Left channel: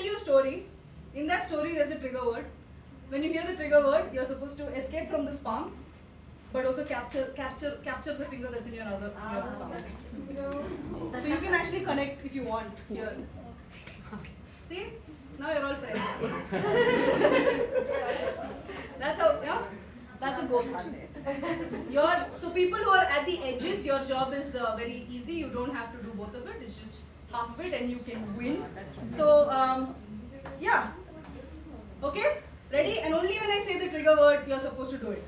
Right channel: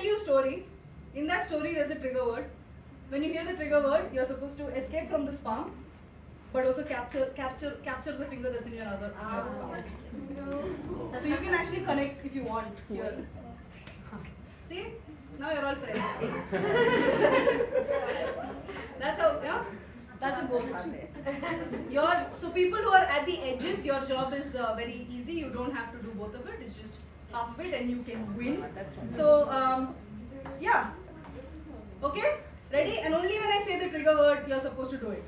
tell you a story. In that story, there's a trigger word. When you hear the trigger word, you're supposed to escape from this palm, but also capture the finger that's in your other palm. So you can actually connect if you want here. See? Now you're all friends. That's how, yeah? That's a ghost. So people who are at the edges, your job is very easy. You don't have to do both of it. It's just half of it and you can win. So, yeah. Okay? Ready? And only when I say the trigger word, you're supposed to do it.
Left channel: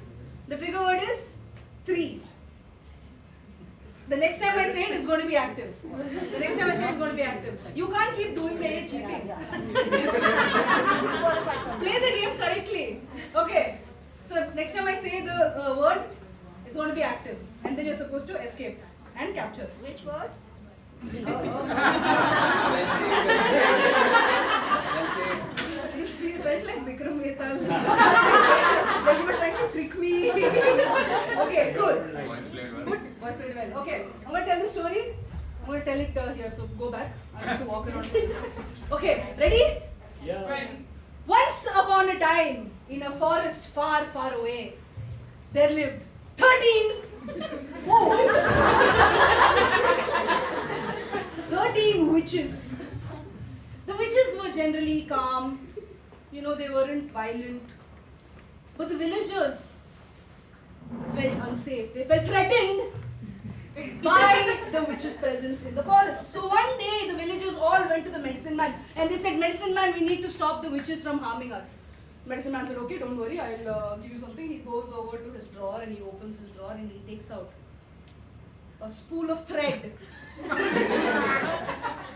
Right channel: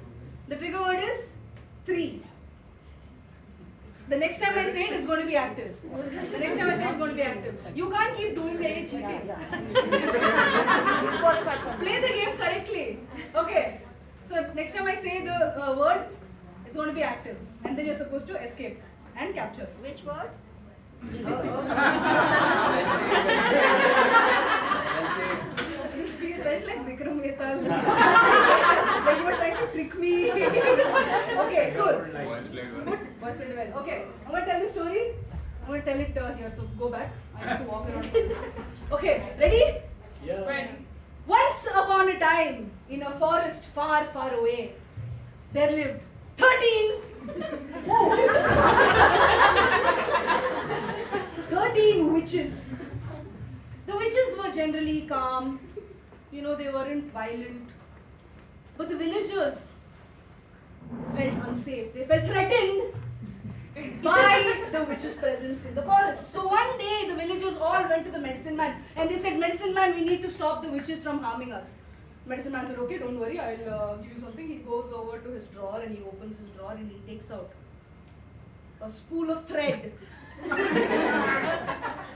The trigger word is 3. The next time I say it, it's going to be active. The next time I say it, it's going to be active. You can't keep doing the A cheating. Play the game correctly. Okay. So next time I say the word, it's going to be active. And then you're supposed to escape and capture. Which word? This felt like Vikram Mehta. Like you were trying to trick me. Okay, cool. Voice played well. Good. Voice played well. Okay, I'm going to tell the story. I'm going to tell it here, so go back. I have to walk around for this. Okay, ready? Yeah. Ready. Once upon a time, in a forest far, far away, there lived 13 witches. The witches were generally calm, they weren't violent. But the villagers felt unsafe. They felt threatened by the witch's presence in the forest. So one day the villagers all went to the medicine man and they said, "Medicine man, we need to stop the witches from harming us." Medicine man said, "Okay, don't worry, I'll give you something." He goes over to his drawer and he opens his drawer and he takes out a spool of thread.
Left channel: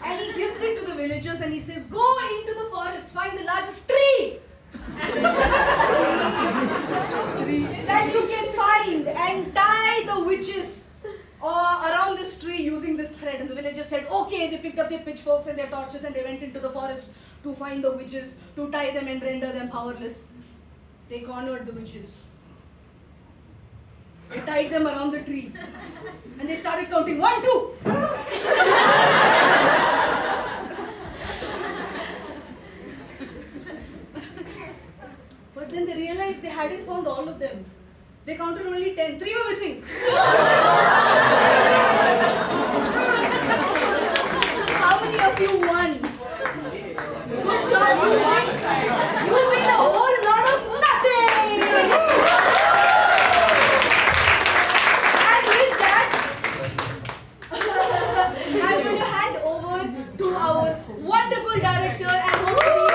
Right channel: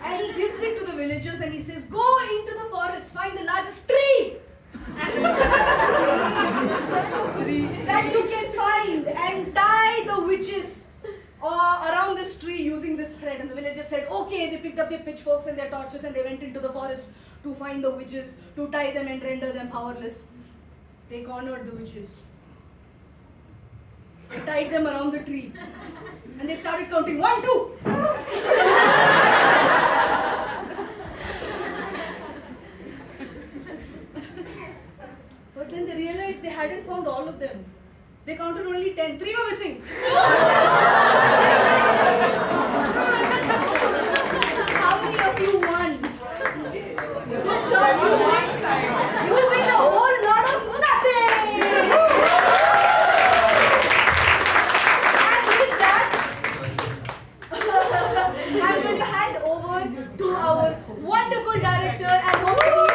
And he gives it to the villagers and he says, "Go into the forest, find the largest tree that you can find and tie the witches around this tree using this thread." And the villagers said, "Okay." They picked up their pitchforks and their torches and they went into the forest to find the witches, to tie them and render them powerless. They cornered the witches. They tied them around the tree and they started counting 1, 2. But then they realized they hadn't found all of them. They counted only 10. 3 were missing. How many of you won? Good job, you win. You win a whole lot of nothing. And with that, I'm going to hand over to our wonderful director and host team.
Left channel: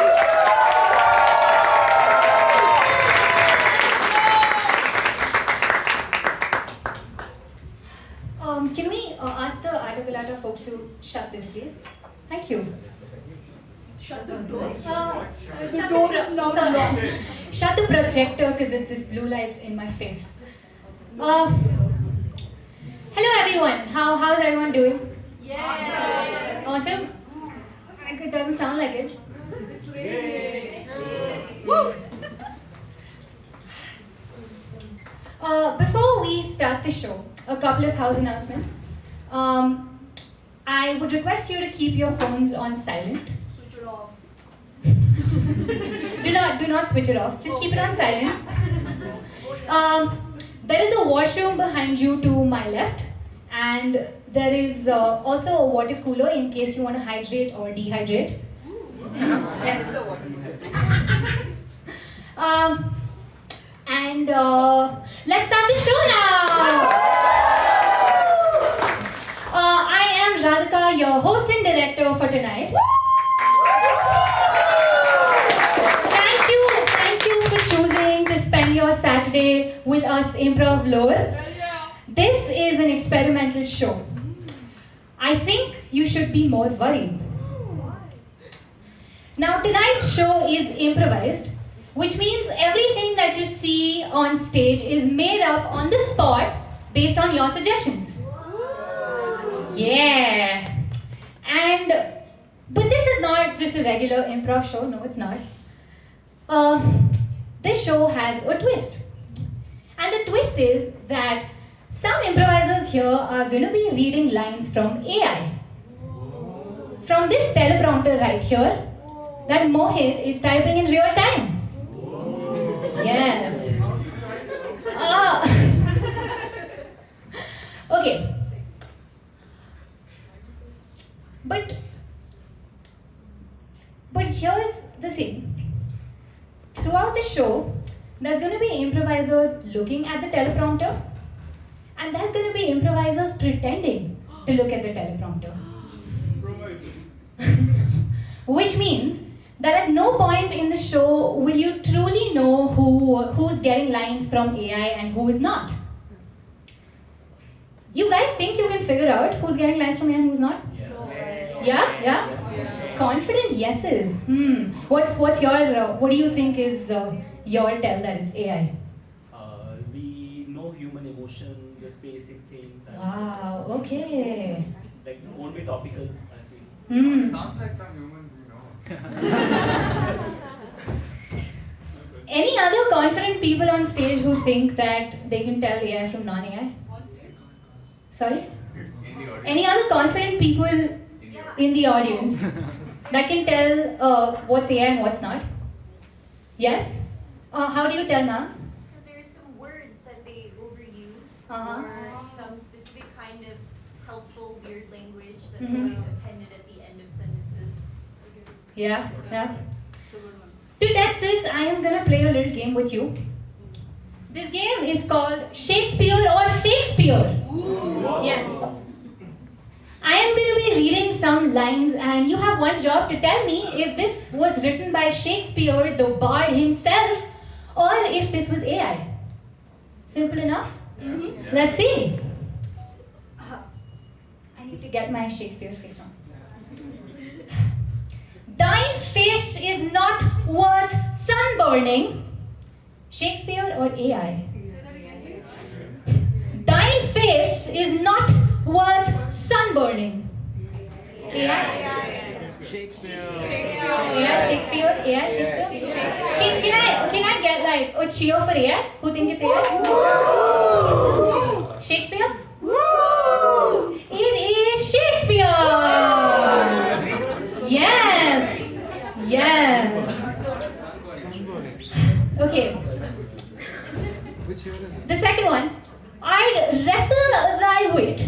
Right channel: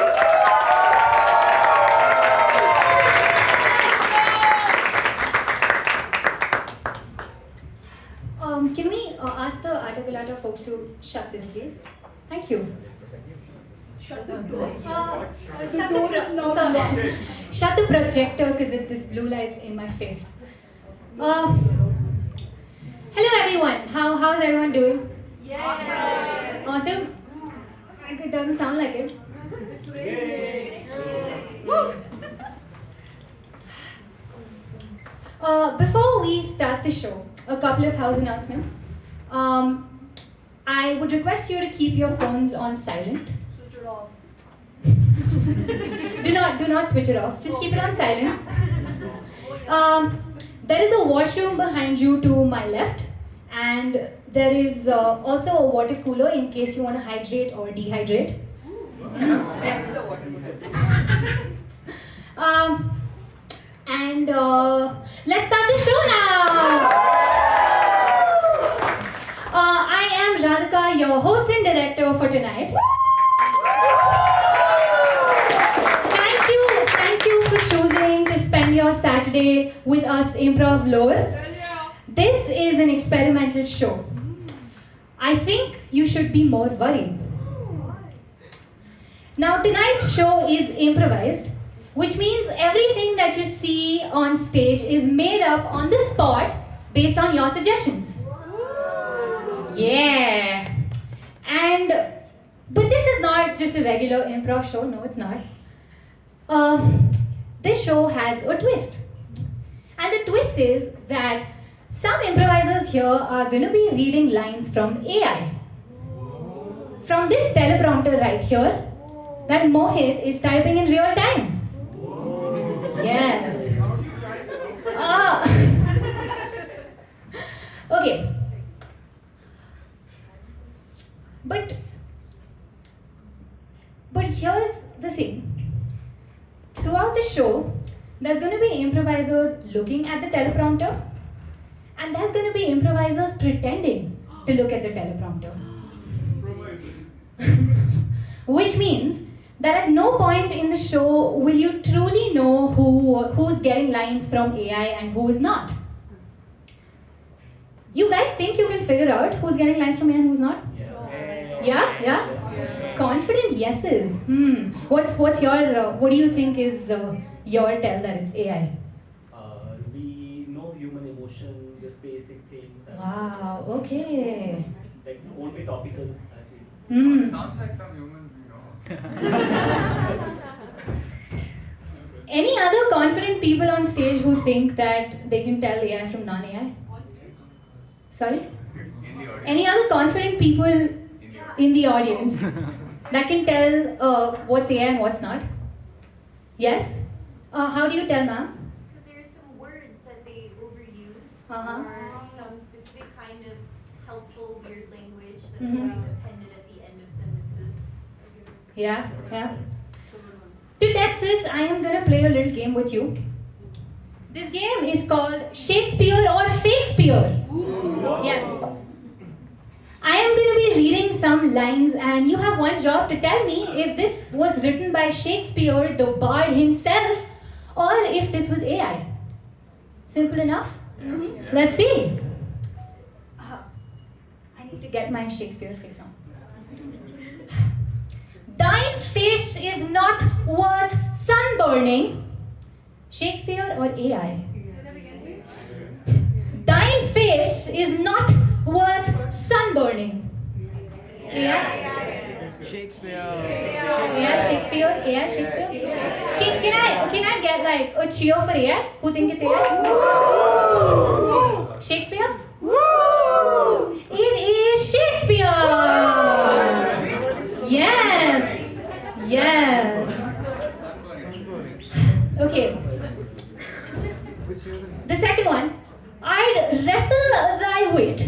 Can we ask the Articulata folks to shut this, please? Thank you. Shut the door. Shut the projector because this blue light's in my face. Hello everyone. How's everyone doing? Yes. Awesome. It doesn't sound like it. It's late. Woo. Before we start the show, a couple of house announcements. I would request you to keep your phones on silent. Switch it off. Do not switch it off. Just keep it on silent. There is a washroom behind you to my left, and there is also a water cooler in case you want to hydrate or dehydrate. Yes. And let's start the show now. I am Radhika, your host and director for tonight. Thank you for choosing to spend your Saturday with us, Improv Lower. This is an experimental show. I think you should be more worried. Now, tonight's show is improvised, which means everything that you see on stage is made up on the spot based on your suggestions. Yeah. But this is not just a regular improv show. No, it's not. This show has a twist. And the twist is that some improvisers here are going to be reading lines from AI. From this teleprompter right here, that Mohit is typing in real time. Yes. Ah. Okay. But here's the thing. Throughout the show, there's going to be improvisers looking at the teleprompter, and there's going to be improvisers pretending to look at the teleprompter. Which means that at no point in the show will you truly know who's getting lines from AI and who is not. You guys think you can figure out who's getting lines from AI and who's not? Yeah? Confident yeses. What's your, what do you think is your tell that it's AI? We know human emotion, just basic things. And Wow, okay. like won't be topical, I feel. Sounds like some humans we know. Any other confident people on stage who think that they can tell AI from non-AI? Sorry? Any other confident people in the audience that can tell what's AI and what's not? Yes? How do you tell, ma'am? Because there are some words that they overuse, Uh-huh. or some specific kind of helpful weird language that's Mhm. always appended at the end of sentences. Yeah. To test this, I am gonna play a little game with you. This game is called Shakespeare or Shakespeare. Yes. I am going to be reading some lines, and you have one job to tell me if this was written by Shakespeare, the bard himself, or if this was AI. Simple enough? Let's see. I need to get my Shakespeare face on. Thine face is not worth sunburning. Shakespeare or AI? Thine face is not worth sunburning. AI? Shakespeare. AI, Shakespeare? AI, Shakespeare? Can I get like a cheer for AI? Who think it's AI? Shakespeare? It is Shakespeare! Yes! Okay. The second one. I'd wrestle thy wit,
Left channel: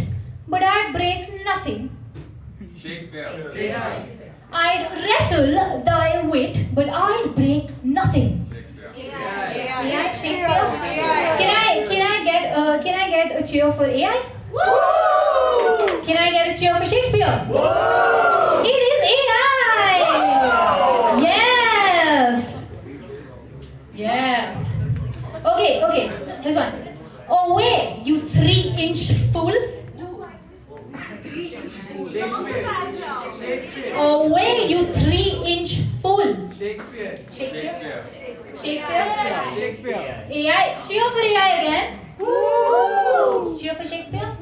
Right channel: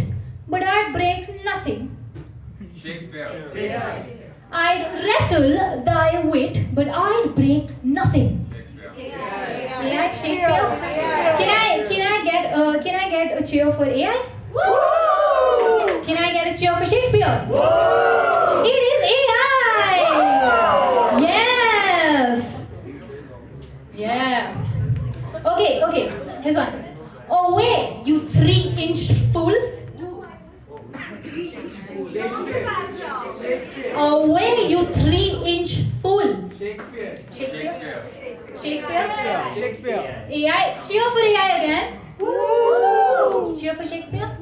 but I'd break nothing. Shakespeare. I'd wrestle thy wit, but I'd break nothing. AI, Shakespeare. Can I get a cheer for AI? Can I get a cheer for Shakespeare? It is AI. Yes. Yeah. Okay. This one. Away, you 3-inch fool. Away, you 3-inch fool. Shakespeare? AI. Cheer for AI again. Cheer for Shakespeare.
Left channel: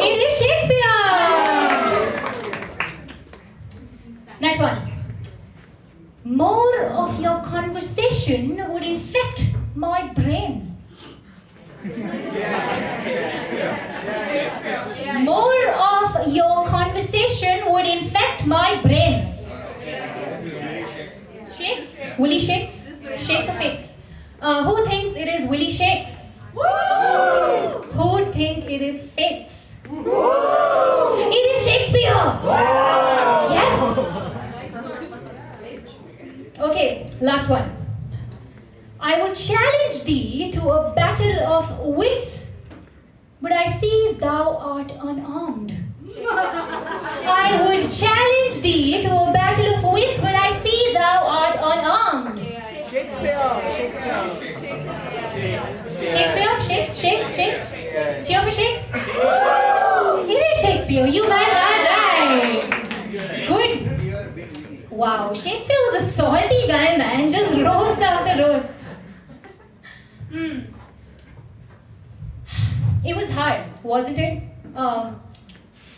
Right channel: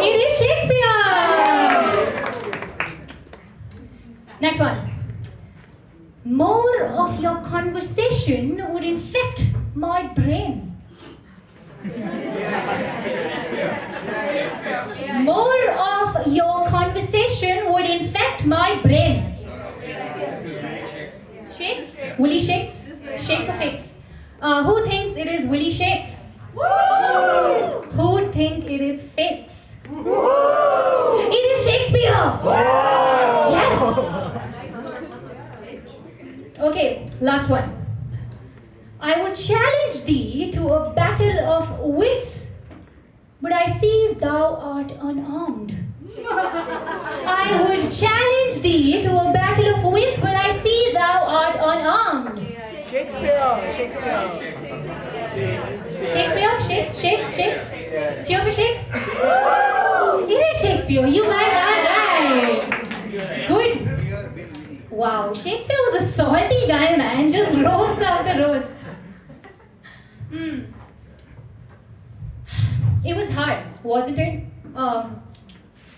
It is Shakespeare. Next one. More of your conversation would infect my brain. More of your conversation would infect my brain. Shakes? Willie Shakes? Shakes or fakes? Who thinks it is Willie Shakes? Who think it is fakes? It is Shakespeare! Yes! Okay, last one. I would challenge thee to a battle of wits, but I see thou art unarmed. I would challenge thee to a battle of wits, but I see thou art unarmed. Shakespeare. Shakes. Cheer for Shakes. It is Shakespeare. You guys are right. Good. Wow, Shakespeare was a salty guy, man. Just roast after roast. It was hard, wasn't it?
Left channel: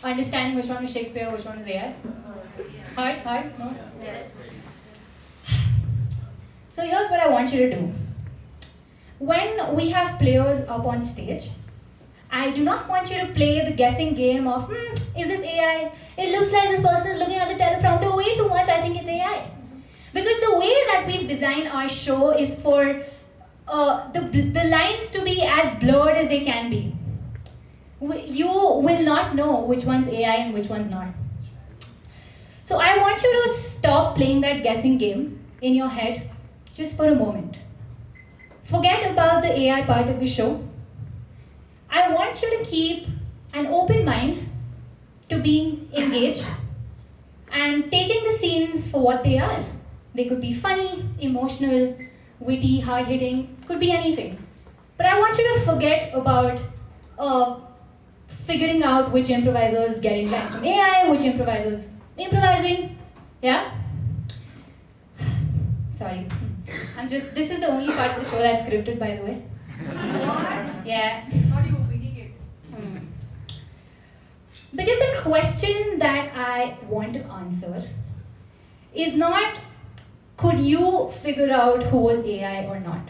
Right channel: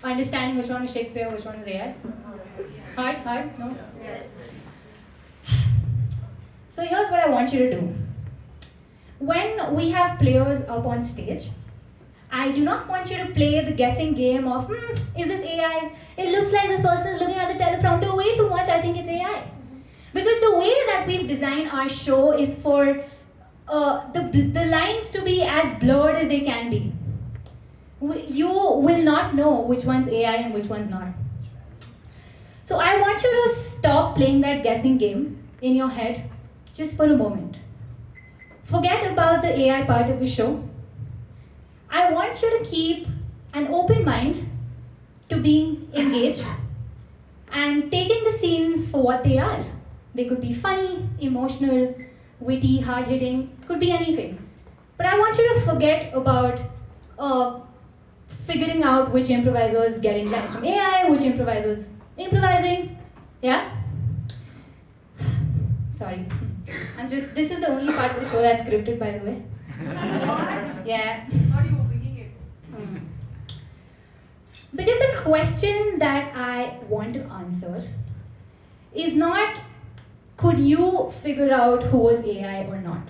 Understanding which one was Shakespeare, which one was AI. Hard? No? So here's what I want you to do. When we have players up on stage, I do not want you to play the guessing game of, is this AI? It looks like this person is looking at the teleprompter way too much, I think it's AI. Because the way that we've designed our show is for the lines to be as blurred as they can be. You will not know which one's AI and which one's not. So I want you to stop playing that guessing game in your head just for a moment. Forget about the AI part of the show. I want you to keep an open mind to being engaged and taking the scenes for what they are. They could be funny, emotional, witty, hard-hitting, could be anything. But I want you to forget about figuring out which improvisers getting lines from AI, which improvisers improvising. Yeah? Sorry. This is the only part of the show that's scripted, by the way. Yeah. Are you winging it? Because the question that I want to answer is not, could you figure out who was AI or not?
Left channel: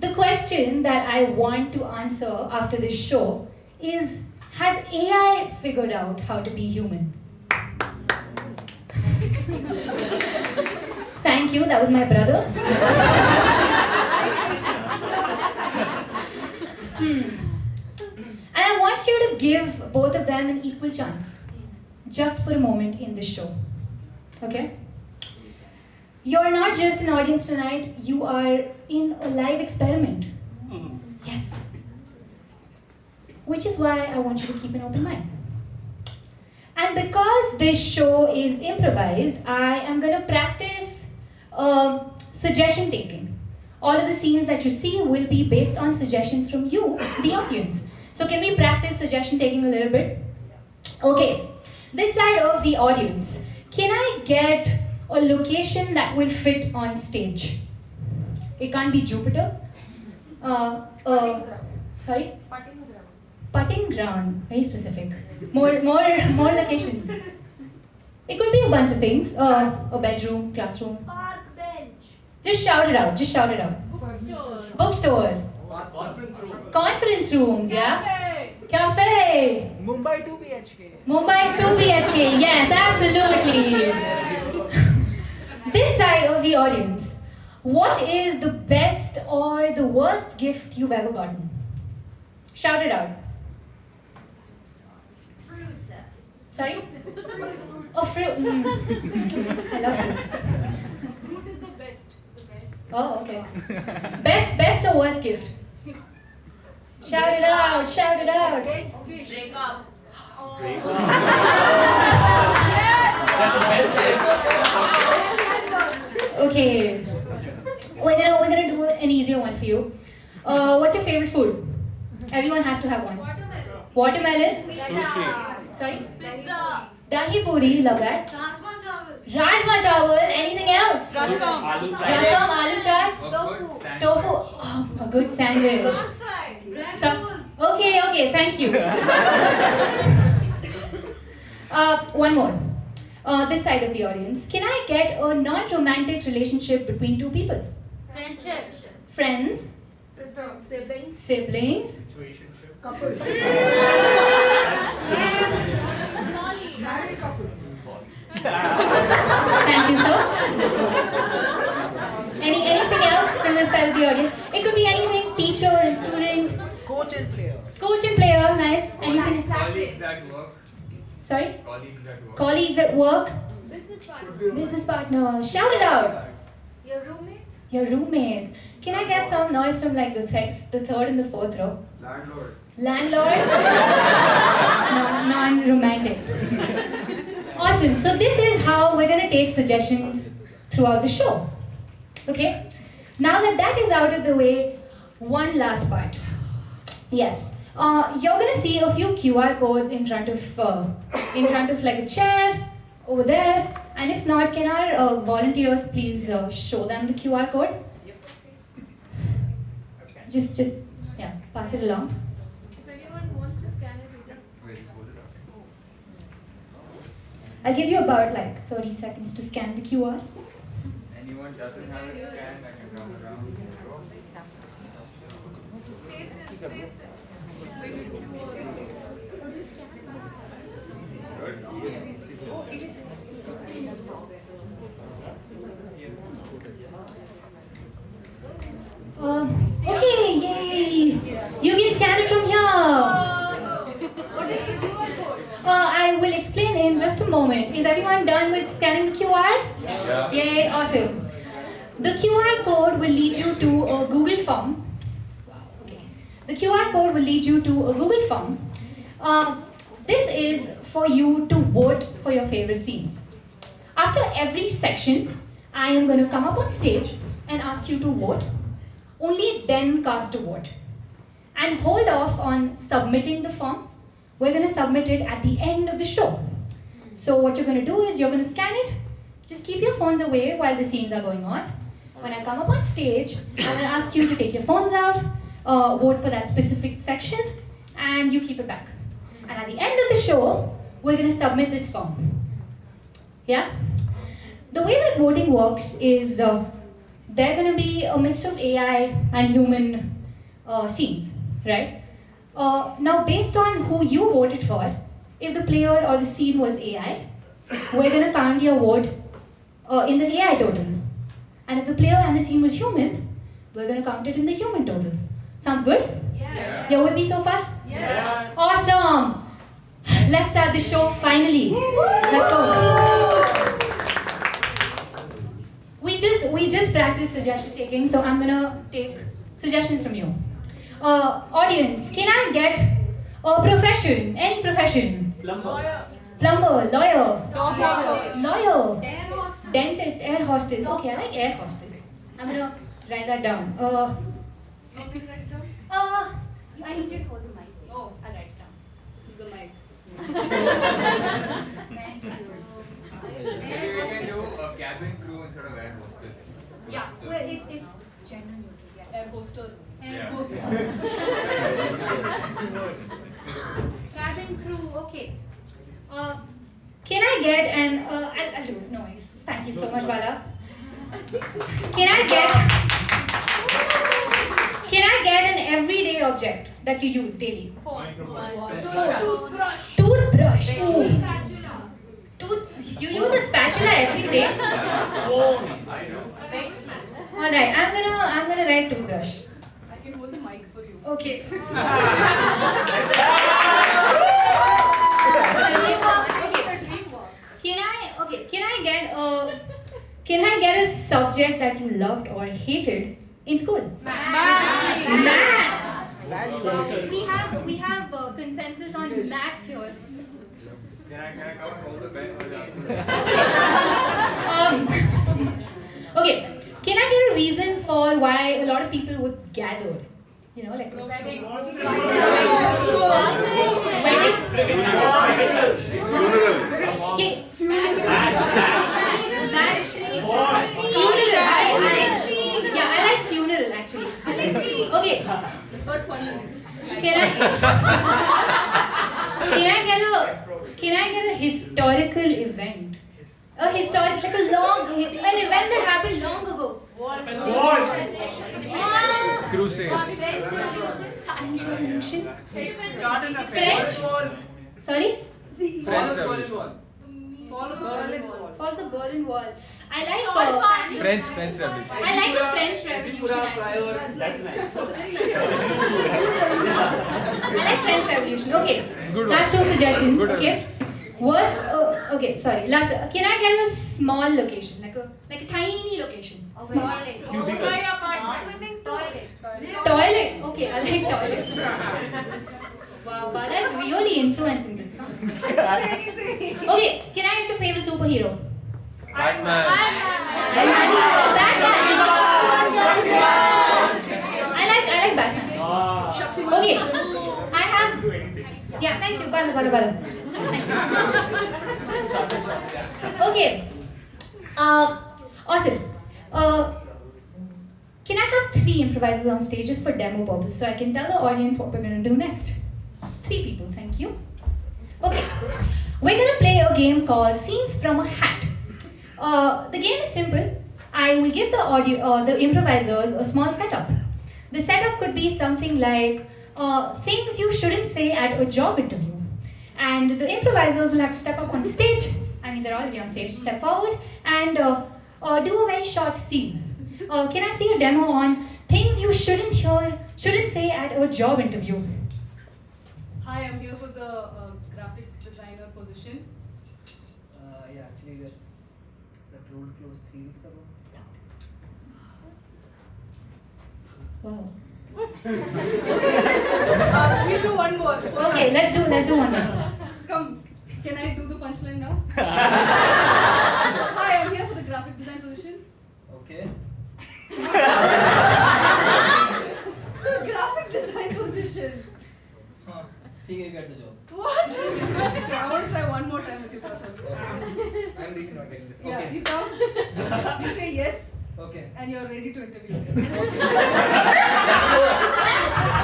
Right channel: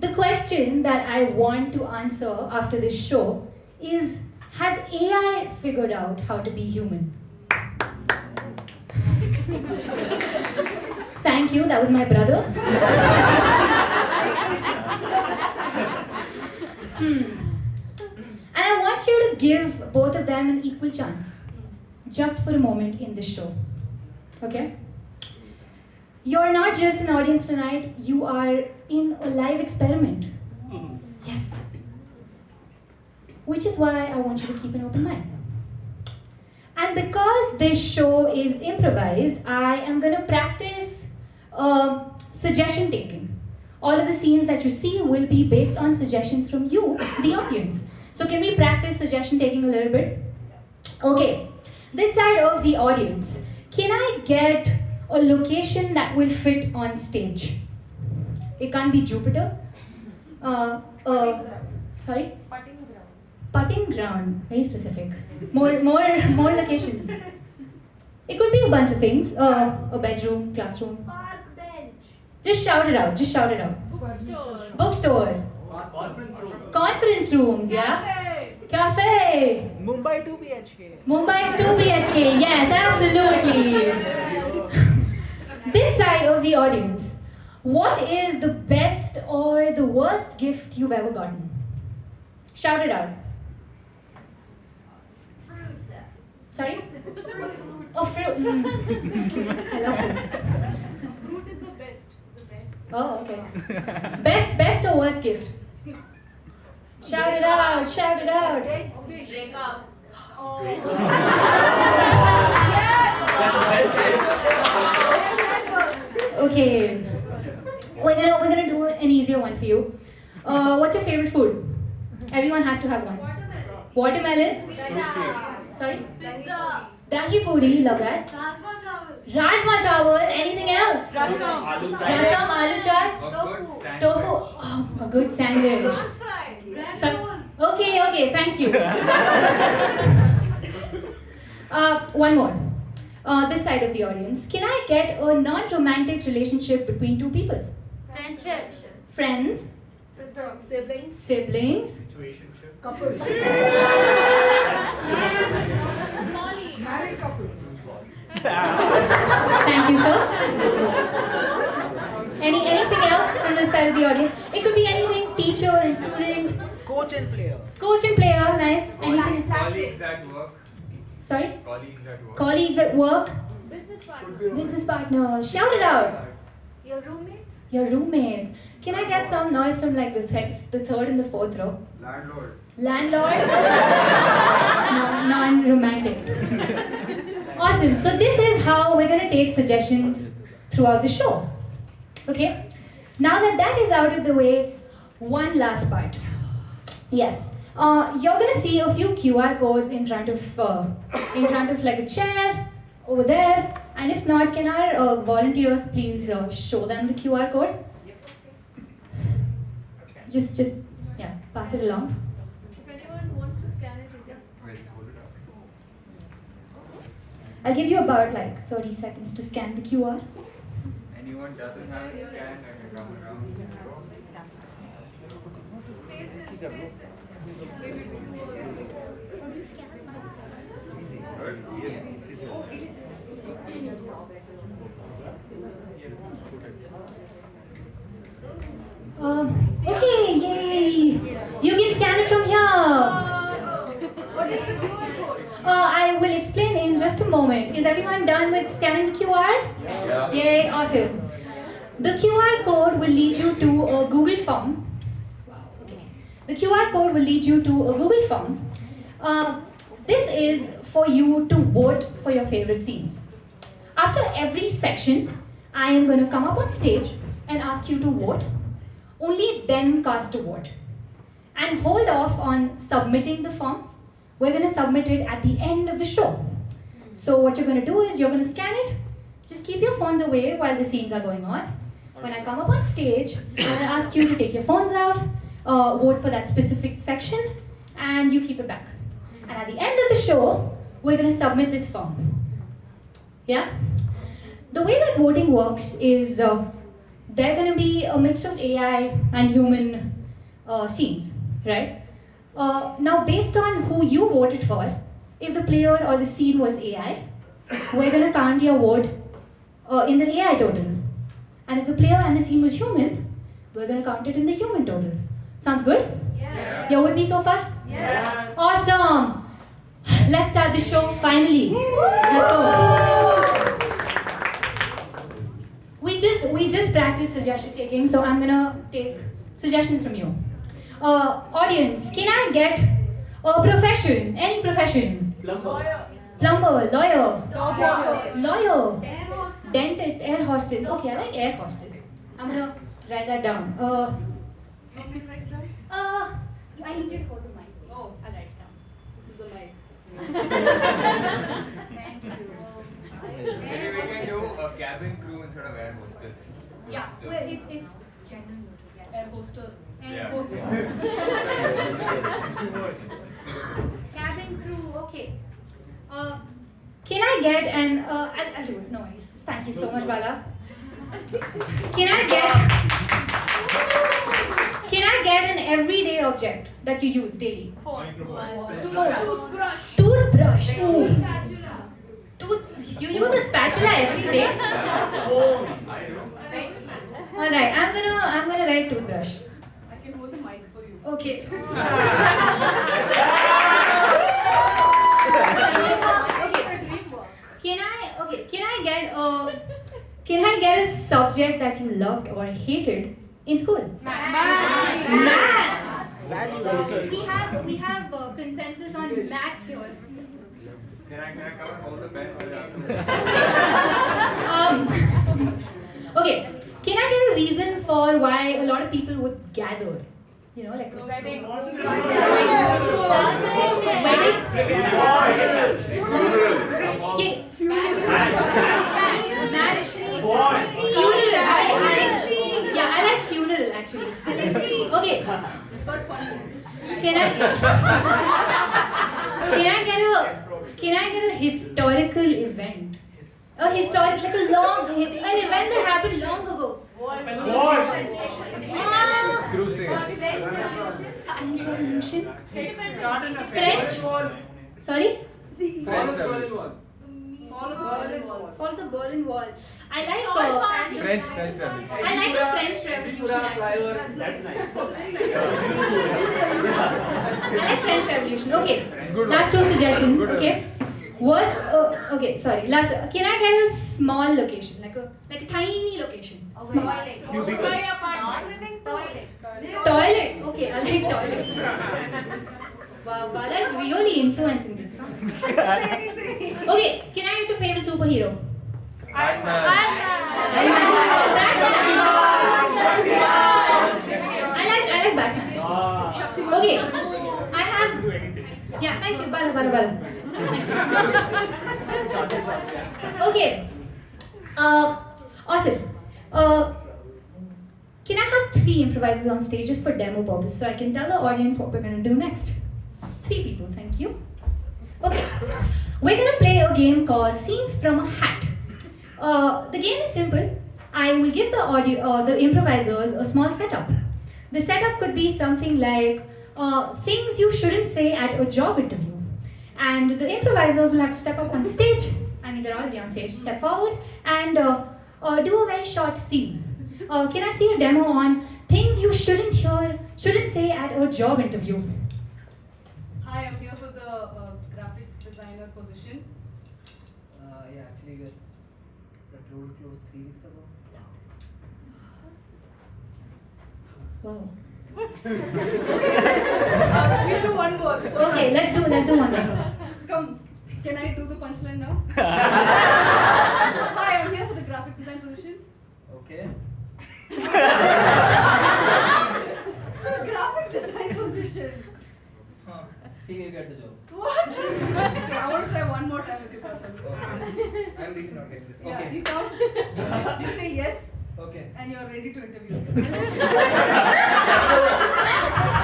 The question that I want to answer after this show is, has AI figured out how to be human? Thank you, that was my brother. And I want you to give both of them an equal chance, just for a moment in this show. Okay? You're not just an audience tonight, you are in a live experiment. Yes. Which is why I want you to keep an open mind. And because this show is improvised, I am going to practice suggestion taking. All of the scenes that you see will be based on suggestions from you, the audience. So can we practice suggestion taking a little bit? Okay, this side of the audience, can I get a location that will fit on stage? It can't be Jupiter. Sorry? Putting ground, very specific. More locations. It could be a bunch of things. A bedroom, classroom. Park bench. Just shout it out. Bookstore. Conference rooms, yeah. Cafe. Mumbai 2 BHK. Mumbai's 2 BHK. Yes, absolutely. This side of the audience, what is the best or the worst gift you've ever gotten? Shout it out. Fruit. Sorry? Oh, fruit. I love fruit. Fruit is the best. Oh, okay. Best or worst gift? Shout it out, shout it out. Break up. Okay. We're gonna do an easier one for you. What's your favorite food? Everyone has to have one. Watermelon? Sorry? Pizza. Dahi puri, love that. Rajma chawal. Rajma chawal, anything else? Rasam. Rasam, aloo chaat, tofu. Oh, a good sandwich. Okay, thank you. One more. This side of the audience. Can I get a non-romantic relationship between two people? Friendship. Friends? Siblings. Siblings? Couples. Married couples. Thank you, sir. Anything else from this side of the audience? It could be anything, teacher and student. Coach and player. Coach and player, nice. Anything? Colleagues at work. Sorry? Colleagues at work. Colleagues at work. Business partner. Business partner. Shout it out. Your roommate. Your roommates. Can I get some noise from like the third and the fourth row? Landlord. Landlord? Non-romantic. Awesome. So this is how we're gonna take suggestions throughout the show. Okay? Now that is out of the way, one last part. Yes. You're gonna see a few QR codes in front of like a chair over there. And if not, can our volunteers please show them the QR code? Just yeah, pass it along. If anyone wants to scan it, you can. Wait, hold it up. I'll give you about like 30 seconds to scan the QR. Anyone doesn't have a scan, I can run around. Is everyone done with scanning the QR? Yeah. Yay, awesome. The QR code will lead you to a Google form. Wow, okay. The QR code will lead you to a Google form. This is for you to vote for your favorite scenes. After every section, I am going to come up on stage and ask you to vote. Only then cast a vote. And hold off on submitting the form. We're going to submit it at the end of the show. So what you're going to do is you're going to scan it. Just keep your phones away while the scenes are going on. When I come up on stage, I'm going to ask you to take your phones out, vote for that specific section, and you keep it back. And at the end of the show, we're going to submit this form. Yeah? The way that voting works is they're going to be a mix of AI and human scenes, right? Now, based on who you voted for, if the player or the scene was AI, we're going to count your vote in the AI total. And if the player and the scene was human, we're going to count it in the human total. Sounds good? Yeah. You're with me so far? Yes. Awesome! Let's start the show finally. Let's go. We just practiced suggestion taking, so I'm gonna take suggestions from you. Audience, can I get a profession? Any profession? Plumber. Plumber, lawyer, Dog walker. lawyer, Air hostess. dentist, air hostess. Okay, I like air hostess. I'm gonna write that down. Want me to write it down? I need you to hold the mic. Oh, I'll write it down. this is a mic. Thank you. Maybe we can do a cabin crew instead of air hostess. So Yeah, it's well, it's gender neutral. Yes. Air poster. And Yeah. cabin crew, okay. Can I get an, I'll do it, no worries. Thank you so much, Bala. Can I get an everyday object that you use daily? Toothbrush. Toothbrush. Ooh. You use a spatula every day? Phone. Alright, I'm gonna write toothbrush. I can hold the mic for you. Okay. Can I get a subject that you loved or hated in school? Maths. We have consensus on maths here. Can I cover all the bad Okay. Can I get a reason for why a lot of people would gather? You know, like Wedding. Okay. Funeral. I like funeral actually. Okay. It's not funny. Can I get a historical event? A historic, like an event that happened long ago. Crusade. French Revolution. Garden affair. French. Sorry. Fall of Berlin Wall. Fall of the Berlin Wall. Fall of the Berlin Wall. I like French Revolution. I like the French Revolution actually. I like French Revolution. Okay. Last two suggestions. Okay. Okay. Sorry. Last. Can I get a small location, like a tiny location? Small. Toilet. Okay. I like toilet. Wow. That's really influencing this. Okay. Can I get your favorite superhero? Batman. I like Batman. Okay. I have. Yeah, thank you. Bala. Thank you. Okay. Awesome. Can I have 3 improvisers on stage just for demo purpose so I can tell the audience what we're going to do next? 3 people, thank you. Okay. We're going to play a game called Scenes from a Hat. The game is simple. I will give the improvisers a small setup. The setup could be something like things you shouldn't say at a job interview. And the improvisers will have to step up on stage. I mean, they're already on stage. Step forward and do a very short scene. Can I see a demo on things you shouldn't say at a job interview? Hi, I'm here for the graphic designer position. yeah, actually, that road closed 3 weeks ago. Wow. We'll do one more. Okay, let's do one more. Come, can I do the punchline now? Hi, I'm here for the graphic design position. Okay. The graphic design position. Huh. Okay, you get the job. What? Okay, I want to try one more time with you, brother. Okay. I'm really not getting this. Yeah, Okay. you come. You say yes, Okay. and you're ready to interview.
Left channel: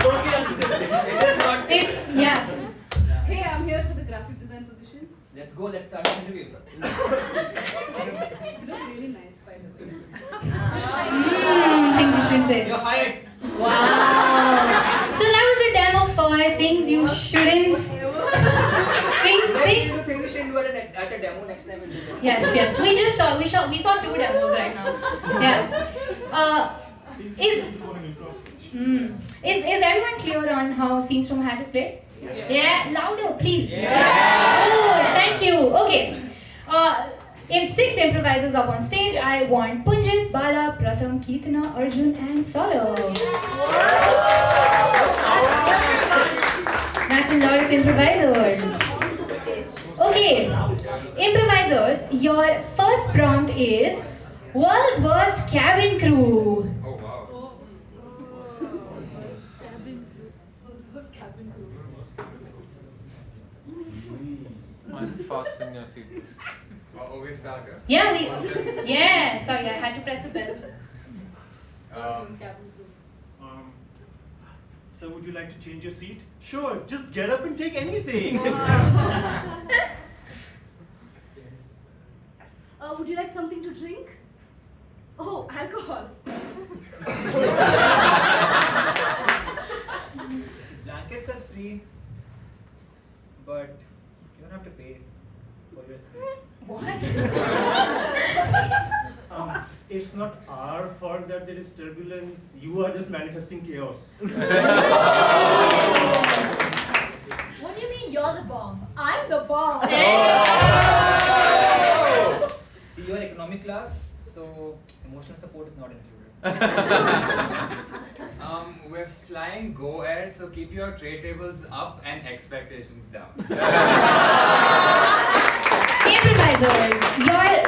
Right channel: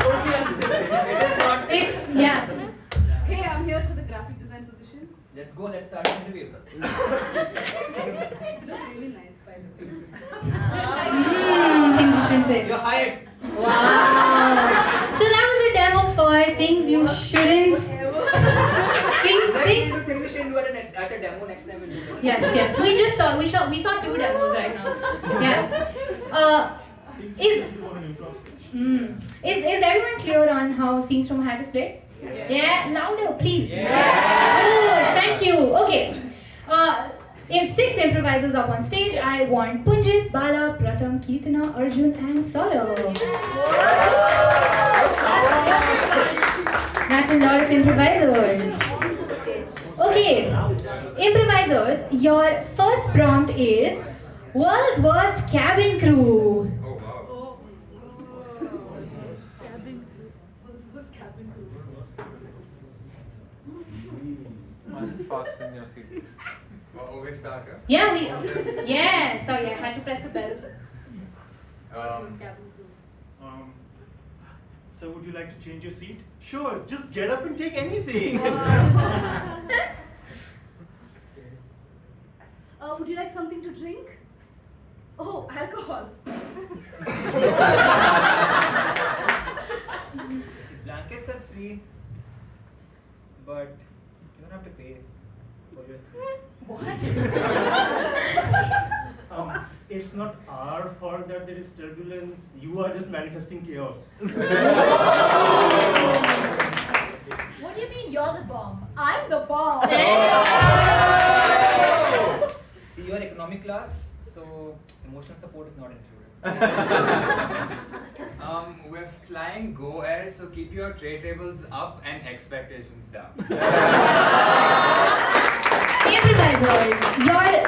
Totally understand. It is not. It's yeah. Hey, I'm here for the graphic design position. Let's go. Let's start the interview. You look really nice, by the way. Things you shouldn't say. You're hired. Wow. So that was a demo for things you shouldn't. Things. Next we'll do things you shouldn't do at a demo. Next time we'll do that. Yes. We saw 2 demos right now. Yeah. Is everyone clear on how scenes from Hat is played? Yeah. Louder, please. Good. Thank you. Okay. In 6 improvisers up on stage, I want Punjit, Bala, Pratham, Kirtana, Arjun, and Saurav. That's a lot of improvisers. Okay, improvisers, your first prompt is world's worst cabin crew. Oh wow. Fasten your seat. Oh, we start, huh? Yeah, sorry, I had to press the bell. So would you like to change your seat? Sure, just get up and take anything. Would you like something to drink? Oh, alcohol. Blankets are free, but you don't have to pay for your seat. What? It's not our fault that there is turbulence. You are just manifesting chaos. What do you mean you're the bomb? I'm the bomb. See, you are economic class, so emotional support is not included. We're flying Go Air, so keep your tray tables up and expectations down. Improvisers,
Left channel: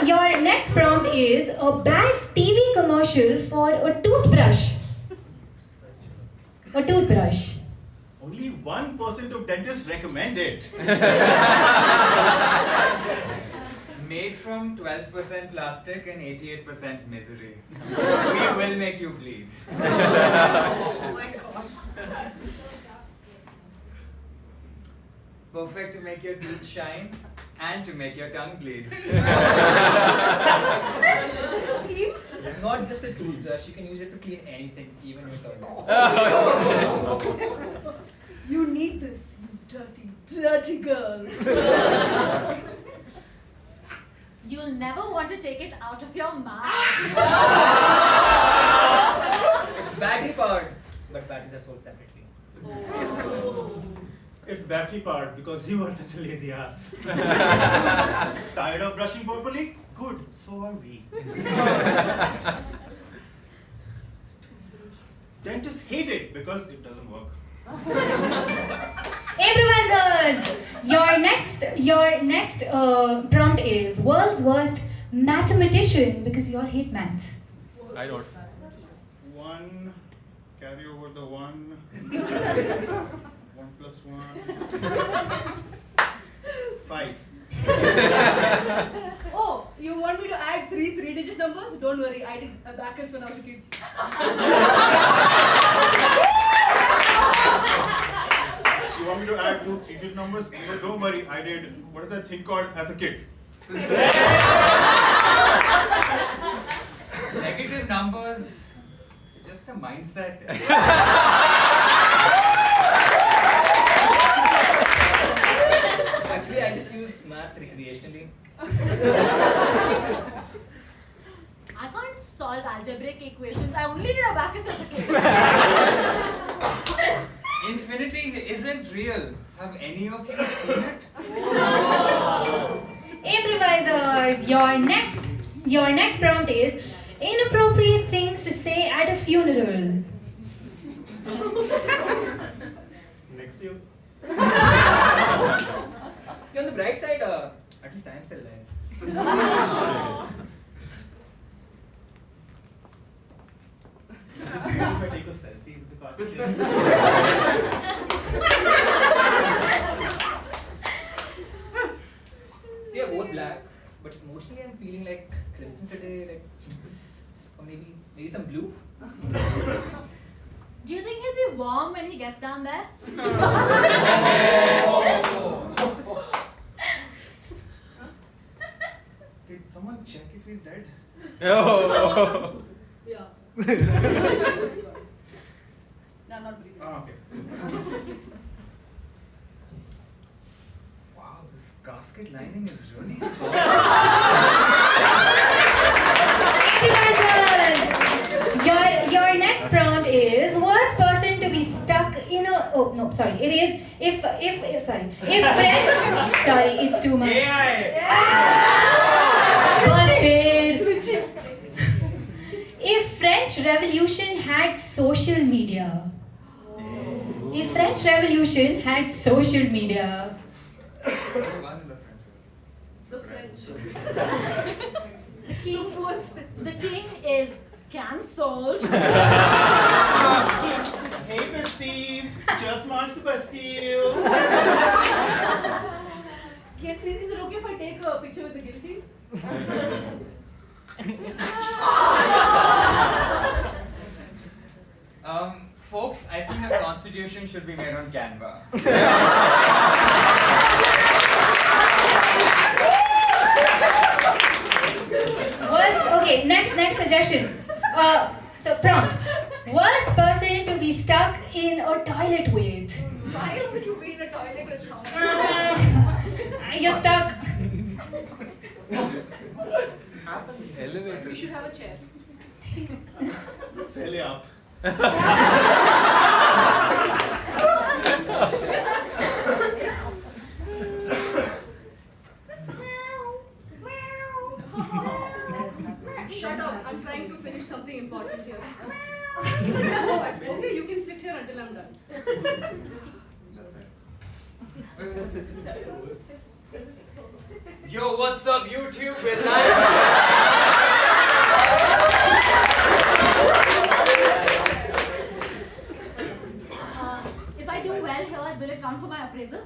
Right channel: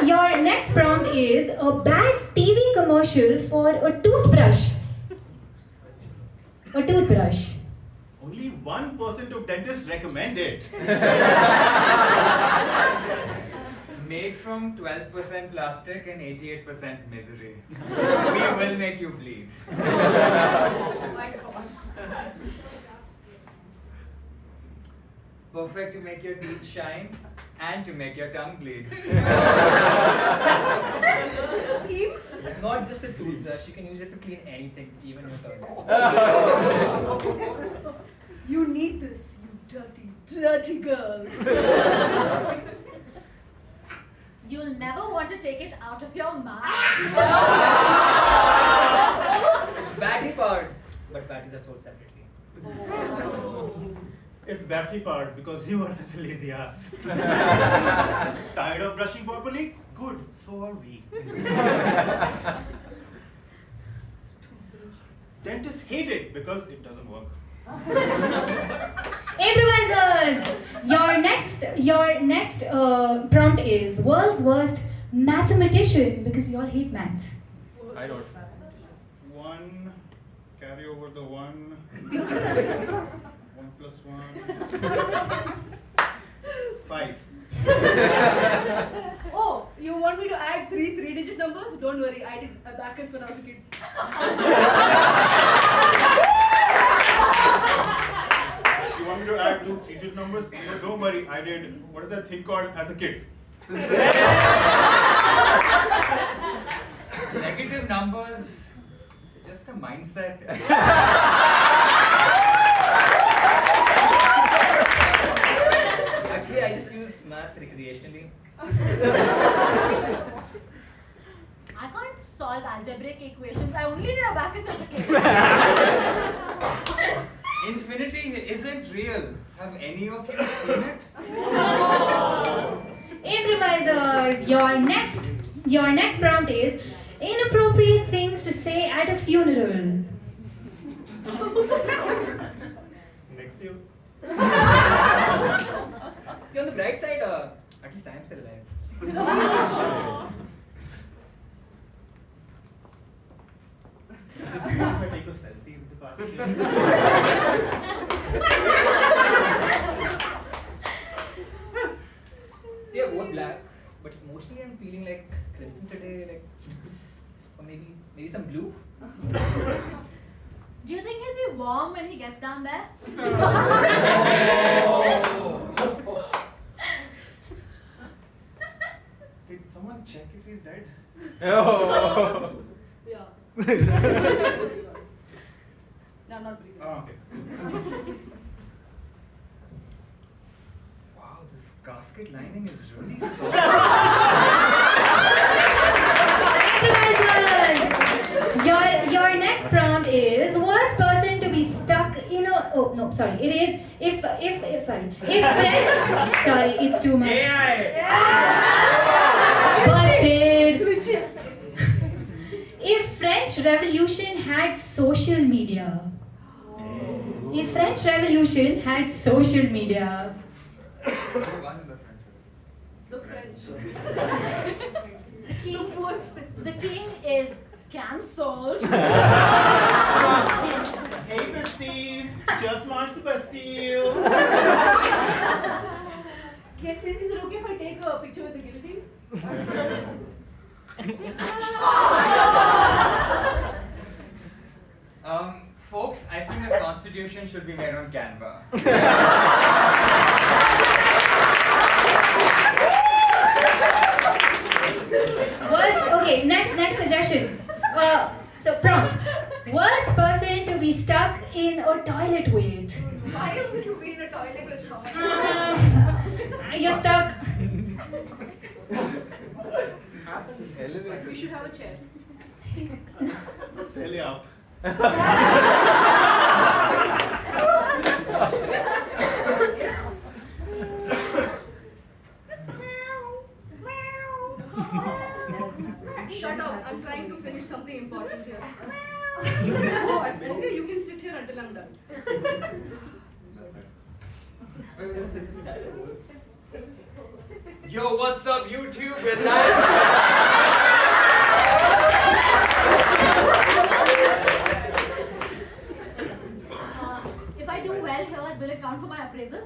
your next prompt is a bad TV commercial for a toothbrush. A toothbrush. Only 1% of dentists recommend it. Made from 12% plastic and 88% misery. We will make you bleed. Oh my god. Perfect to make your teeth shine and to make your tongue bleed. It's not just a toothbrush, you can use it to clean anything, even your toilet. You need this, you dirty, dirty girl. You'll never want to take it out of your mouth. It's battery powered, but batteries are sold separately. It's battery powered because you are such a lazy ass. Tired of brushing properly? Good, so are we. Dentists hate it because it doesn't work. Improvisers, your next prompt is world's worst mathematician because we all hate maths. I don't. 1, carry over the 1. 1 plus 1. 5. Oh, you want me to add 3 three-digit numbers? Don't worry, I did abacus when I was a kid. You want me to add 2 three-digit numbers? No, don't worry, I did, what is that thing called as a kid? Negative numbers, just a mindset. Actually, I just use maths recreationally. I can't solve algebraic equations. I only did abacus as a kid. Infinity isn't real. Have any of you seen it? Improvisers, your next prompt is inappropriate things to say at a funeral. Next to you. See, on the bright side, at least I'm still alive. If I take a selfie with the passenger. See, I wore black, but emotionally I'm feeling like crimson today, like, or maybe some blue. Do you think he'll be warm when he gets down there? Did someone check if he's dead? Oh. Yeah. No, I'm not breathing. Oh, okay. Wow, this casket lining is really soft. Improvisers! Your next prompt is worst person to be stuck in a it is if French sorry, it's too much. AI! Busted. If French Revolution had social media. If French Revolution had social media. The French. The king, the king is cancelled. Hey, besties! Just marched the Bastille! Is it okay if I take a picture with the guillotine? Folks, I think the constitution should be made on Canva. Next suggestion. So prompt. Worst person to be stuck in a toilet with. Why am I to be in a toilet with someone? You're stuck. We should have a chair. Really up. Shut up, I'm trying to finish something important here. Okay, you can sit here until I'm done. Yo, what's up, YouTube? We're live. If I do well here, will it count for my appraisal?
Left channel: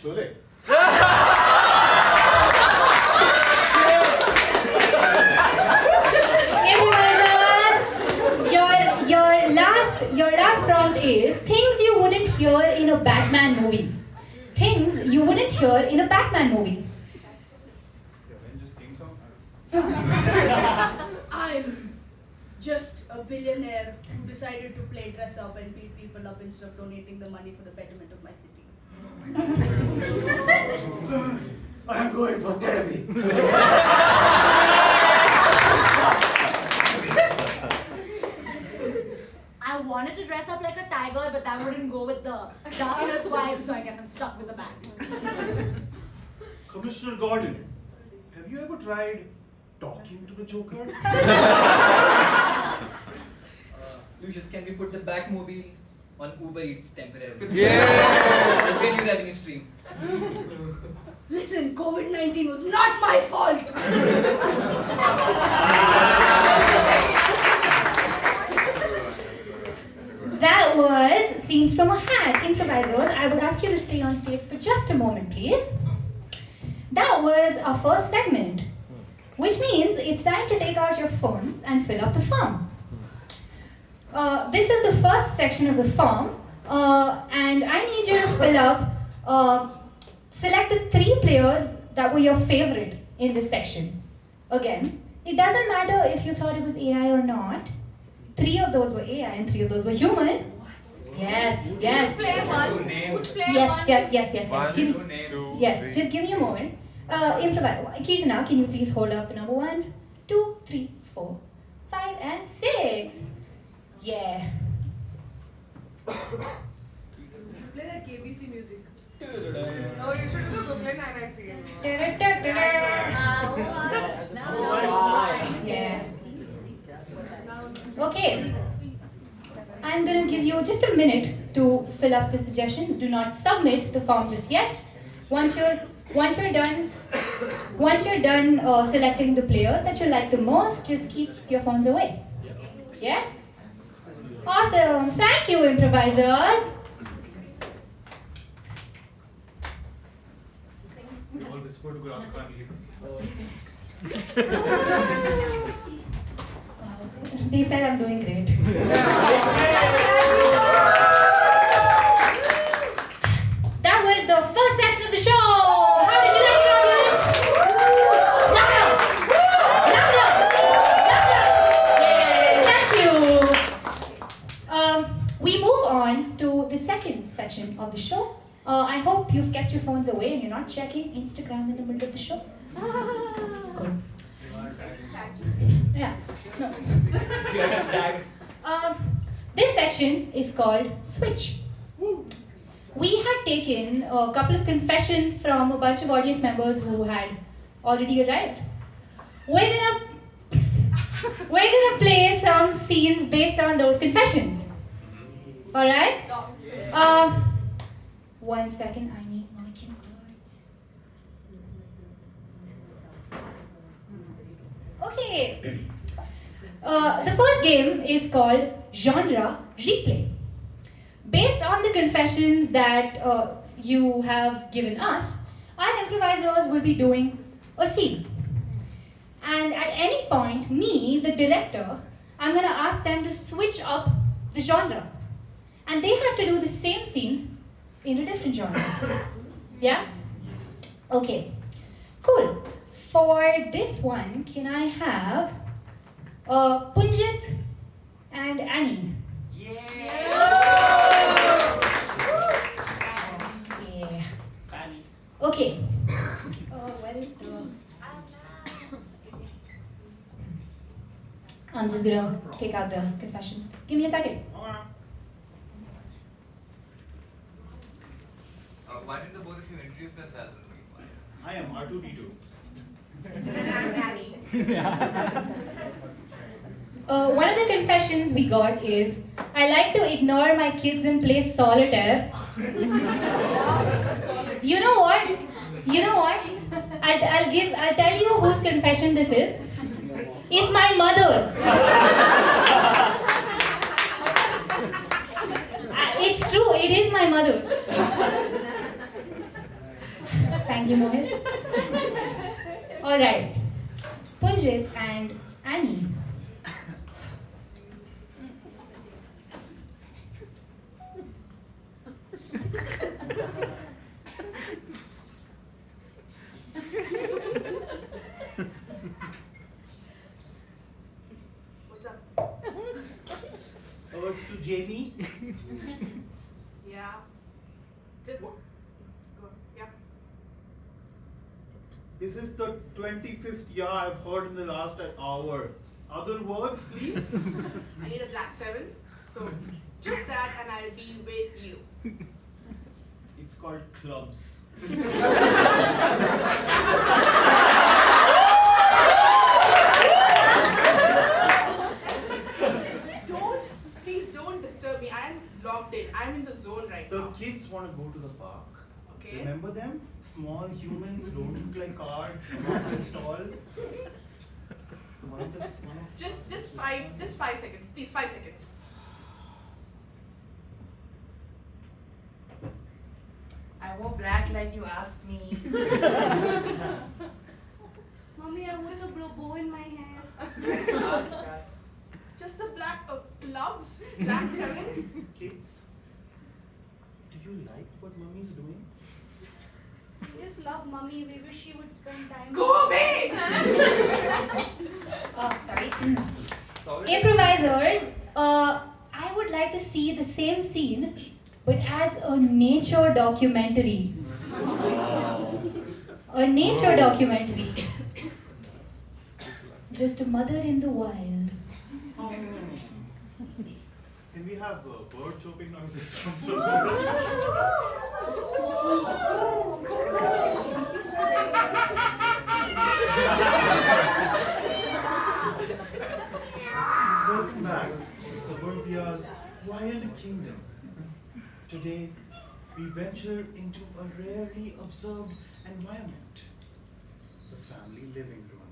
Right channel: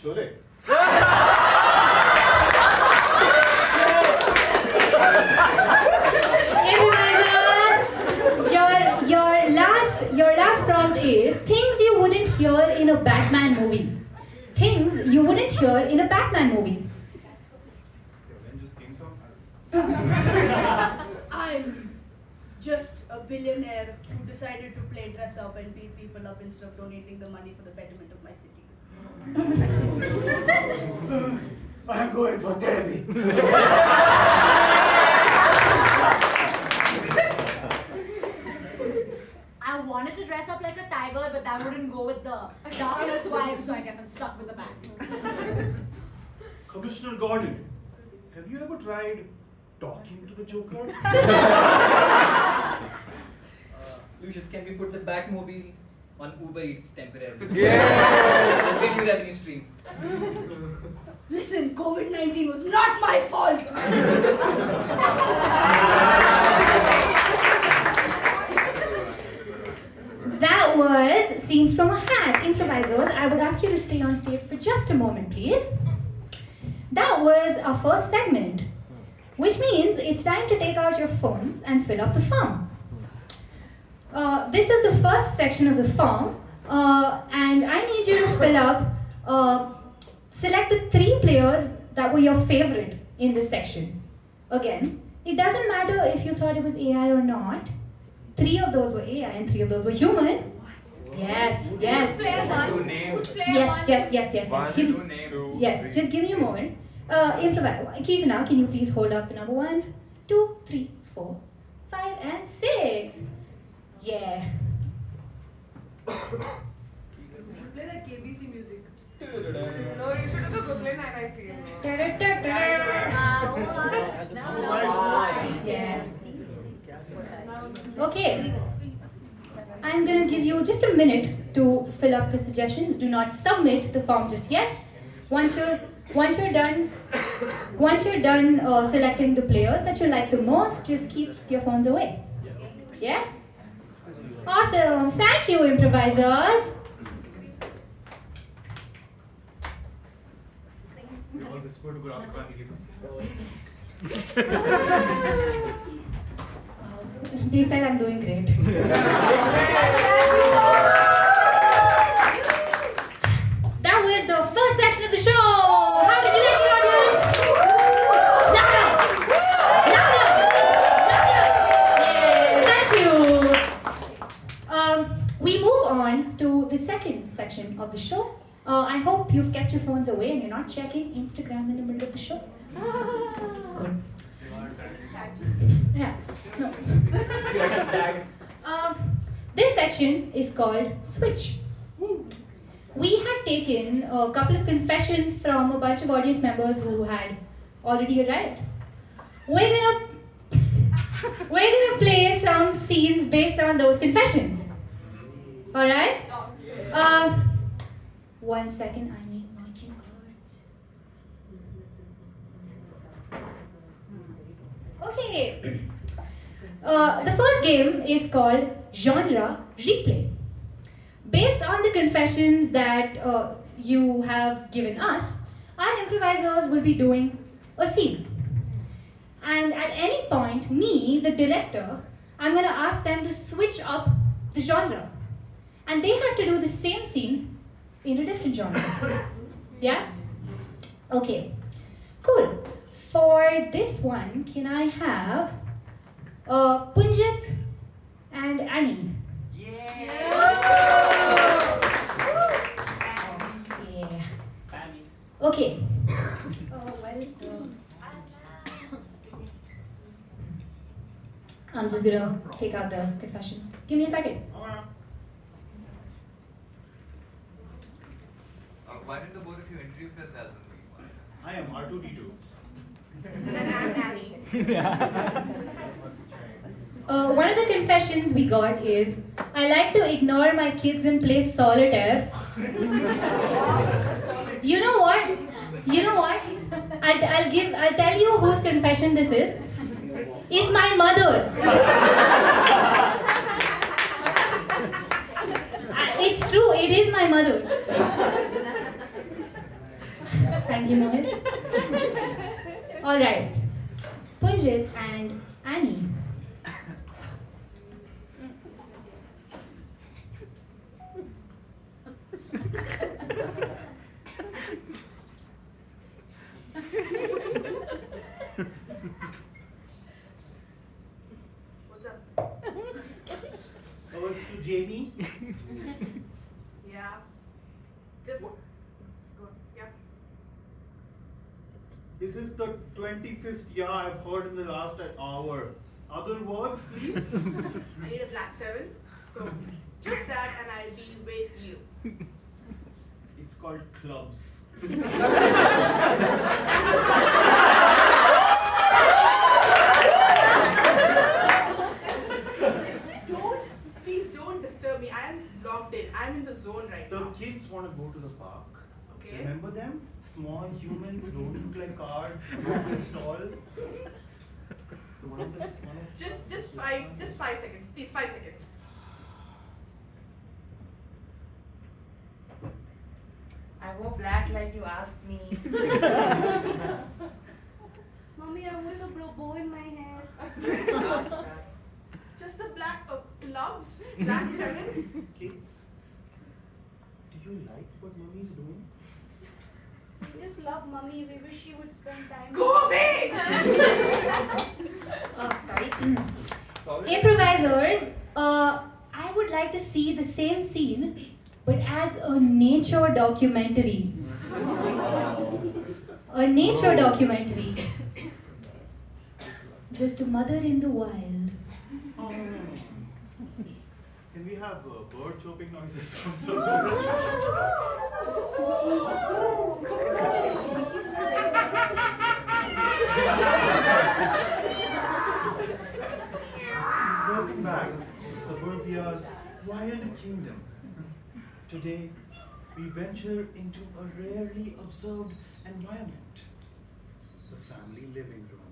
Chole. Your last prompt is things you wouldn't hear in a Batman movie. Things you wouldn't hear in a Batman movie. The Avengers theme song? I'm just a billionaire who decided to play dress up and beat people up instead of donating the money for the betterment of my city. I'm going for therapy. I wanted to dress up like a tiger, but that wouldn't go with the darkness vibe, so I guess I'm stuck with the bat. Commissioner Gordon, have you ever tried talking to the Joker? Lucius, can we put the Batmobile on Uber Eats temporarily? Yeah! Okay, new revenue stream. Listen, COVID-19 was not my fault! That was Scenes from a Hat. Improvisers, I would ask you to stay on stage for just a moment, please. That was our first segment, which means it's time to take out your phones and fill up the form. This is the first section of the form, and I need you to fill up, select the 3 players that were your favorite in this section. Again, it doesn't matter if you thought it was AI or not. 3 of those were AI and 3 of those were human. Yes. Who's player one? Two names. Who's player one? Yes. Give me, Two names. yes, just give me a moment. Improvise. Kizana, can you please hold up the number 1, 2, 3, 4, 5, and 6. Yeah. Play that KBC music. Oh, you should do the Brooklyn Nine-Nine scene. Yeah. Okay. I'm gonna give you just a minute to fill up the suggestions. Do not submit the form just yet. Once you're done selecting the players that you like the most, just keep your phones away. Yeah? Awesome. Thank you, improvisers. We all whisper to Grafika and leave They said I'm doing great. That was the first section of the show. How did you like it, audience? Louder! Louder! Thank you. We move on to the second section of the show. I hope you've kept your phones away and you're not checking Instagram in the middle of the show. Good. Yeah. No. This section is called Switch. We have taken a couple of confessions from a bunch of audience members who had already arrived. We're gonna play some scenes based on those confessions. Alright? 1 second, I need marching words. Okay. The first game is called Genre Replay. Based on the confessions that you have given us, our improvisers will be doing a scene. And at any point, me, the director, I'm gonna ask them to switch up the genre. And they have to do the same scene in a different genre. Yeah? Okay. Cool. For this one, can I have Punjit and Annie? Yeah. Okay. Where is the... I'm just gonna take out the confession. Give me a second. Why did the both of you introduce yourselves? I am R2D2. And I'm Annie. One of the confessions we got is, I like to ignore my kids and play solitaire. You know what? I'll tell you whose confession this is. It's my mother. It's true, it is my mother. Thank you, Mohit. Alright. Punjit and Annie. What's up? Oh, it's to Jamie. Yeah. Just What? go. Yeah. This is the 25th yeah I've heard in the last hour. Other words, please? I need a black 7. So just that and I'll be with you. It's called clubs. Please don't disturb me. I am locked in. I'm in the zone right The now. kids want to go to the park. Okay. Remember them? Small humans, don't look like cards, not this tall. Just 5 seconds. Please, 5 seconds. I wore black like you asked me. Mommy, I want a bow in my hair. Just the black gloves. Black 7. Kids, do you like what mommy's doing? We just love mommy. We wish she would spend time. Go away! Sorry. Improvisers, I would like to see the same scene, but as a nature documentary. A nature documentary. Just a mother in the wild. Oh. Can we have bird chirping noises also? Welcome back to Suburbia's wild kingdom. Today, we venture into a rarely observed environment, the family living room.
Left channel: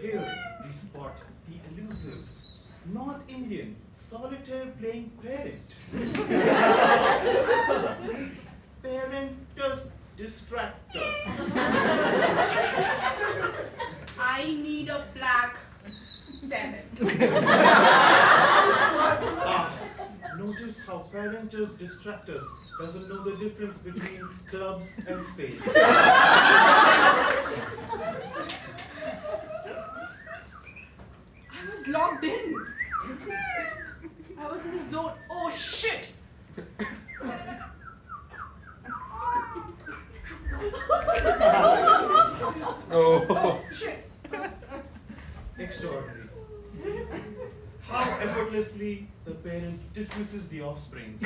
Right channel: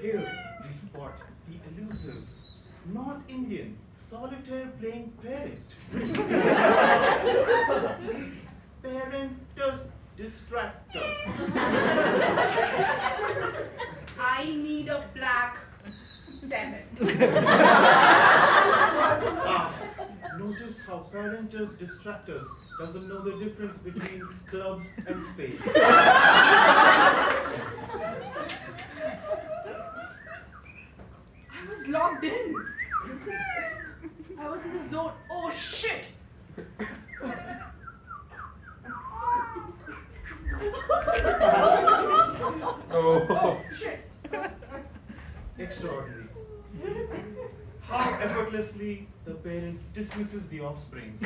Here, we spot the elusive North Indian solitaire playing parent. Parenters distractors. I need a black 7. Notice how parenters distractors doesn't know the difference between clubs and spades. I was logged in. I was in the zone. Oh shit! Oh shit! Extraordinary. How effortlessly the parent dismisses the offsprings.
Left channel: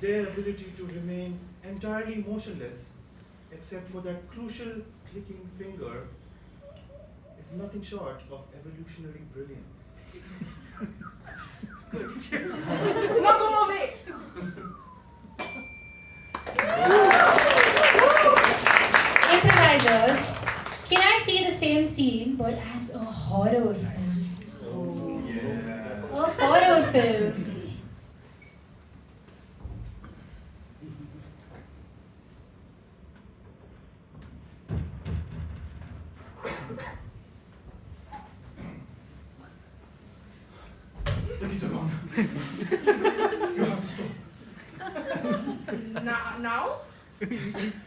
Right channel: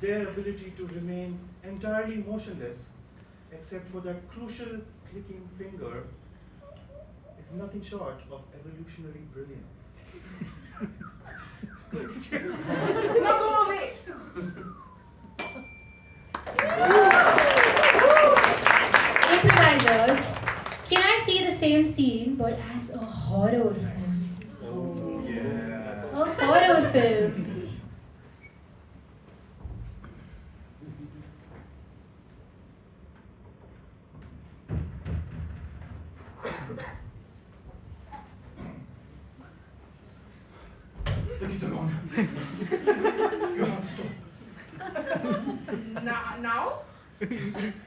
Their ability to remain entirely motionless, except for that crucial clicking finger, is nothing short of evolutionary brilliance. Now go away! Improvisers, can I see the same scene but as a horror film? Oh yeah. A horror film. The kids are gone. You have to stop. Now?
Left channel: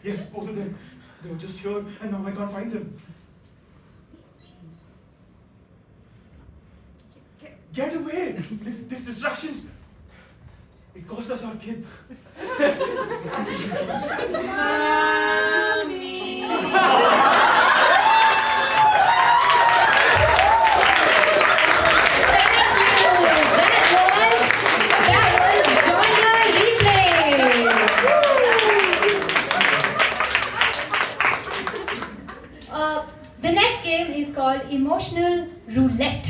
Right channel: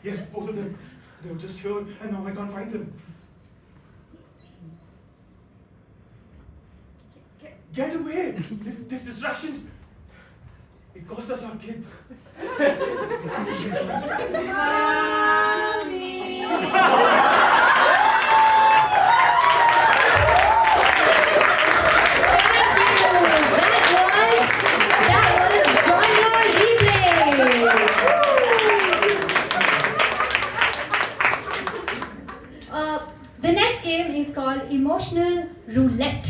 Yes, both of them. They were just here and now I can't find them. Get away! This distraction, it cost us our kids. The next game is called Emotional Roulette.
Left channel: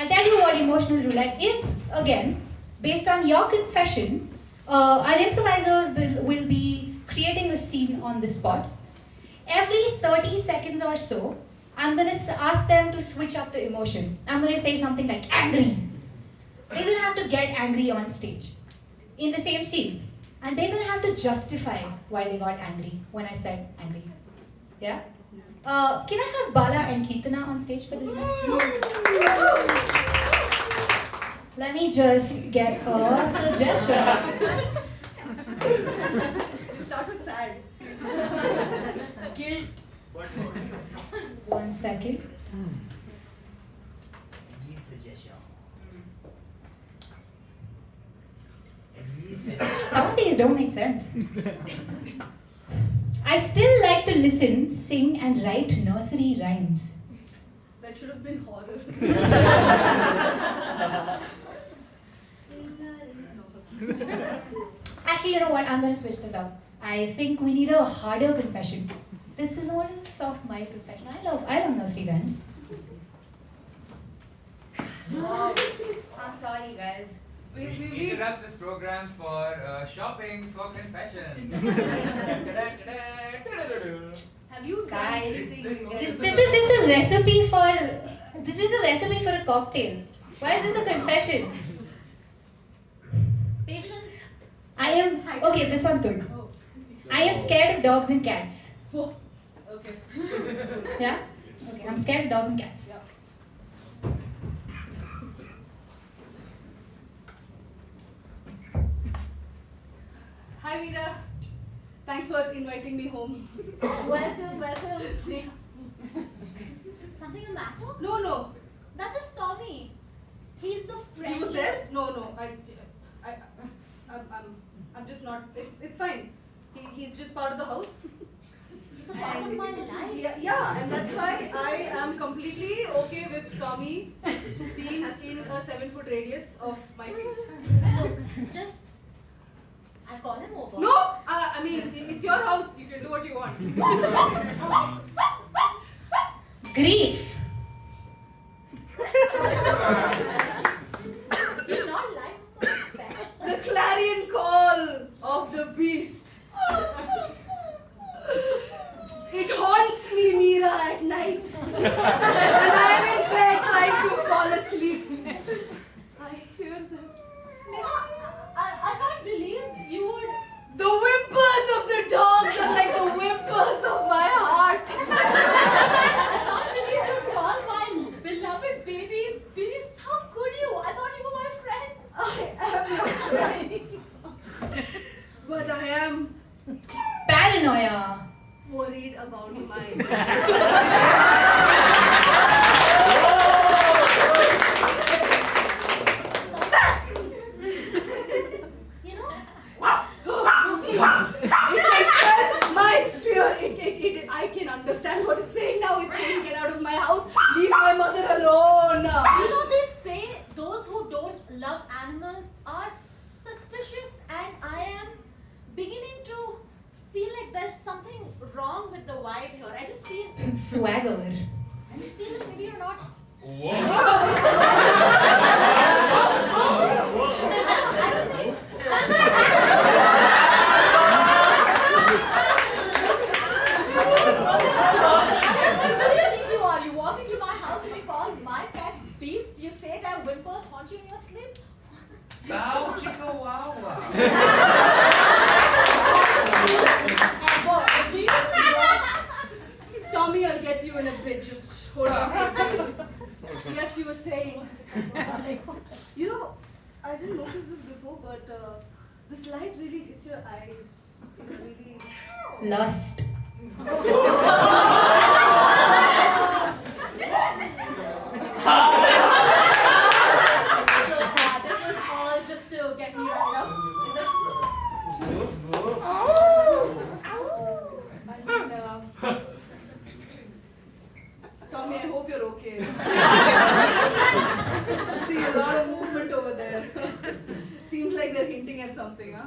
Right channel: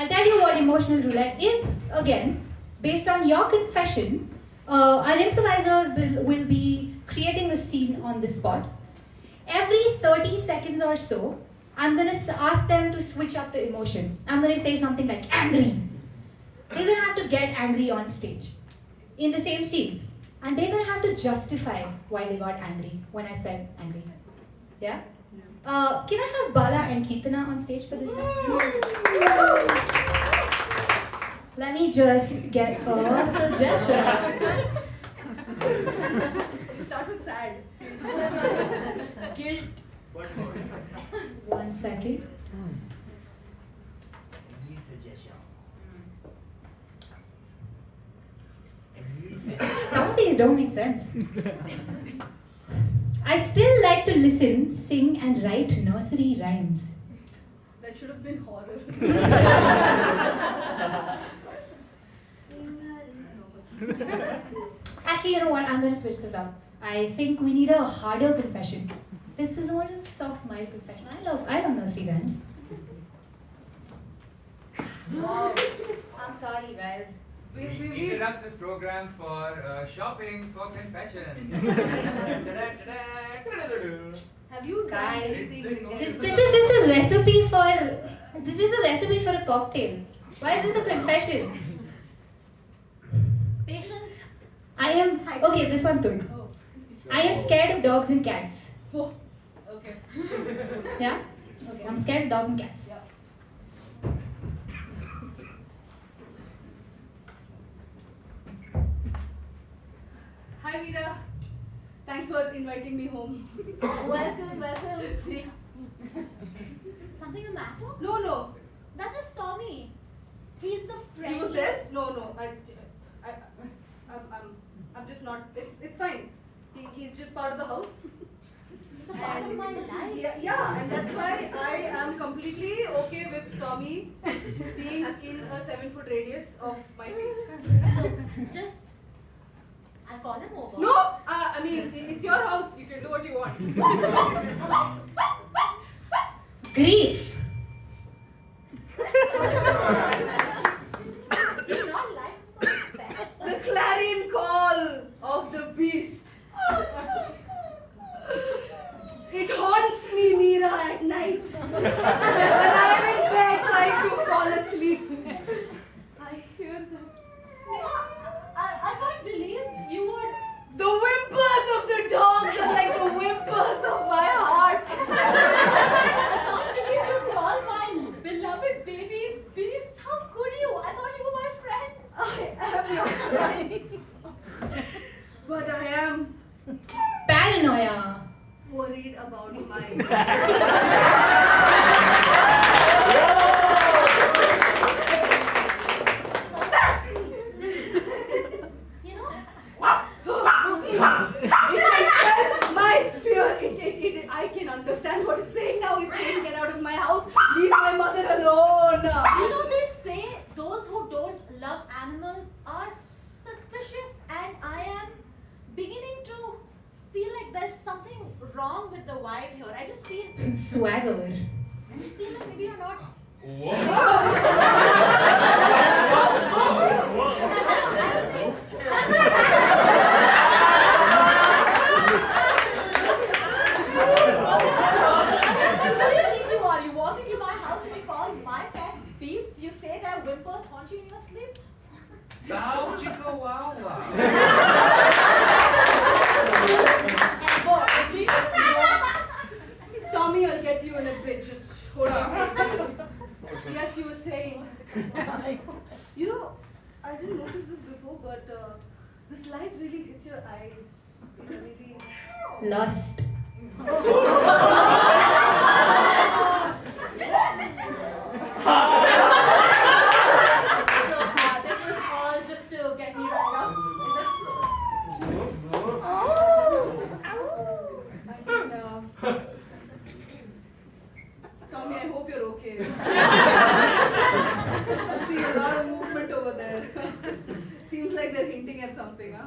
I'll tell you what emotional roulette is. Again, based on your confession, our improvisers will be creating a scene on the spot. Every 30 seconds or so, I'm going to ask them to switch up the emotion. I'm going to say something like angry. They're going to have to get angry on stage in the same scene. And they're going to have to justify why they got angry when I said angry. Yeah? Can I have Bala and Kirtana on stage for this one? Let me just get a suggestion. Start with sad. Guilt. 1 second. Any suggestion? Some of these don't make sense. I still like to listen, sing, and write nursery rhymes. That should have been horror. Actually, you know what? I'm going to switch this up. I think we need a harder confession. This is all a soft, mild confession. I love nursery rhymes. Oh, I'm sorry, guys. We interrupt this program for shopping for confession. Have you Guys, done anything? This is just a recipe for a cocktail. Why is this a confession? Patience. I am okay. This one's good. Oh. I am scared of dogs and cats. Oh. Okay. Yeah. Okay. I'm scared of dogs and cats. Yeah. Hi Veera. Thanks for inviting me home. Welcome. Something the matter? No. That's just Tommy. He's the friend. He was there? No. I'm just not. It's fine. He's just part of the house. He's a part of my life. Yeah, and that's why I am completely okay with Tommy being in a 7-foot radius of my feet. Look, just I'll call him over. No, I mean it's your house. You can do what you want. Grief. Do you not like my pets? The clarion call of the beast. It haunts me, Meera, at night. When I'm in bed trying to fall asleep. I hear them. I can't believe you would. The whimpers of the dogs are like the whimpers of my heart. I can't believe you call my beloved babies beasts. How could you? I thought you were my friend. I am not crying. But I am Paranoia. worried about my You know, my fear. I can understand what it's saying now. It's saying, get out of my house. Leave my mother alone. you know they say those who don't love animals are suspicious, and I am beginning to feel like there's something wrong with the vibe here. I just feel Swagger. like maybe you're not. You are. You walk into my house and you call my pets beasts. You say their whimpers haunt you in your sleep. Wow, chicka wow wow. Ever. Do you know? Tommy, I'll get you in a bit. Just hold on. Yes, you were saying. You know, I didn't notice this before, but this light really hits your eyes. It really. Lust. So this was all just to get me riled up. Is it? Tommy, I hope you're okay. I see a lot of movement over there. Seems like they're hinting at something, huh?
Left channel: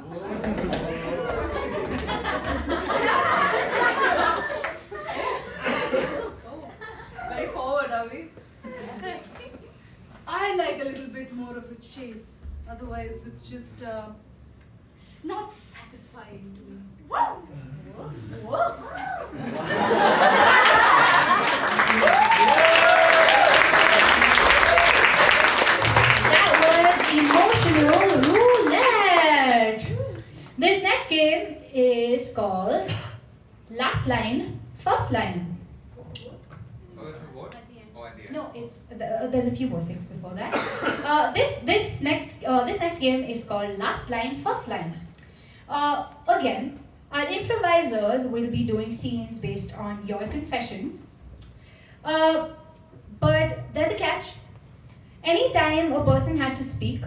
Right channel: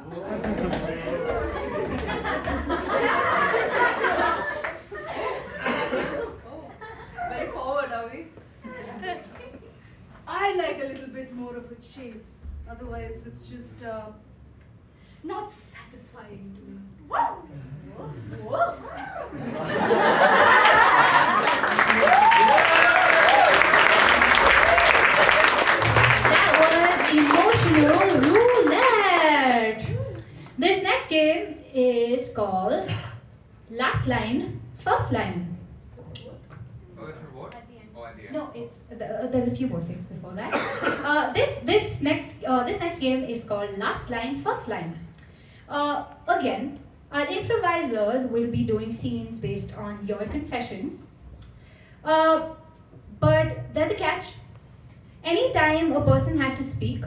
Oh, very forward, are we? I like a little bit more of a chase. Otherwise, it's just not satisfying to me. That was emotional roulette. This next game is called Last Line, First Line. What? Oh, at the end. No, it's there's a few more things before that. This next game is called Last Line, First Line. Again, our improvisers will be doing scenes based on your confessions. But there's a catch. Anytime a person has to speak,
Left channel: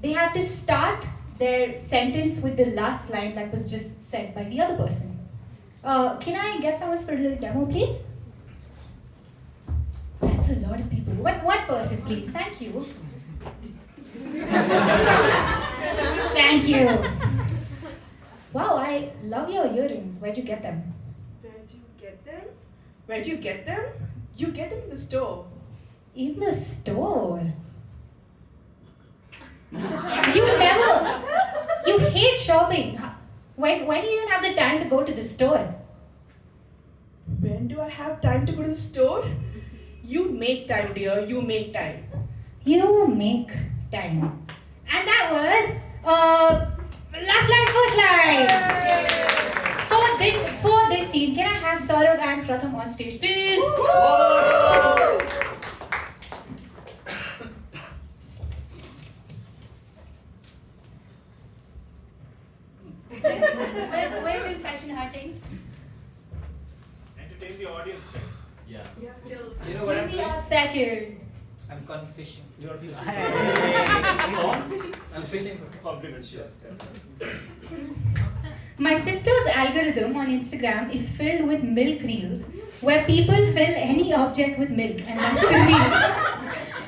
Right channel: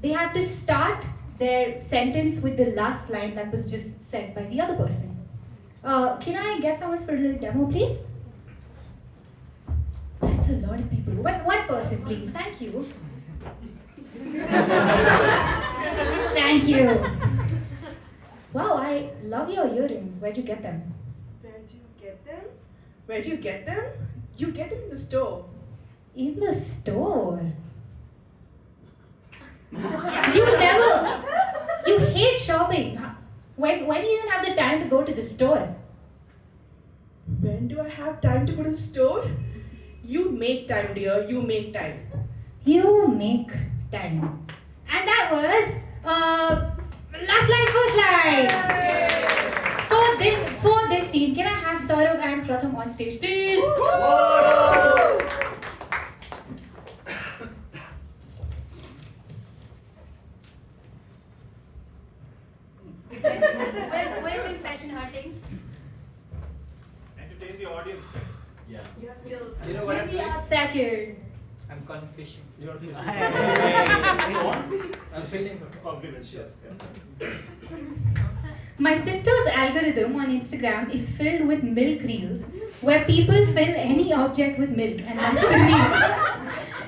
they have to start their sentence with the last line that was just said by the other person. Can I get someone for a little demo, please? That's a lot of people. One person, please. Thank you. Thank you. Wow, I love your earrings. Where'd you get them? Where do you get them? Where do you get them? You get them in the store. In the store. You hate shopping. When do you even have the time to go to the store? When do I have time to go to the store? You make time, dear. You make time. You make time. And that was last line, first line. For this scene, can I have Saurav and Pratham on stage, please? Where's the fashion hurting? Entertain the audience. Yeah. You know what I'm Give me doing? a second. I'm gone fishing. You're fishing. Hey. I'm fishing for Compliments, yes. My sister's algorithm on Instagram is filled with milk reels where people fill any object with milk, and that's the reel.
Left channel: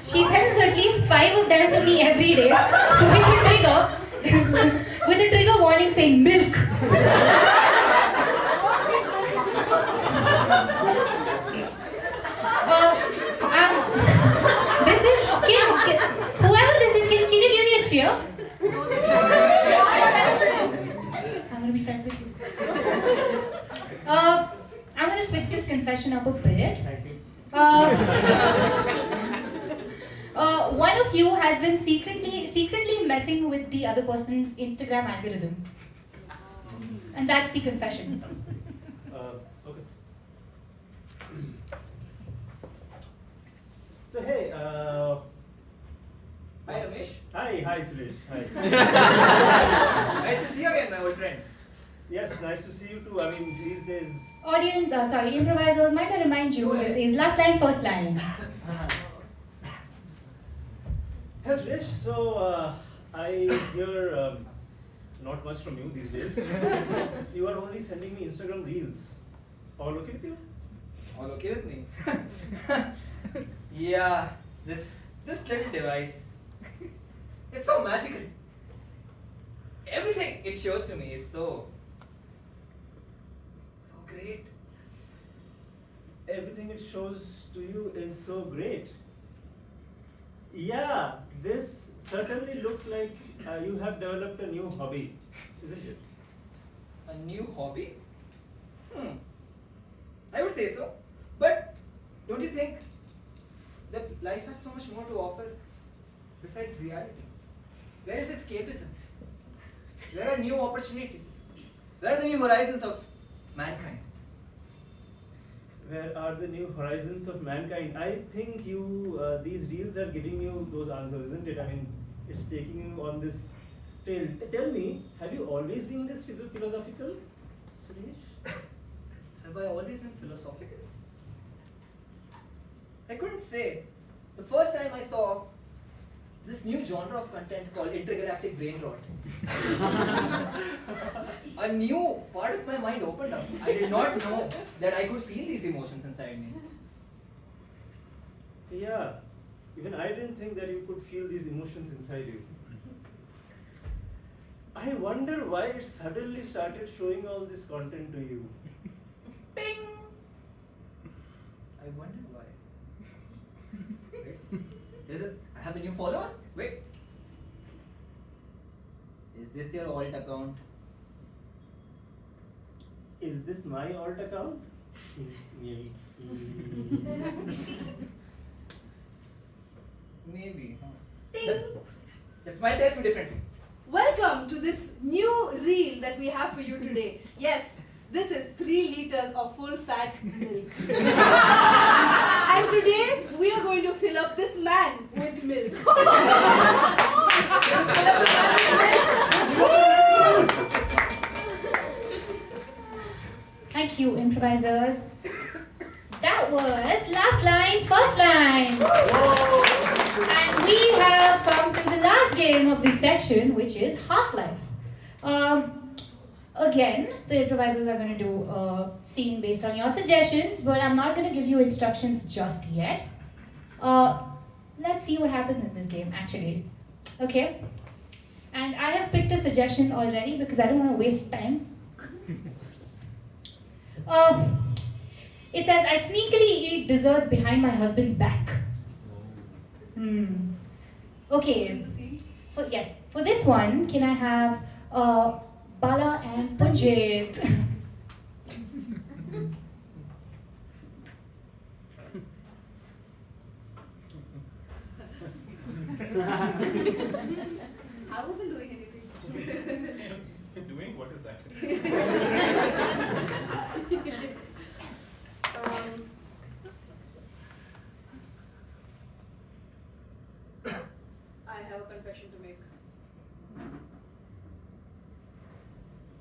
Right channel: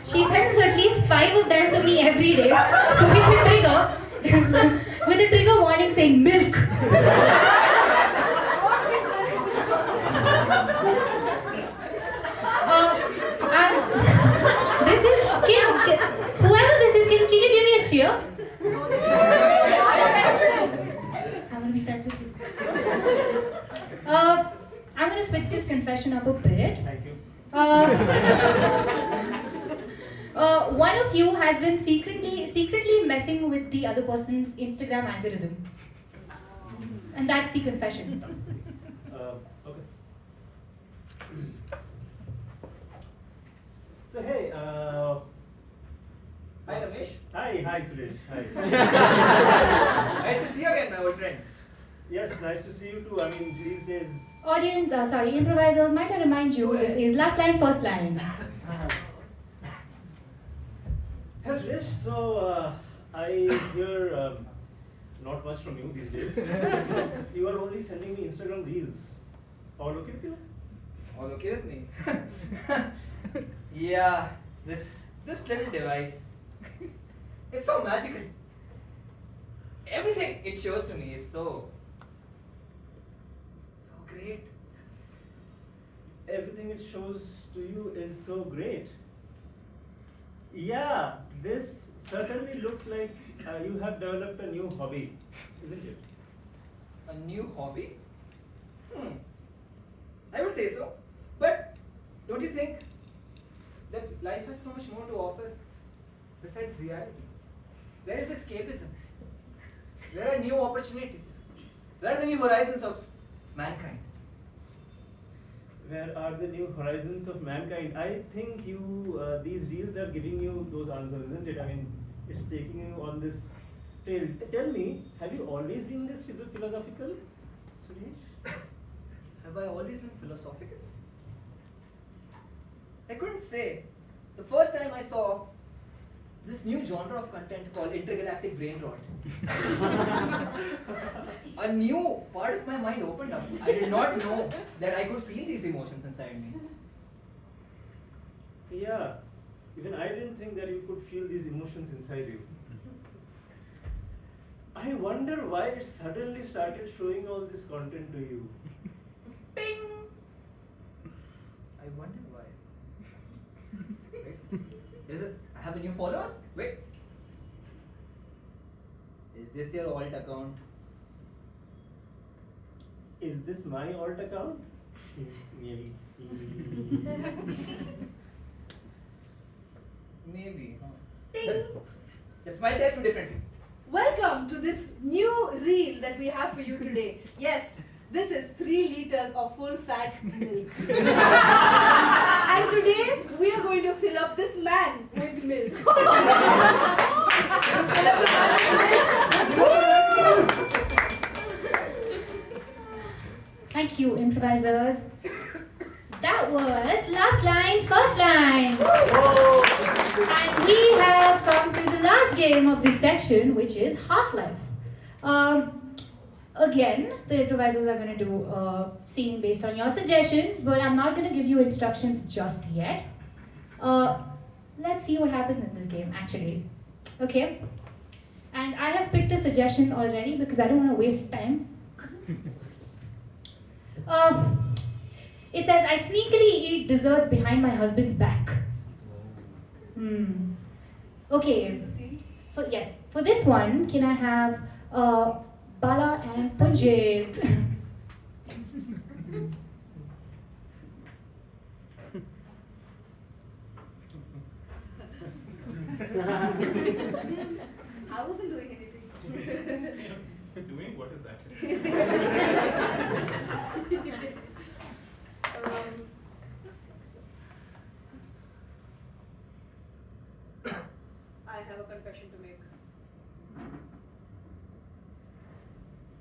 She sends at least 5 of them to me every day with a trigger warning saying milk. This is whoever this is, can you give me a cheer? I'm gonna be friends with you. I'm gonna switch this confession up a bit. Thank you. One of you has been secretly messing with the other person's Instagram algorithm, and that's the confession. Okay. So hey, Hi, Ramesh. Hi Suresh. Hi. Nice to see you again, my old friend. Yes, nice to see you too. I mean, these days. Audience, improvisers, might I remind you, this is last line, first line. Hey Suresh, so I hear not much from you these days. You are only sending me Instagram reels. All okay with you? All okay with me? Yeah, this little device. It's so magical. Everything it shows to me is so great. Everything it shows to you is so great. Yeah, this certainly looks like you have developed a new hobby, isn't it? A new hobby? I would say so. But don't you think that life has so much more to offer besides reality? There is escapism. There are new opportunities. There are the new horizons of mankind. Where are the new horizons of mankind? I think these reels are giving you those answers, isn't it? I mean, it's taking you on this trail. Tell me, have you always been this philosophical, Suresh? Have I always been philosophical? I couldn't say. The first time I saw this new genre of content called intergalactic brain rot, a new part of my mind opened up. I did not know that I could feel these emotions inside me. Yeah, even I didn't think that you could feel these emotions inside you. I wonder why it suddenly started showing all this content to you. Ping! I wonder why. Wait, I have a new follower? Wait. Is this your alt account? Is this my alt account? Maybe. Maybe, huh? Let's might type it differently. Welcome to this new reel that we have for you today. Yes, this is 3 liters of full fat milk. And today we are going to fill up this man with milk. Fill up the man with milk. Thank you, improvisers. That was last line, first line. And we have come to the last game of this section, which is Half-Life. Again, the improvisers are going to do a scene based on your suggestions, but I'm not going to give you instructions just yet. Let's see what happens in this game, actually. Okay? And I have picked a suggestion already because I don't want to waste time. It says, I sneakily eat dessert behind my husband's back. Okay. For this one, can I have Bala and Punjit? I wasn't doing anything. Doing? What is that? I have a confession to make.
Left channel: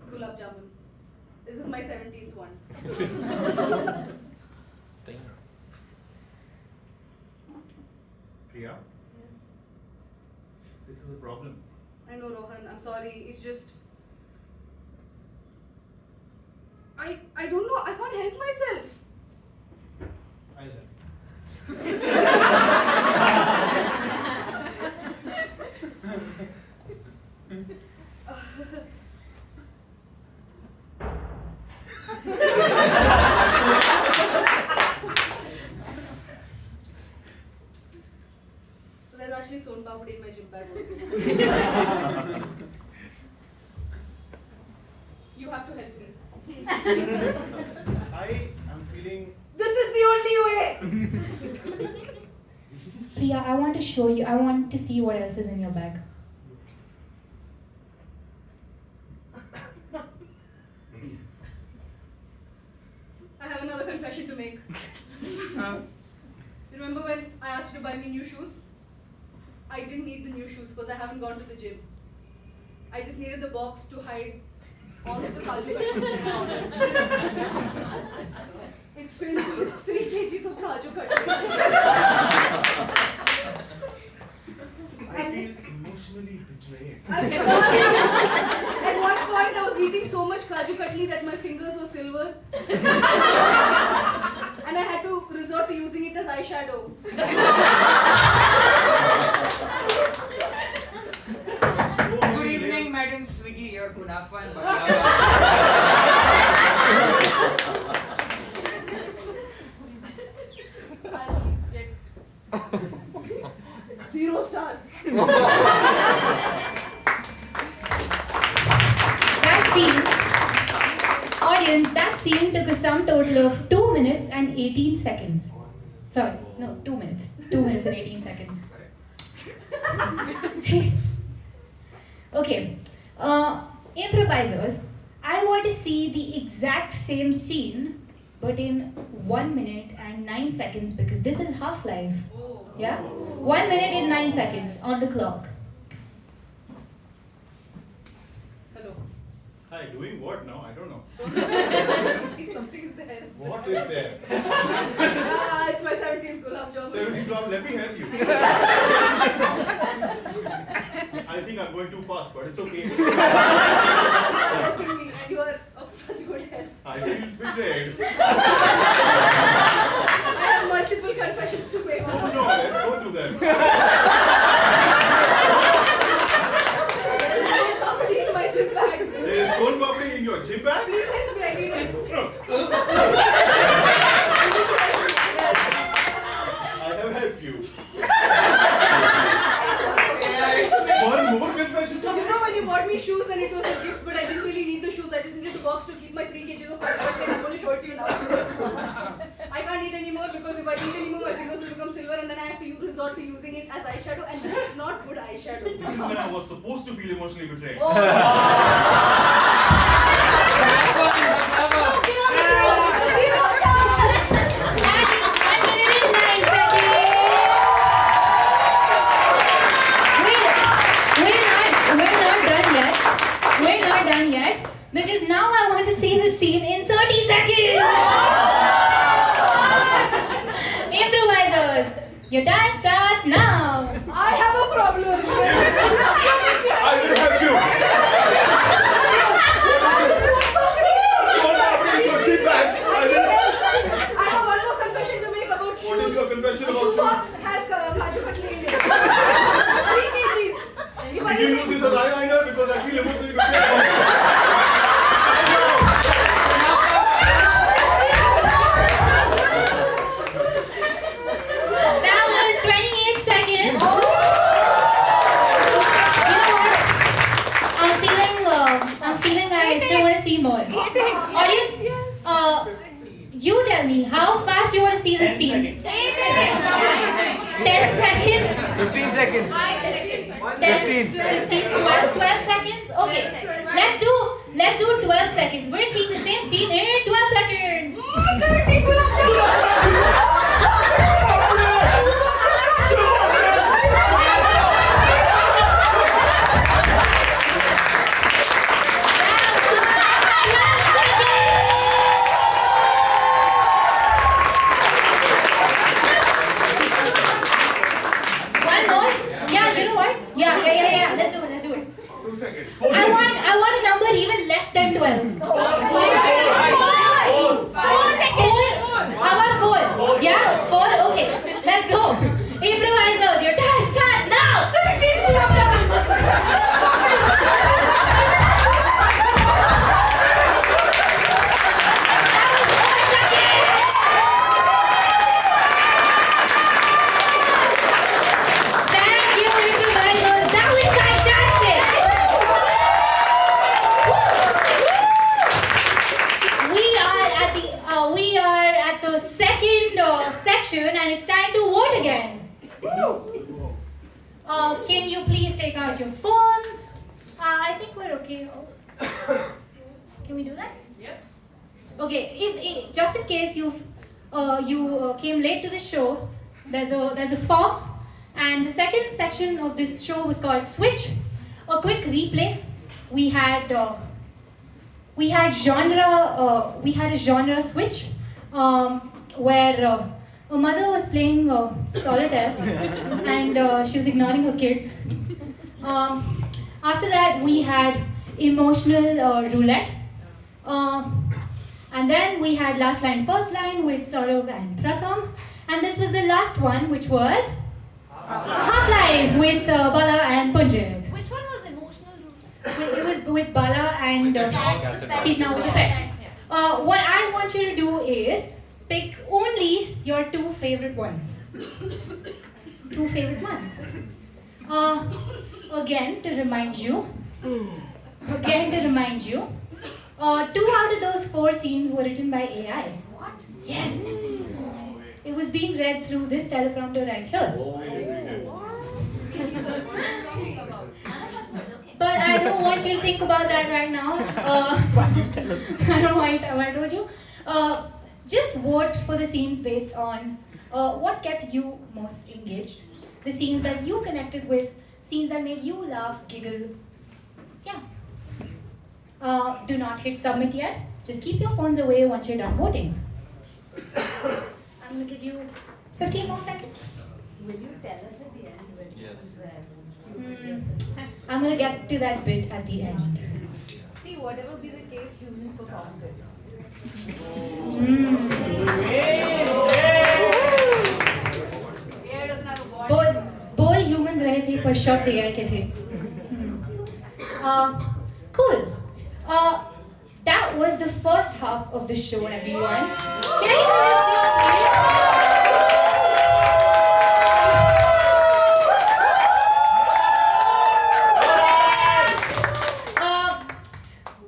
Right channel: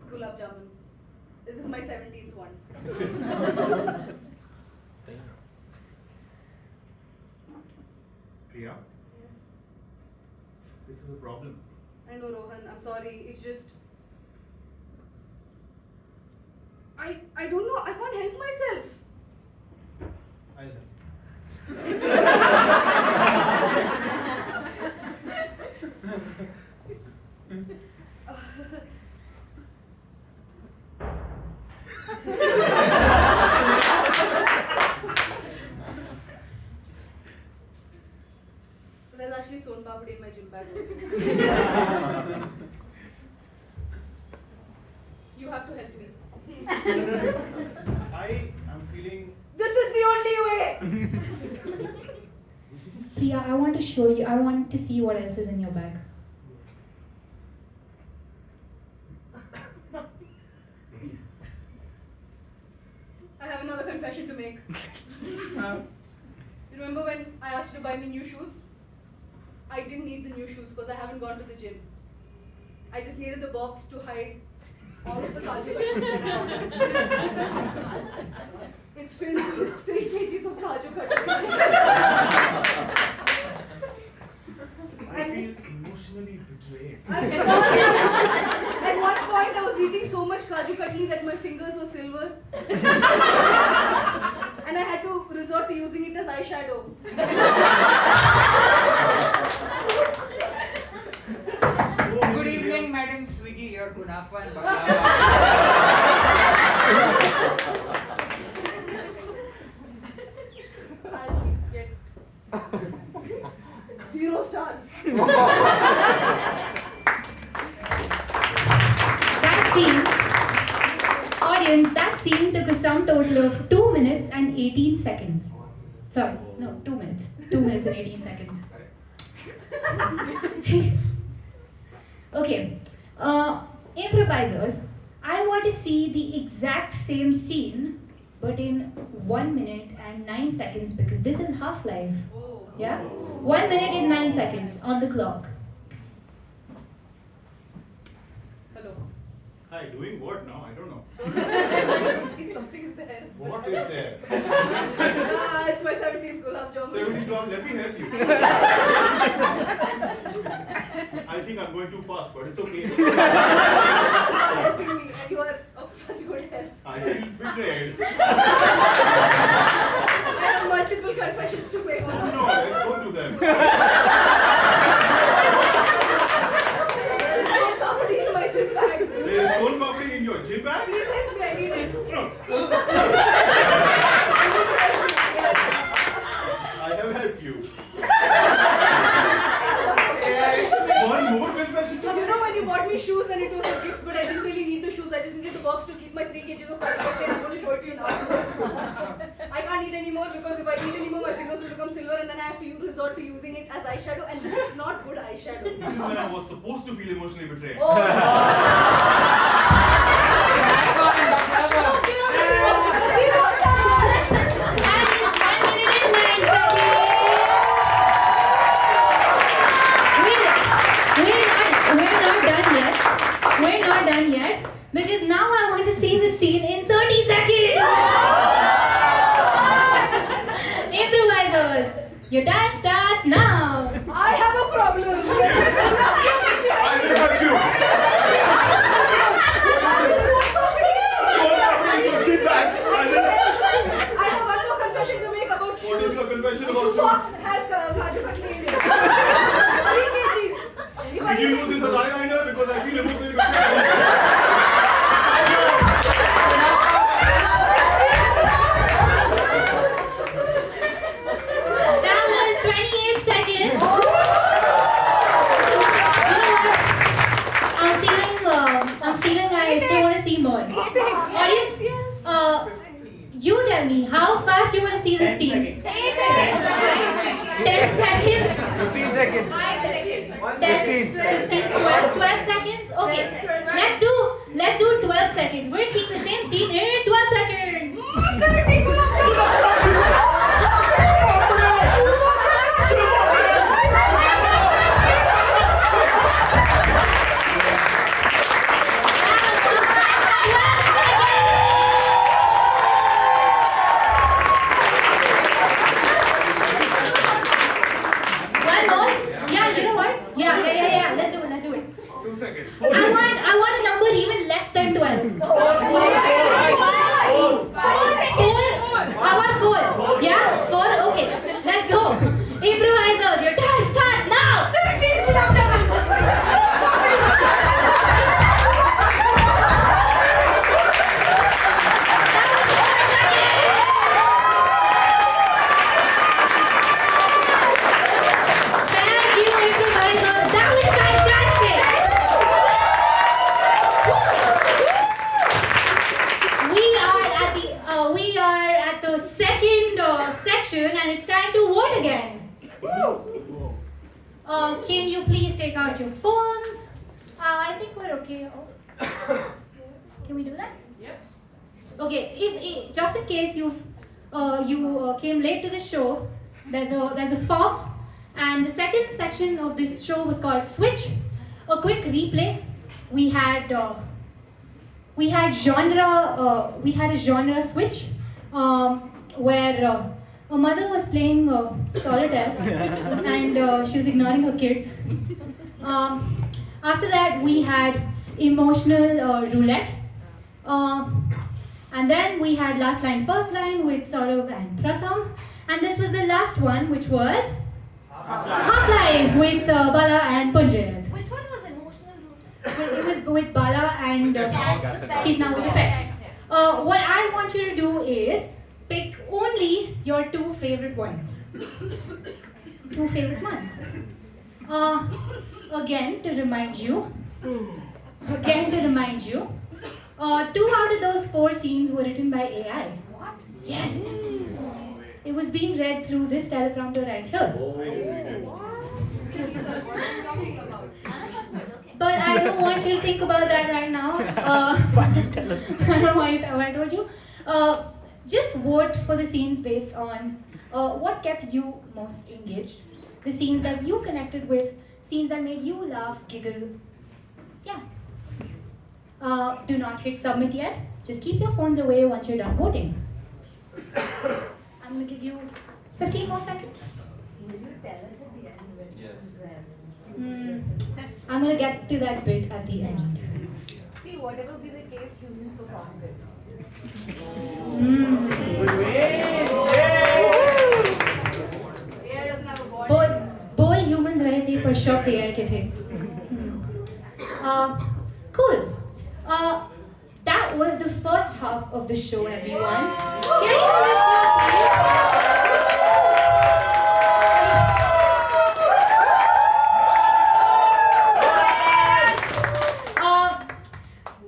Gulab jamun. This is my 17th one. Priya, Yes. this is a problem. I know, Rohan. I'm sorry. It's just I don't know. I can't help myself. I'll help There's actually son papdi in my gym bag also. You have to help me. I am feeling. This is the only way. Priya, I want to show you, I want to see what else is in your bag. I have another confession to make. Remember when I asked you to buy me new shoes? I didn't need the new shoes because I haven't gone to the gym. I just needed the box to hide all of the kaju. It's filled with 3 kgs of kaju cutlery. I feel emotionally betrayed. I'm sorry. At one point, I was eating so much kaju katli that my fingers were silver. And I had to resort to using it as eyeshadow. Good evening, Madam Swiggy, your kunafa and baklava. I'll get 0 stars. That scene, audience, that scene took a sum total of 2 minutes and 18 seconds. Sorry, no, 2 minutes. 2 minutes and 18 seconds. Okay, improvisers, I want to see the exact same scene but in 1 minute and 9 seconds because this is Half-Life. Oh. Yeah? 1 minute and 9 seconds on the clock. Hello. Hi, doing what now? I don't know. Something is there. What is there? It's my 17th gulab jamun. 70 club, let me help you. I think I'm going too fast, but it's okay. You're helping me and you are of such good help. I feel betrayed. I have multiple confessions to make. No, let's go through them. There is so papdi in my gym bag. There is son papdi in your gym bag? Please help me, I need it. No. I have helped you. One more confession to You know when you bought me shoes and it was a gift, but I didn't really need the shoes. I just needed the box to keep my 3 kgs of kaju and I'm going to show it to you now. I can't eat anymore because if I eat anymore, my fingers will become silver and then I have to resort to using it as eyeshadow and this is not good eyeshadow. This is when I was supposed to feel emotionally betrayed. Oh. Zero stars! That is 1 minute and 9 seconds. We're not done yet because now I want to see the scene in 30 seconds. Improvisers, your time starts now. I have a problem. I will help you. Son papdi in your gym bag. I will. I have one more confession to make about shoes. What is your confession The about shoe shoes? box has kaju katli in it. 3 kgs. If I Did you eat use this as eyeliner? Because I feel emotionally betrayed. That was 28 seconds. I'm feeling like I still want to see more. Audience, you tell me how fast you want to see this scene. 10 seconds. 15 seconds. 10, 15, 12 seconds. Okay, let's do 12 seconds. We're seeing the same scene in 12 seconds. One more? Yeah, you know what? Yeah. Let's do it. 2 seconds. I want a number even less than 12. Can you please take out your phones? I think we're okay. Oh. Can we do that? Yeah. Okay. If just in case you came late to the show, there's a form, and the second section of this show was called Switch. A quick replay. We had a genre switch, where a mother was playing solitaire and she was ignoring her kids. After that, we had emotional roulette. And then we had last line, first line with Saurav and Pratham. And this was the last one, which was Half-Life with Bala and Punjit. Which one was emotional? It was with Bala and Pitna with the pets. What I want you to do is pick only your two favorite ones. Two favorite ones. Again, to remind you, two out of those four scenes were written by AI. What? Yes. It was being read through this teleprompter right here. But I don't want you to think about that right now. I don't know why I told you. Just vote for the scenes based on what kept you most engaged. The scenes that you connected with, scenes that made you laugh, giggle. Yeah. Do not hit submit yet. Just keep your phones away once you're done voting. I'm going to give you 15 more seconds. Will you tell us at the end when I'm going to get to that bit at the end. See, whatever be the case, you will perform good. AI doesn't have a body. बोल humans रहे थे पर शब्द AI के थे. Cool. That was the first half of the show, everyone. Can I introduce you, please?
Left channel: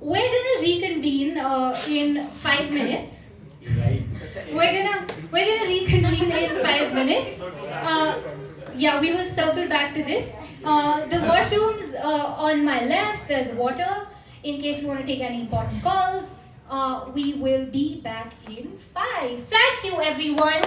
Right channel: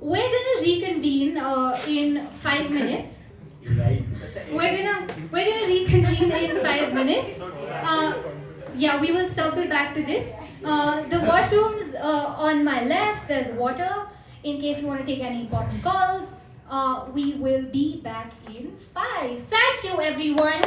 We're gonna reconvene in 5 minutes. We're gonna reconvene in 5 minutes. Yeah, we will circle back to this. The washrooms on my left. There's water in case you want to take any important calls. We will be back in 5. Thank you, everyone.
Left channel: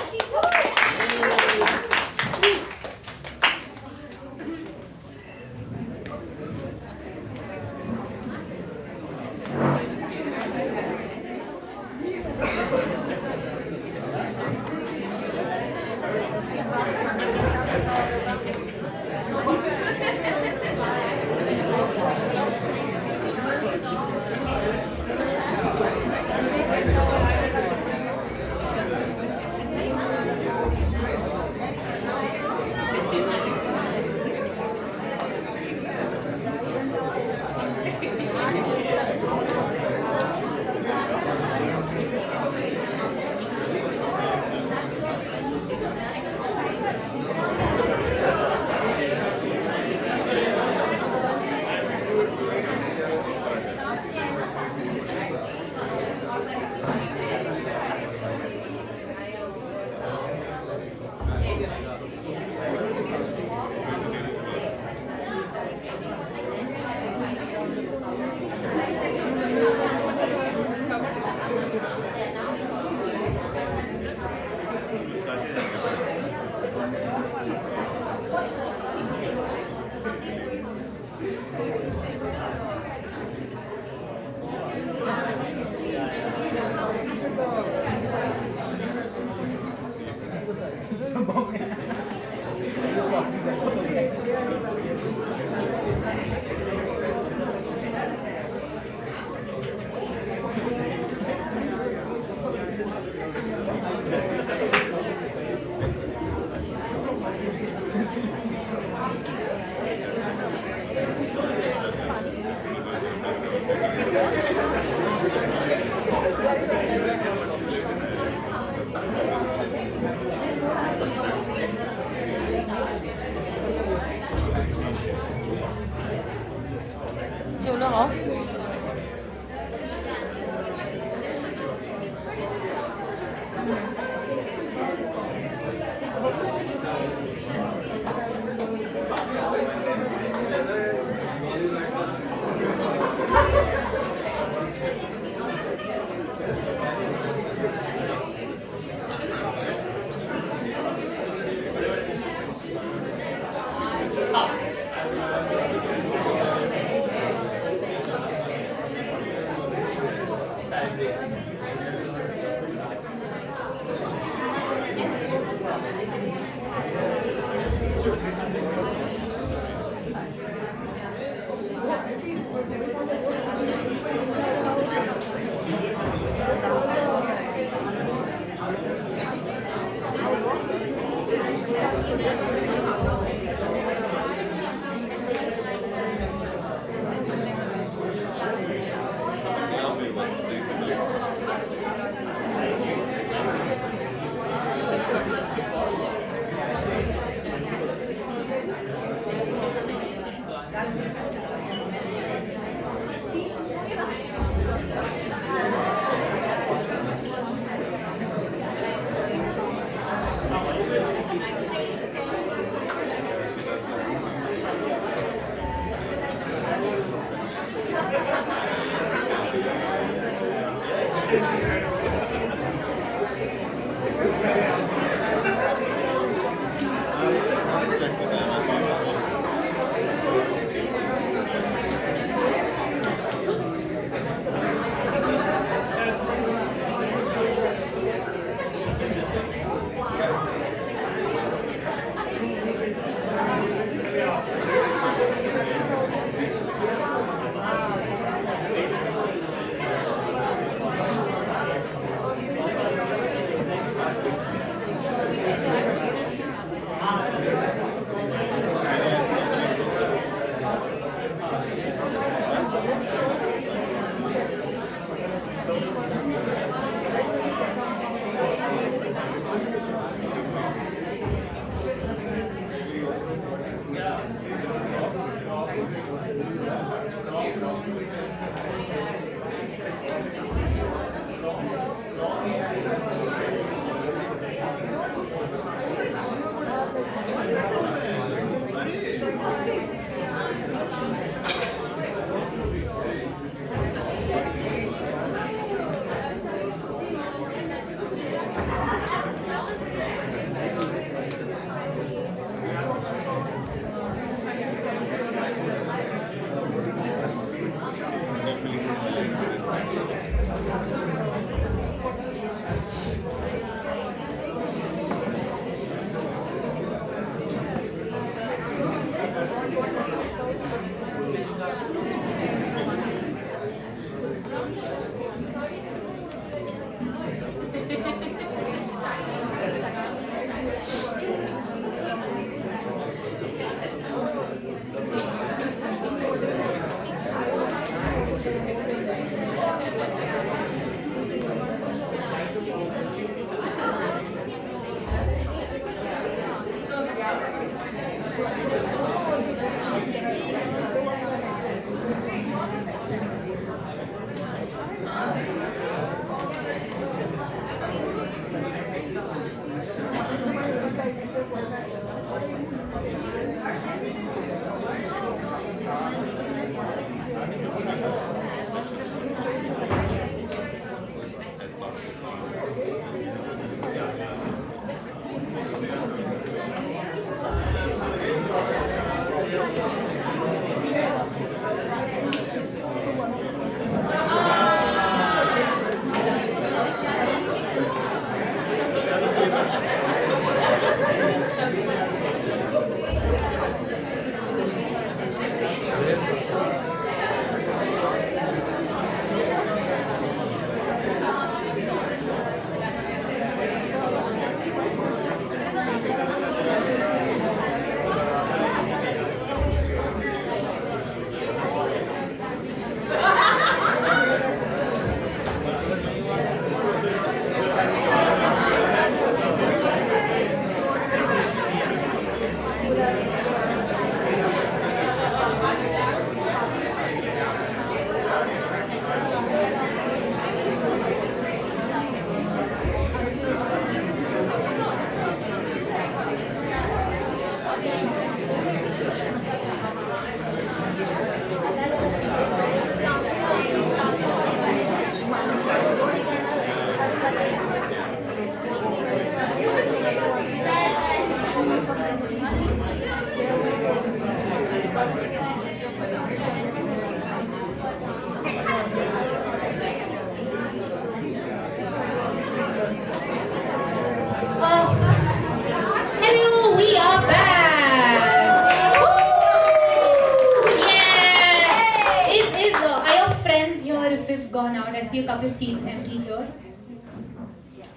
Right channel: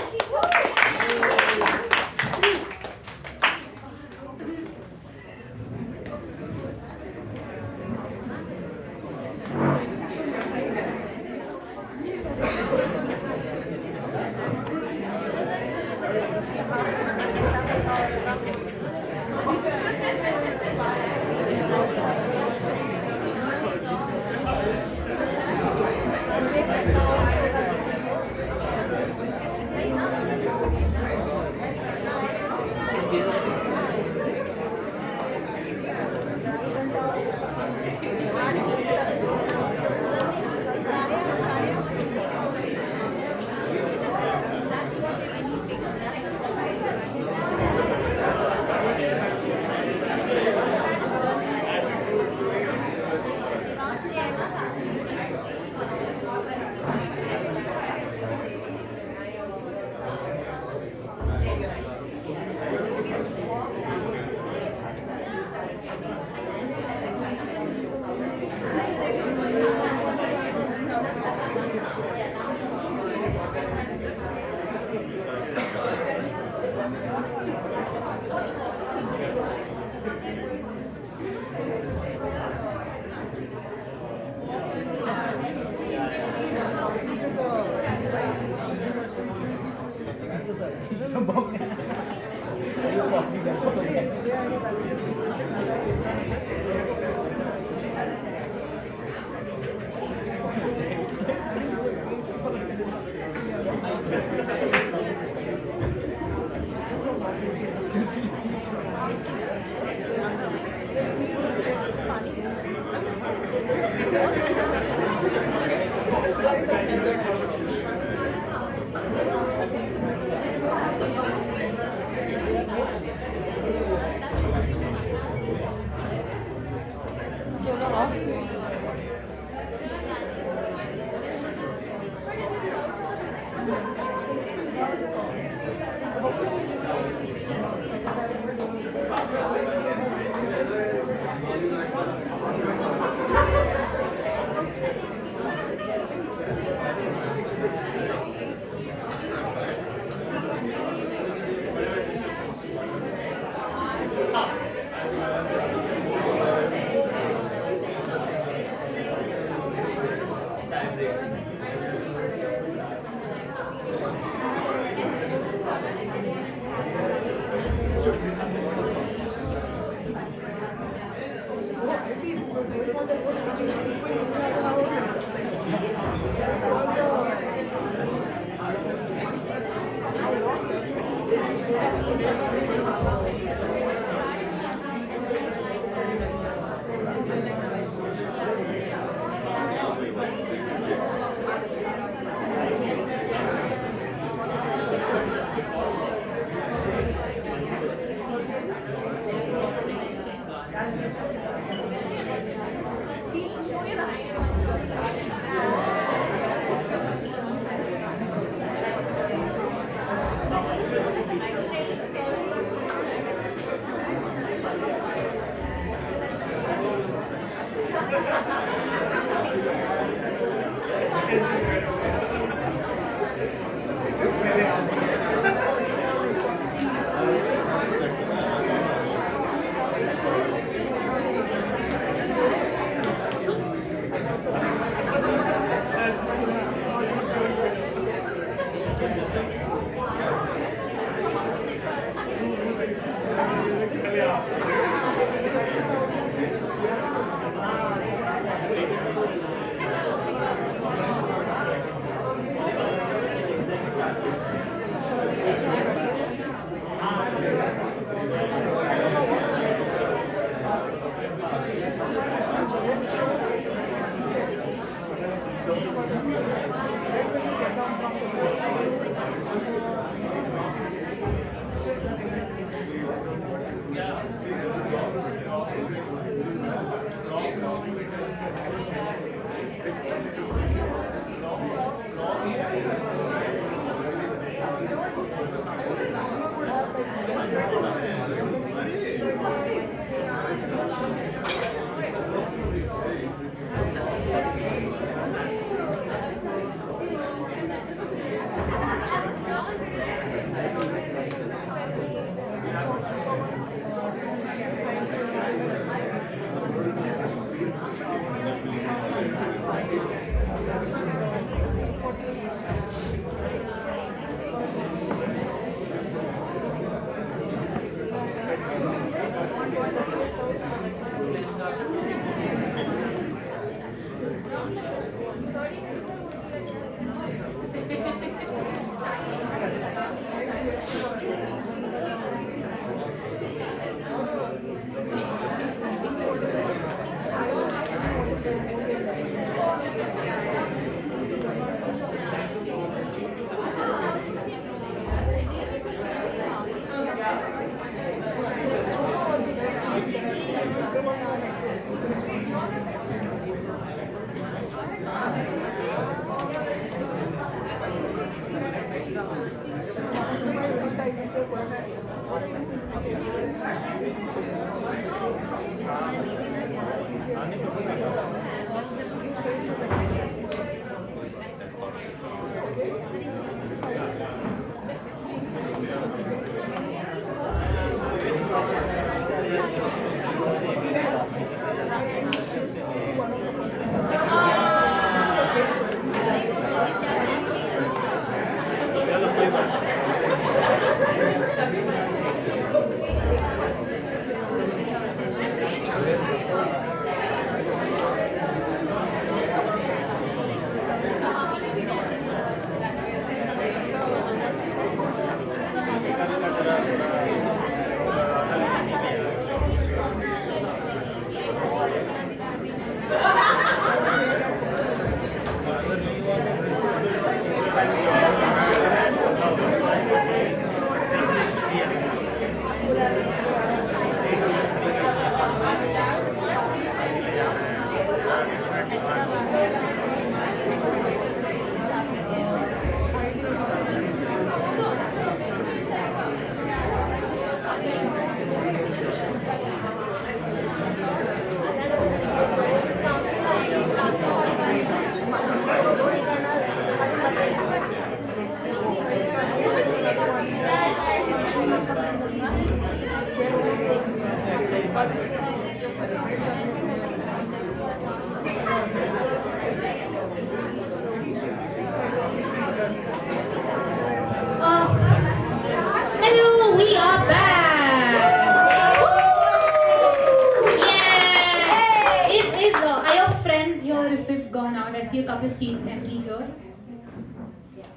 gone out. I see a couple of seats empty here.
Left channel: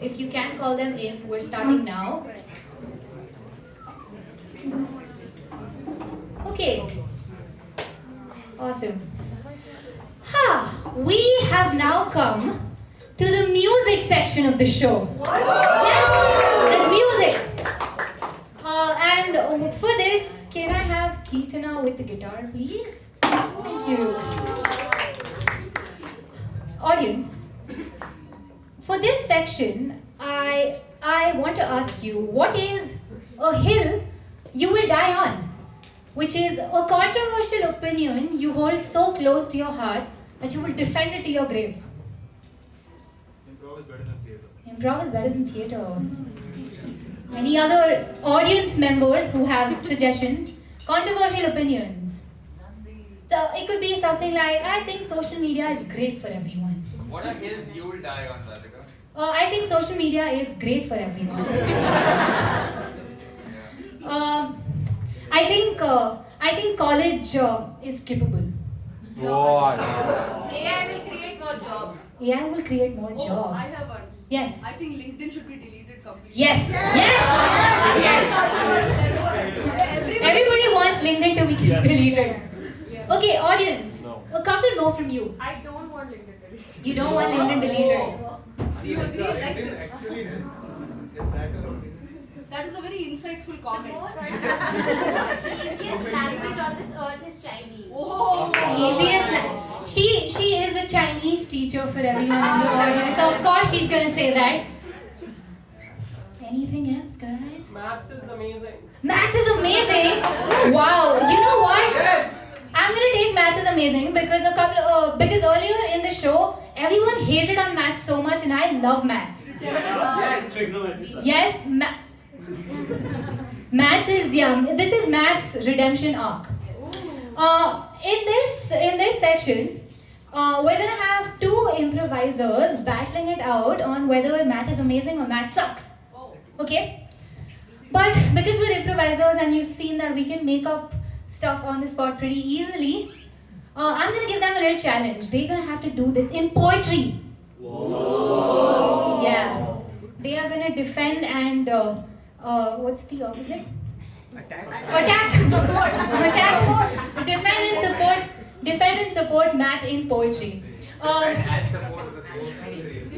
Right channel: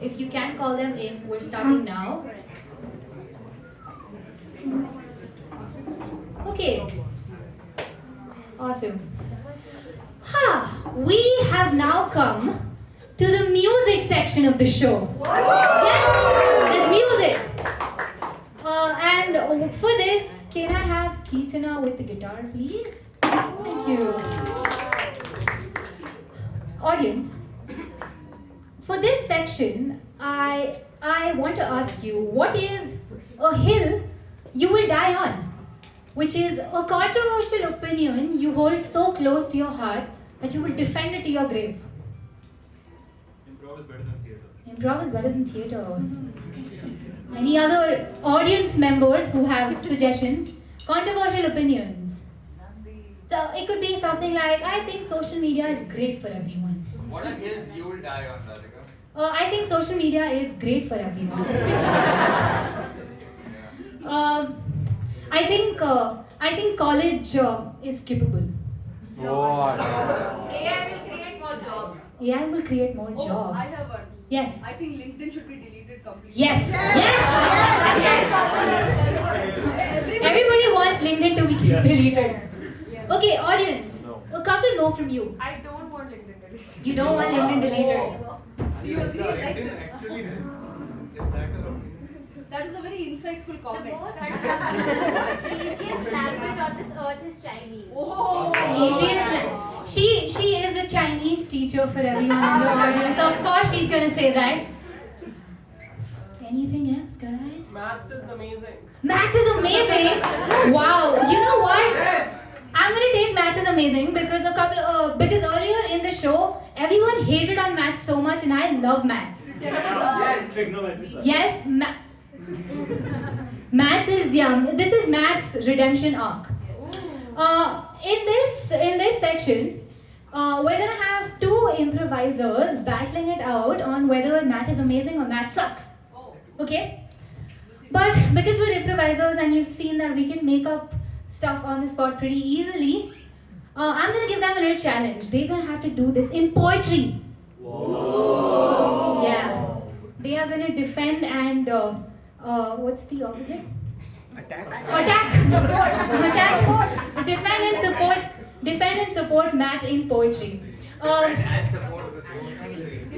If you can call them in, we're starting now. Okay. Awesome. We have now come to the music section of the show. Yes, there's music. And for this, can I have Keetana with the guitar, please? Thank you. Audience, for this section, I want to ask you, what is a hill you will die on? Which is a controversial opinion you hold so close to your heart that you will defend it to your grave. Improv is better than theatre. Improv is better than theatre. Any other audience members who have suggestions? Controversial opinions. So it could be something like, I think social media is great for everyone. What are hills you will die on, Radhika? I think social media is great for everyone. I think college is skippable. What? AI will create more jobs. AI will create more Oh, jobs. I have one. Yes. I think LinkedIn should be deleted completely. Yes. Everybody wants LinkedIn to be deleted. Okay, audience. A couple more from you. I don't want LinkedIn deleted. You don't want LinkedIn deleted. Do you agree like this? Actually, is that That is a very insightful comment. Easiest language on this earth is Chinese. Oh. She is a Chinese teacher for everyone in the audience. Of course she's gonna say that. Anything else, guys? Maths is amazing. Maths is amazing. Wow. You know what? I'm gonna take maths is amazing because because earlier in the show everyone hated on maths so much and I love maths. Yes, trigonometry. Yes, maths is this is maths redemption arc. In this section, we're gonna have two improvisers battling it out on whether math is amazing or math sucks. Okay? But because we're improvisers and you've seen that we can make up stuff on the spot pretty easily, I'm gonna give them a little challenge. They're gonna have to do this in poetry. Whoa. Yeah. They are gonna defend and what's the opposite? Attack. Attack. Defend and support math in poetry. And support the same.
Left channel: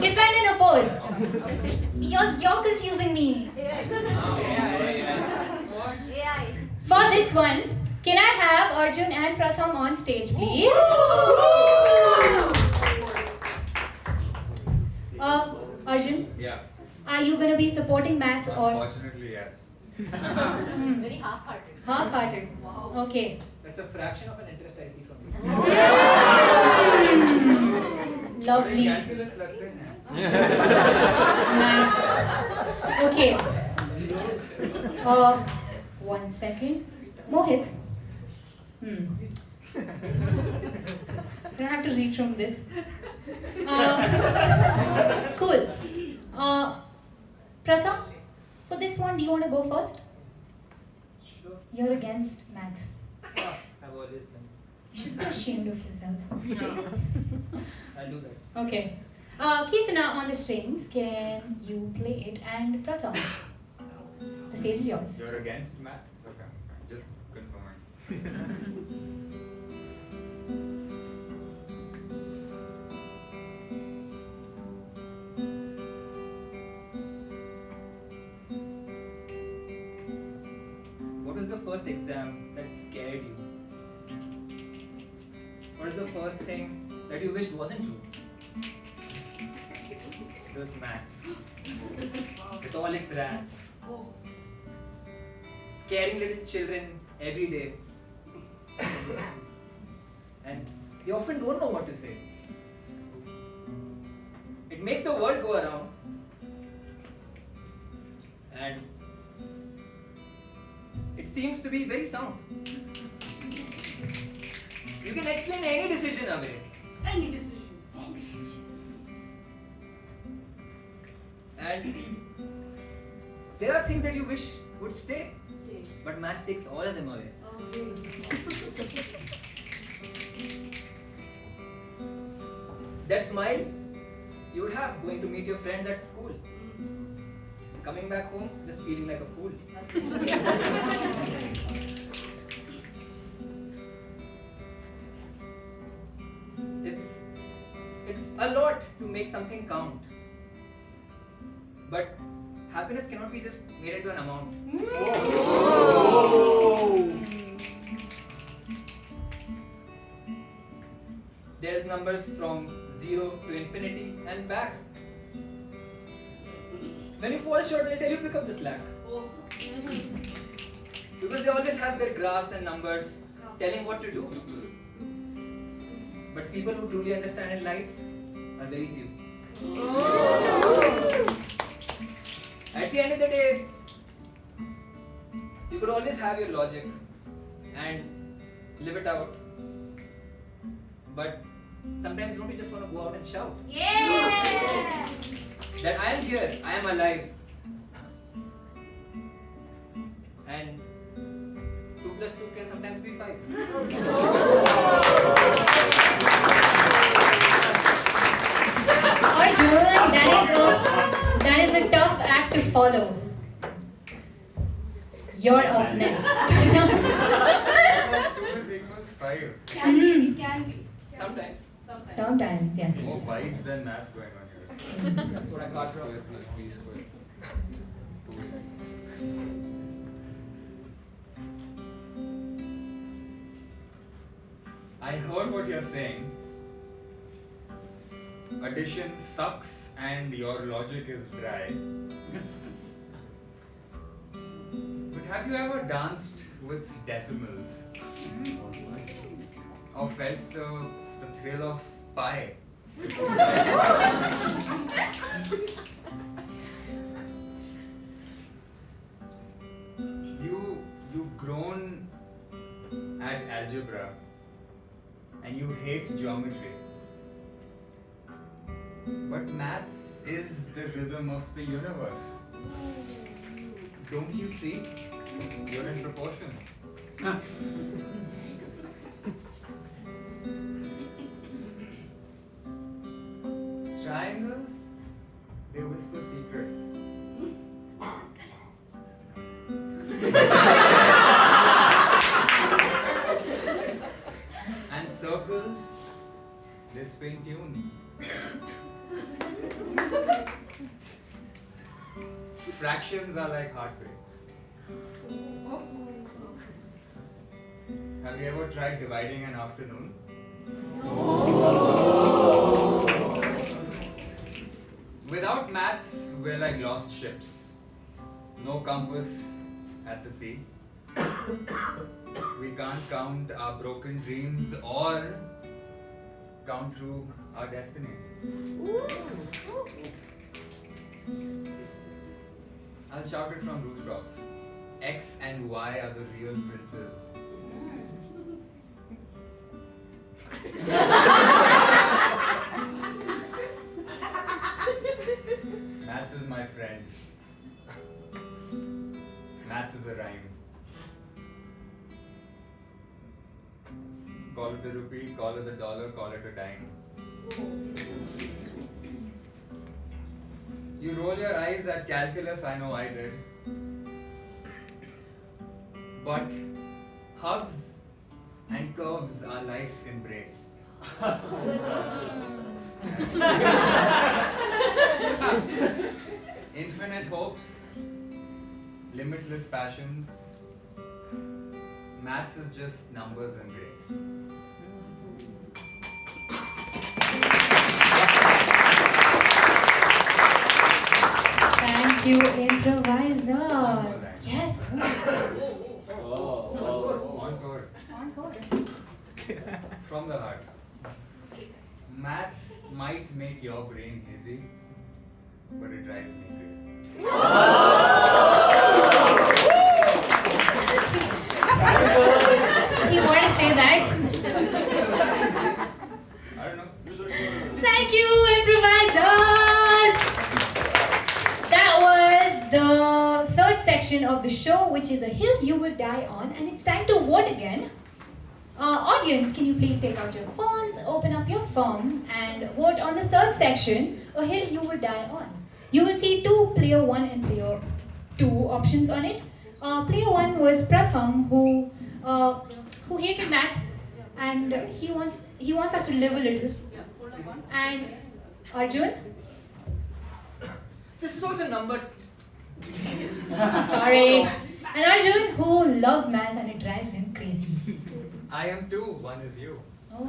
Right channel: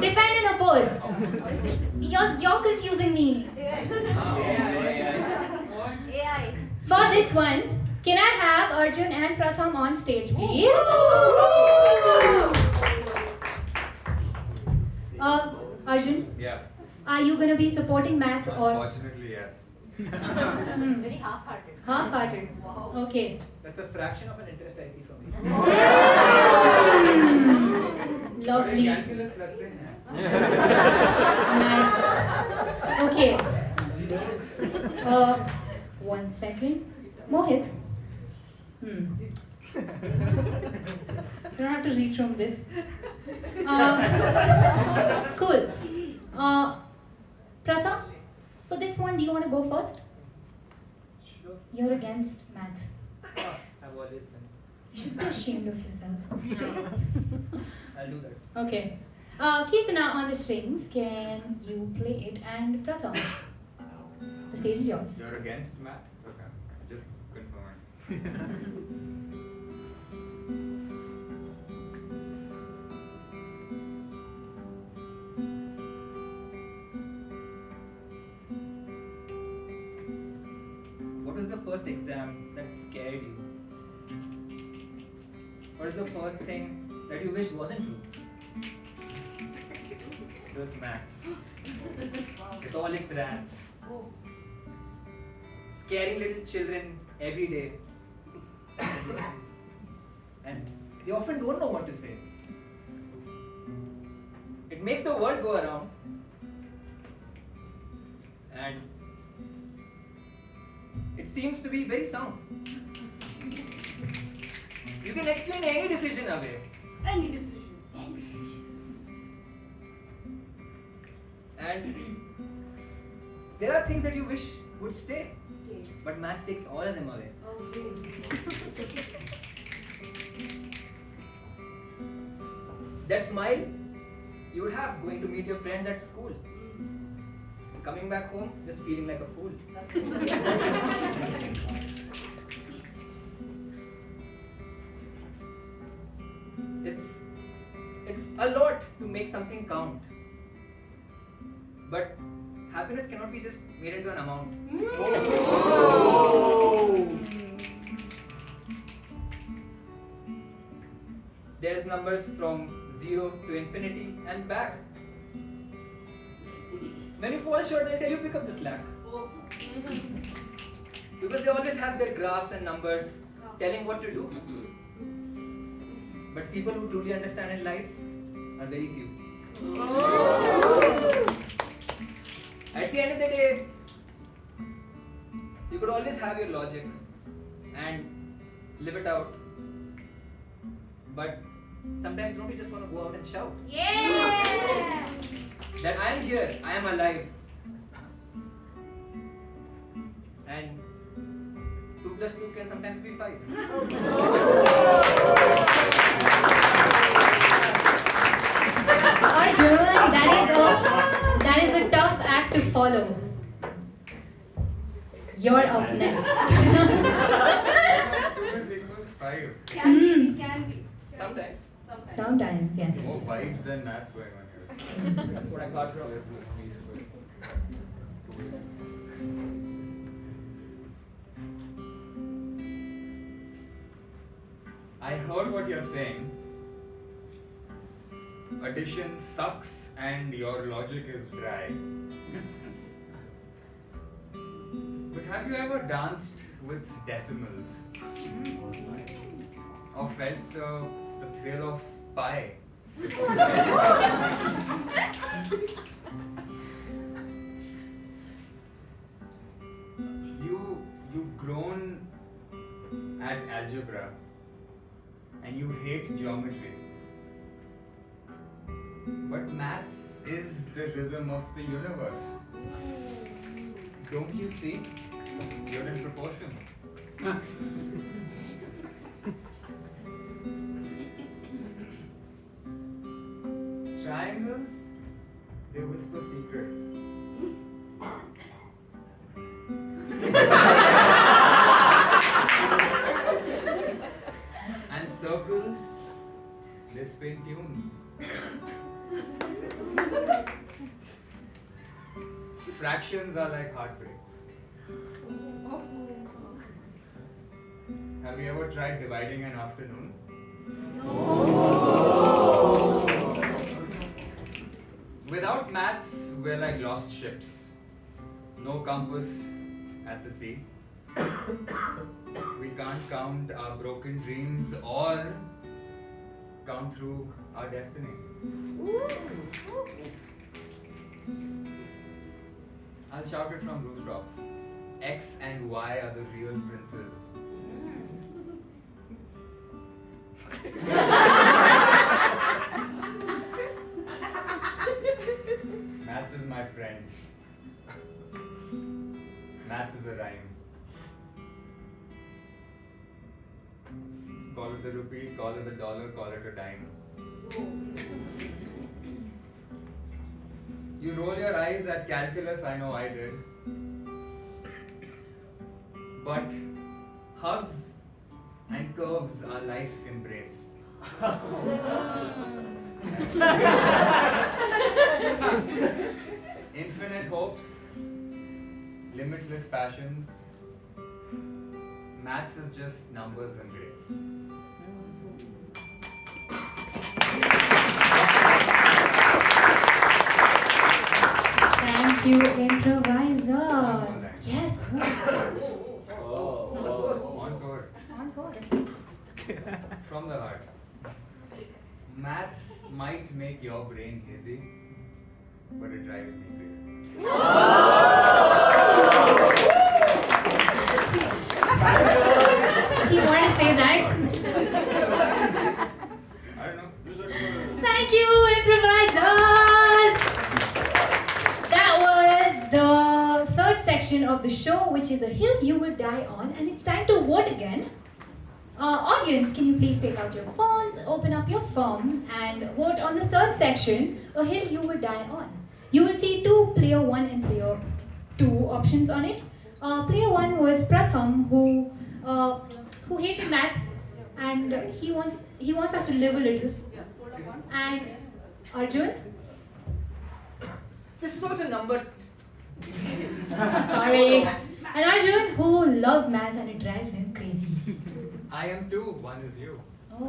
Defend and oppose. You're confusing me. AI. For this one, can I have Arjun and Pratham on stage, please? Arjun, Yeah. are you gonna be supporting math or Unfortunately, yes. Very half-hearted. half-hearted? Wow. Okay. That's a fraction of an interest I see from you. Lovely. Calculus लगते हैं. Nice. Okay. 1 second. Mohit. Don't have to read from this. Cool. Pratham, for this one, do you want to go first? Sure. You're against math. I've always been. You should be ashamed of yourself. I'll do that. Okay. Keetana on the strings, can you play it? And Pratham, the stage is yours. You're against maths? Okay. Just confirming. What was the first exam that scared you? What is the first thing that you wished wasn't true? It was maths. With all its rats. Scaring little children every day. And they often don't know what to say. It makes the world go around. And it seems to be very sound. You can explain any decision away. Any decision. And there are things that you wish would stay. Stay. But maths takes all of them away. Okay. That smile you would have going to meet your friends at school. Coming back home, just feeling like a fool. It's a lot to make something count. But happiness cannot be just made into an amount. There's numbers from 0 to infinity and back. When you fall short, they'll tell you pick up the slack. Because they always have their graphs and numbers telling what to do. But people who truly understand in life are very few. At the end of the day, you could always have your logic and live it out. But sometimes don't you just want to go out and shout? Yeah! That I am here, I am alive. And 2 plus 2 can sometimes be 5. Arjun, that is a tough act to follow. You're up next. 2 is equal to 5. Can be, it can be. Sometimes. Sometimes, yes. More vibes than maths going on here. That's what I got from Square plus b square. I heard what you're saying. Addition sucks and your logic is dry. But have you ever danced with decimals? Or felt the thrill of pi? You've grown at algebra and you hate geometry. But maths is the rhythm of the universe. Don't you see? You're in proportion. Triangles, they whisper secrets. And circles, they spin tunes. Fractions are like heartbreaks. Have you ever tried dividing an afternoon? Without maths, we're like lost ships. No compass at the sea. We can't count our broken dreams or count through our destiny. I'll shout it from rooftops. X and Y are the real princes. Maths is my friend. Maths is a rhyme. Call it the rupee, call it the dollar, call it a dime. You roll your eyes at calculus, I know I did. But hugs and curves are life's embrace. Infinite hopes, limitless passions. Maths is just numbers and grace. Thank you, improviser. Yes. Encore. Encore. From the heart. Math might make your brain hazy, but it drives me crazy. You want to say that? I don't know. Thank you, improvisers. That was the third section of the show, which is a hill you will die on, and it's time to vote again. Audience, can you please take out your phones, open up your forms, and vote on the third section, a hill you will die on. You will see two player 1 and player 2 options on it. Player 1 was Pratham, who hated math, and he wants us to live a little. And Arjun, This is also numbers. sorry, and Arjun, who loves math and it drives him crazy. I am too. One is you. Oh.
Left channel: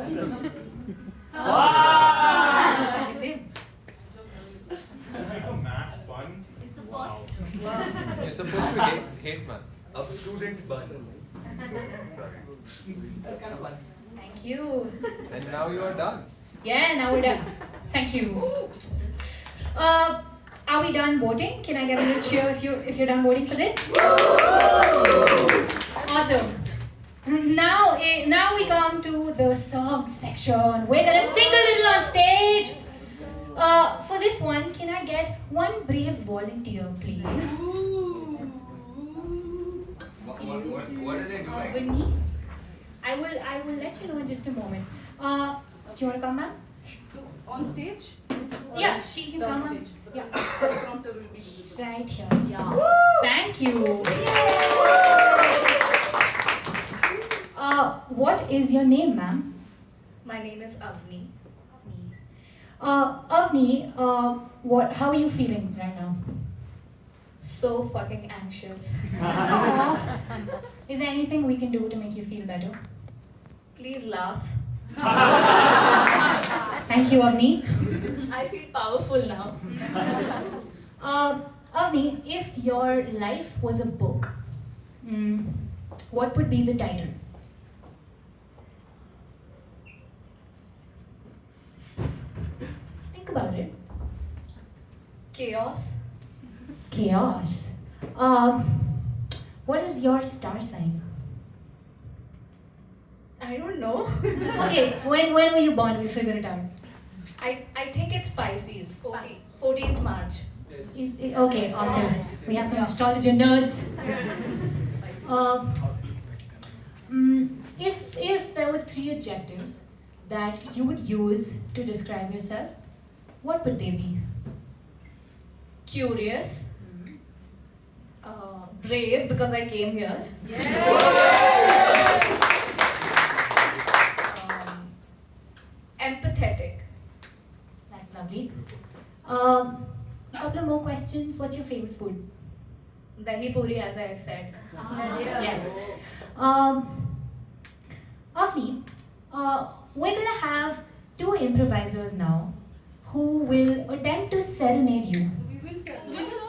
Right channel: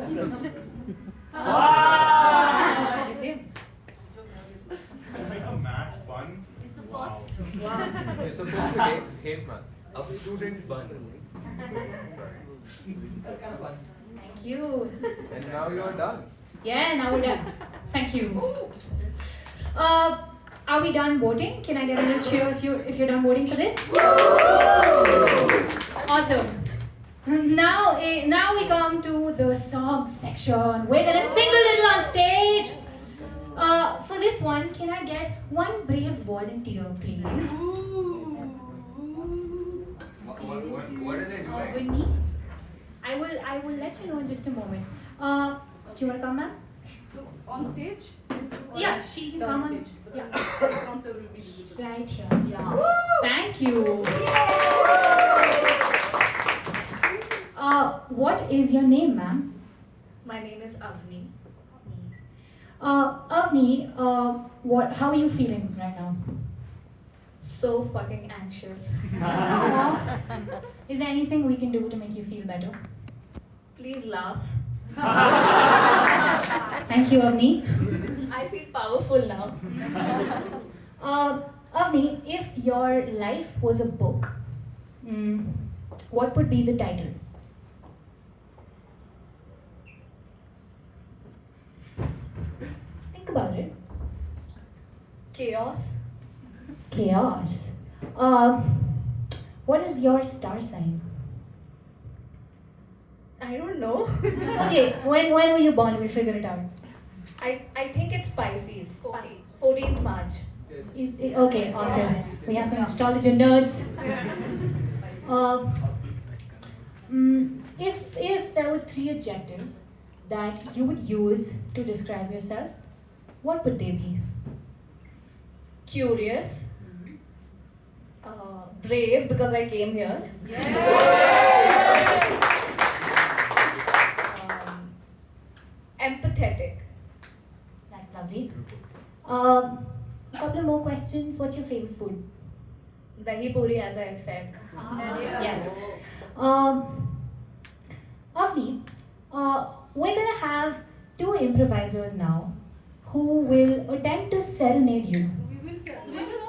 Math one. It's the first. You're supposed to hate one. A student bun. Sorry. That's kind of fun. Thank you. And now you're done. Yeah, now we're done. Thank you. Are we done voting? Can I get a little cheer if you're done voting for this? Awesome. Now we come to the song section. We're gonna sing a little on stage. For this one, can I get one brave volunteer, please? What are they doing? Winnie? I will let you know in just a moment. Do you want to come, ma'am? On stage? Yeah, she can come. Downstage. Yeah. The prompter will be visible. Right here. Yeah. Thank you. What is your name, ma'am? My name is Avni. Avni, how are you feeling right now? So fucking anxious. Aw. Is there anything we can do to make you feel better? Please laugh. Thank you, Avni. I feel powerful now. Avni, if your life was a book, what would be the title? Think about it. Chaos. Chaos. What is your star sign? I don't know. Okay, when were you born? We'll figure it out. I think it's Pisces. 14th March. Okay, awesome. We have some astrology nerds. If there were 3 adjectives that you would use to describe yourself, what would they be? Curious. Brave because I came here. Empathetic. That's lovely. A couple more questions. What's your favorite food? Dahi puri, as I said. Yes. Avni, we're gonna have 2 improvisers now who will attempt to serenade you. We will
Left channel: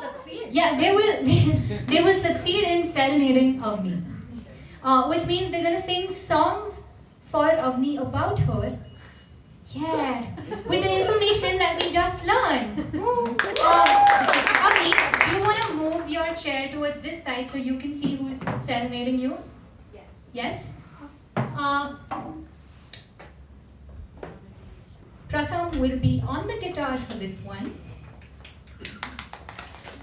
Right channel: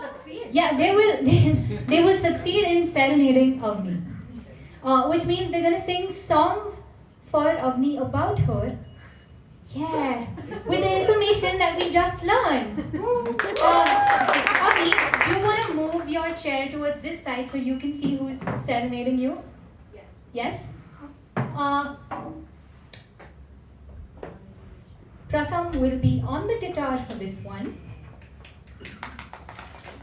succeed. Yeah, they will succeed in serenading Avni. Which means they're gonna sing songs for Avni about her. Yeah, with the information that we just learned. Avni, do you want to move your chair towards this side so you can see who is serenading you? Yes. Pratham will be on the guitar for this one.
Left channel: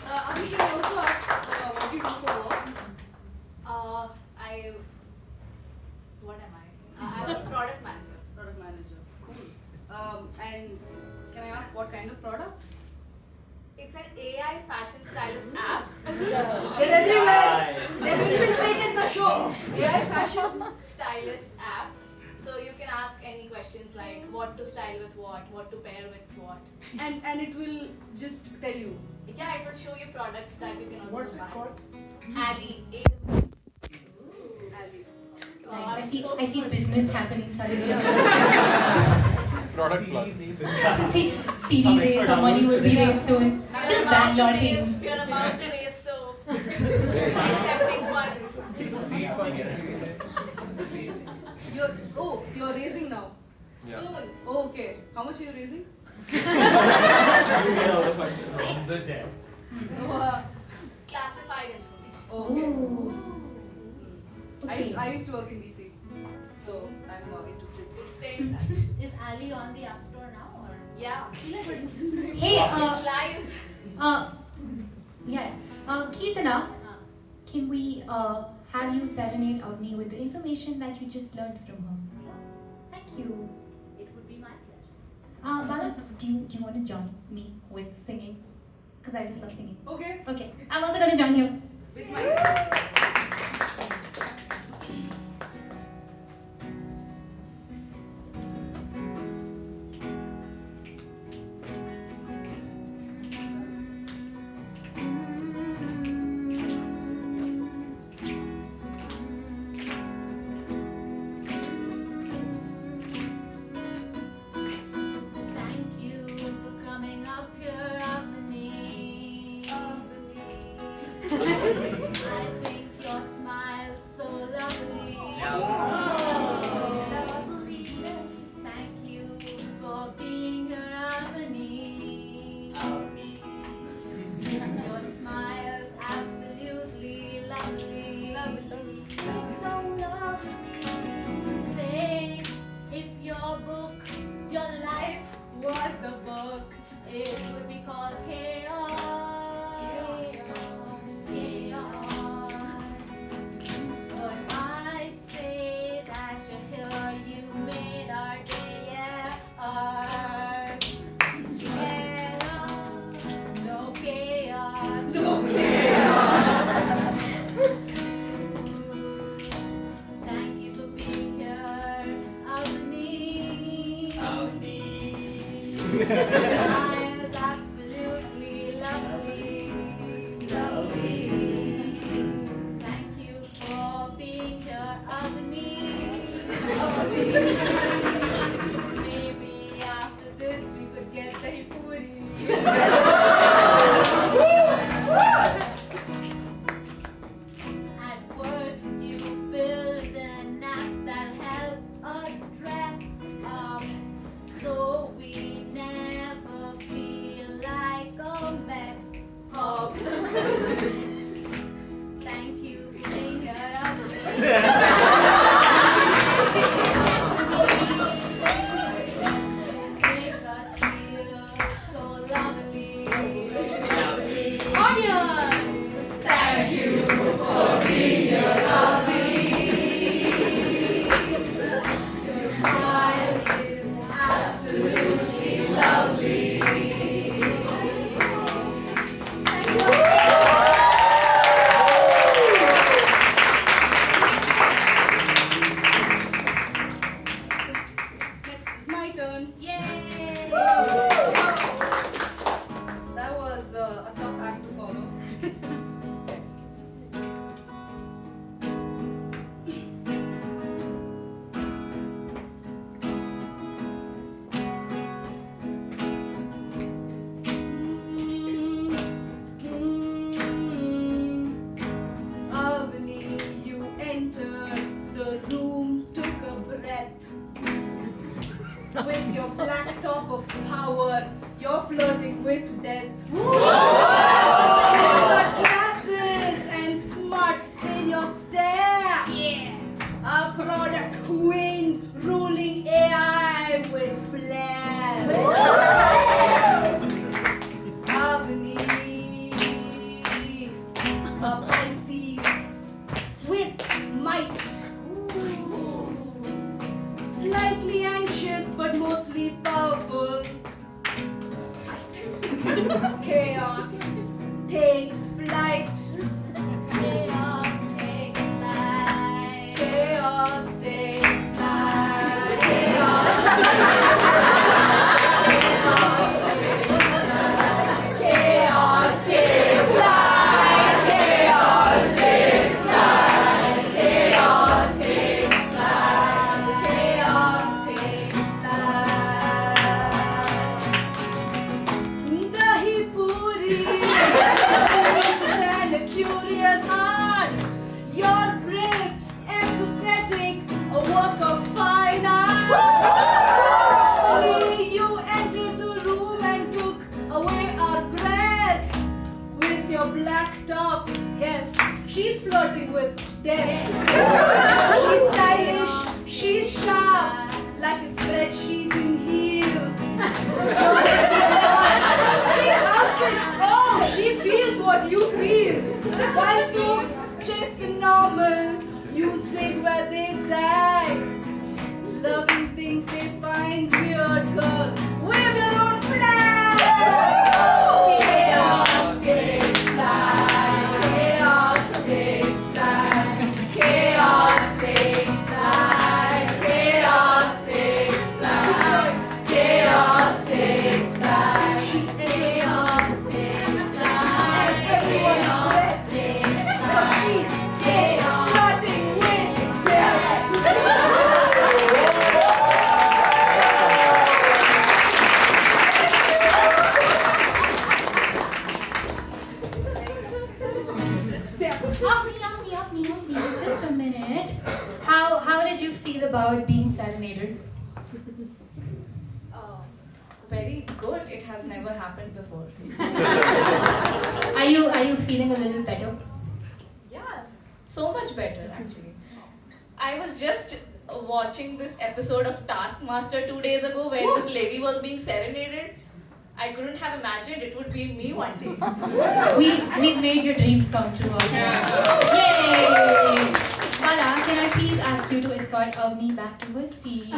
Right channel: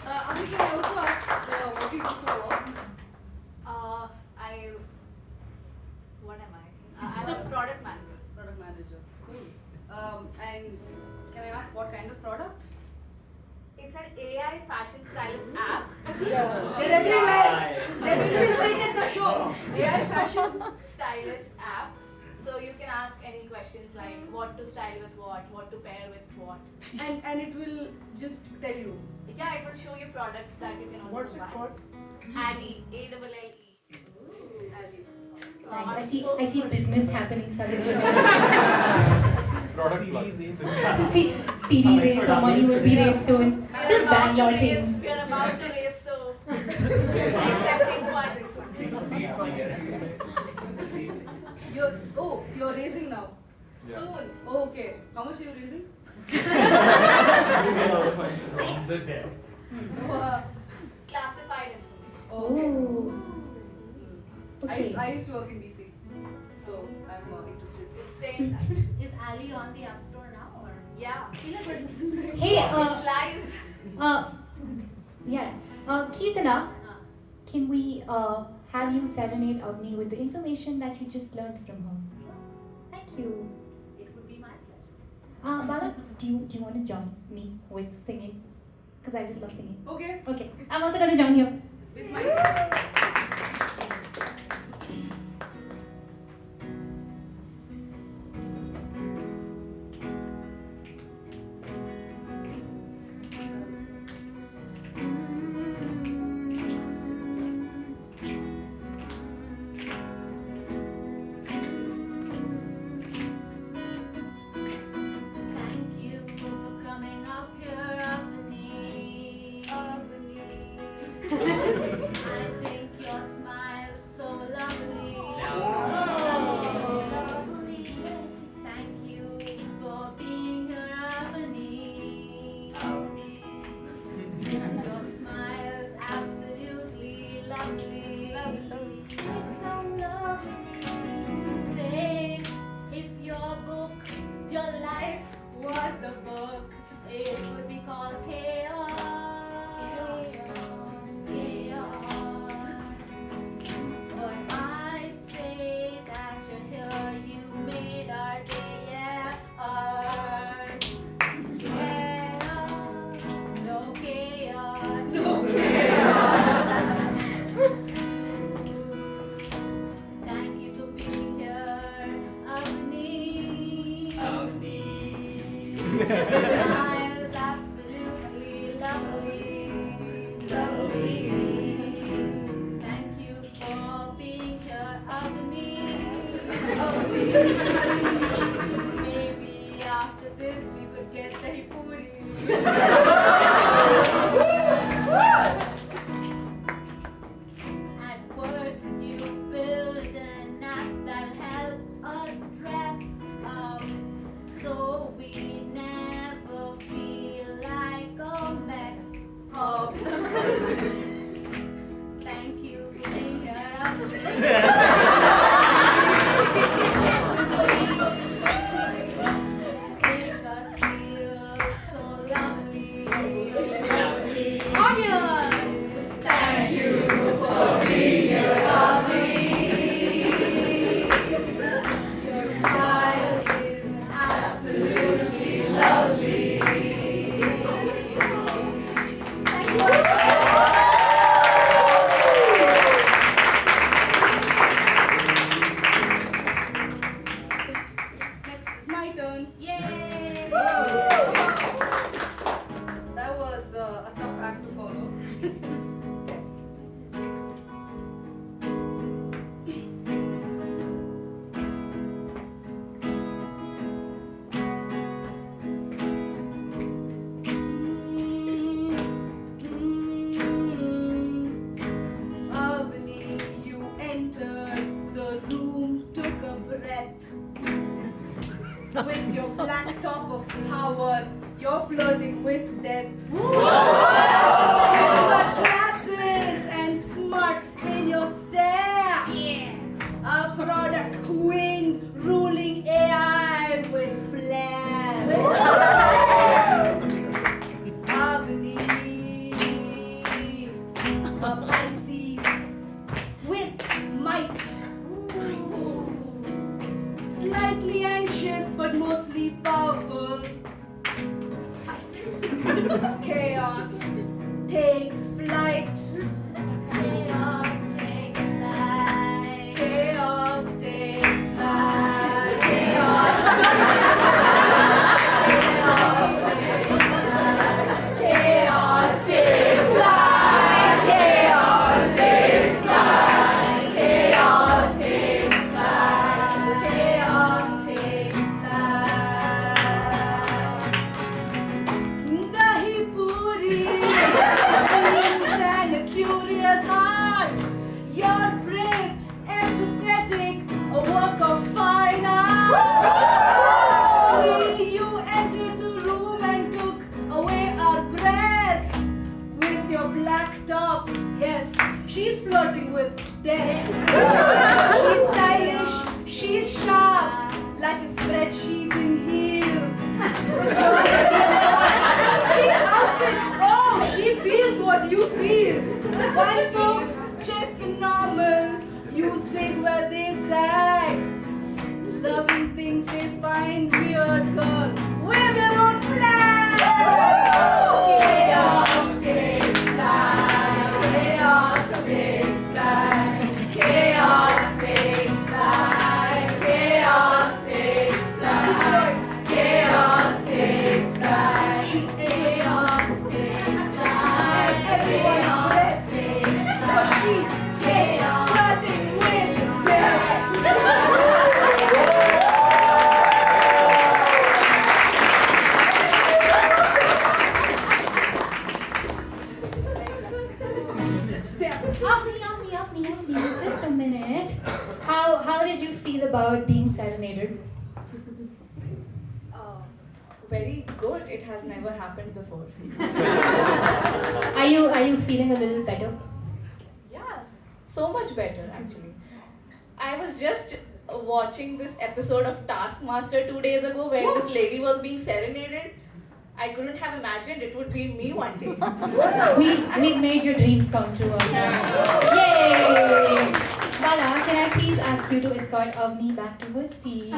Ami, can I also ask what you do for work? What am I? I'm a product manager. Product manager. Cool. And can I ask what kind of product? It's an AI fashion stylist app. They're everywhere. They've infiltrated the show. AI fashion stylist app. So you can ask any questions like what to style with what to pair with what. And it will just tell you. Yeah, it will show you products that you can also What's it buy. called? Ali, A-double-L-E. Ali. Nice. I see business happening suddenly. Product plug. See, series A, the money will be raised soon. Just Bangalore things. We are about to raise, so accepting funds. You're raising now. Yeah. Soon. Oh, okay. How much are you raising? From the dead. Classified information. Okay. Ooh. Okay. I used to work in DC, so I'm interested. We'll stay in touch. Is Ali on the App Store now or? Yeah. Hey, It's live. yeah. Kirtana, can we have you serenade Avni with the information that you just learned from her. Thank you. It would be my pleasure. Bala, do you want to join me with singing? Because I just love singing. Okay. Okay, I'm also going to join you. With my Thank you for coming up here, Avani. I think your smile's so lovely. So lovely. Thank you for being here, Avani. Your smile's absolutely lovely. It's so lovely. Say, if your book, your life was a book, it would be called Chaos. Chaos. But I say that you're here, you made our day, yeah. Ours. Chaos. No chaos. No chaos. Thank you for being here, Avani. Smile's absolutely lovely, lovely. Thank you for being here, Avani. Maybe after this we could get dahi puri. At work you build an app that help us dress up, so we never feel like a mess up. Thank you for being here, make us feel so lovely. Audience, thank you for being here, lovely. Your smile is absolutely lovely. Thank you. Next is my turn. Yay! That was a tough act to follow. Avani, you entered the room, took a breath. With your black top of power, you're flirting with death. You've got classes and smarts in your stare. Yeah! A product queen ruling AI with flair. Avani, a Pisces with might. Slightly anxious but mostly powerful. Chaos takes flight. Chaos takes flight. Chaos takes flight. Chaos Chaos takes flight. Chaos takes flight. Chaos takes flight. Chaos takes flight. Dahi puri, dreams and a curious heart. You're brave, empathetic, a work of fine art. Only you entered the room and took away our breath with your black top. Yes, she's flirting with death. She's stylish, she's sharp, like a spreadsheet in heels. Your heavy thoughts, big outfits. Oh, she feels what you feel. While folks chase the normal, sing where they sang. Loving things they find weird, girl. Wave your own flag! Chaos takes flight. Chaos takes flight. Chaos takes flight. Chaos takes flight. Chaos takes flight. Chaos takes flight. And everyone's breath takes flight. For she is flooding with death. Off me. Just a minute. How did you feel about being serenaded? Very good. It has never happened before. Are you feeling a little better? Yeah, so much better actually. I was just watching this episode of Taskmaster 2 days ago where this lady was being serenaded. I couldn't have imagined it would be me one day. We've made your dreams come true. Yay! Bala, can I please ask you to escort Avni back to her seat?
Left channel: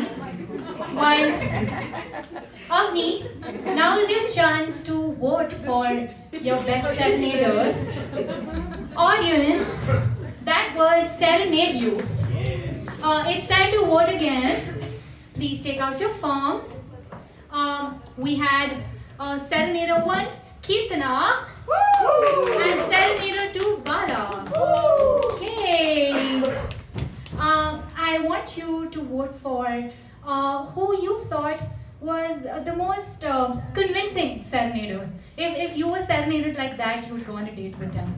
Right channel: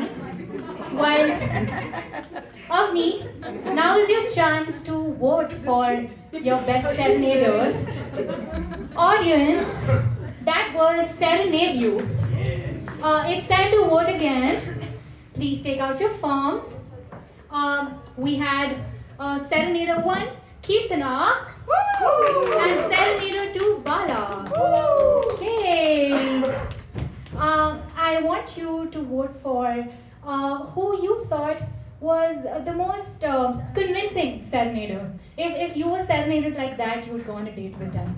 While Avni, now is your chance to vote for your best serenaders. Audience, that was Serenade You. It's time to vote again. Please take out your forms. We had Serenader 1, Kirtana, and Serenader 2, Bala. Okay. I want you to vote for who you thought was the most convincing serenader. If you were serenaded like that, you would go on a date with them.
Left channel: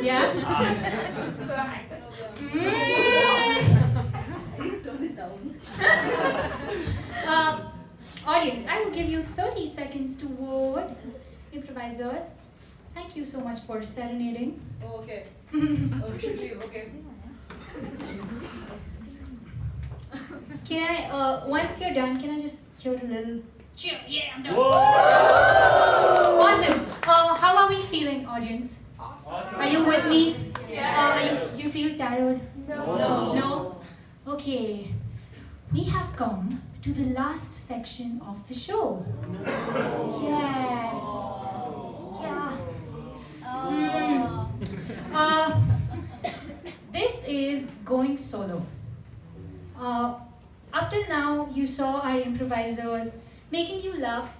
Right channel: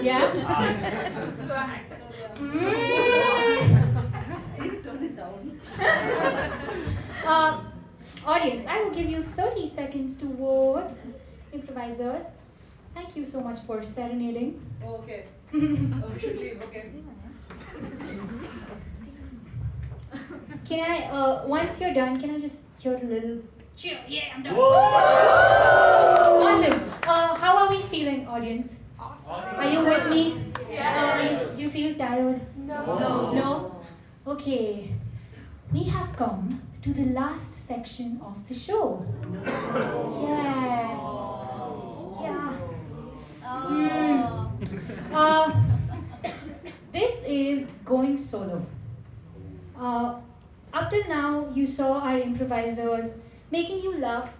Yeah? Turn it down. Audience, I will give you 30 seconds to vote. Improvisers, thank you so much for serenading. Okay. Oh, we should leave, okay. Can I, once you're done, can I just hear a little cheer? Yeah, I'm done. Awesome. How are we feeling, audience? Are you with me? Do you feel tired? No? Okay. We have come to the last section of the show. Yeah. This is going solo. Up till now, you saw our improvisers making you laugh,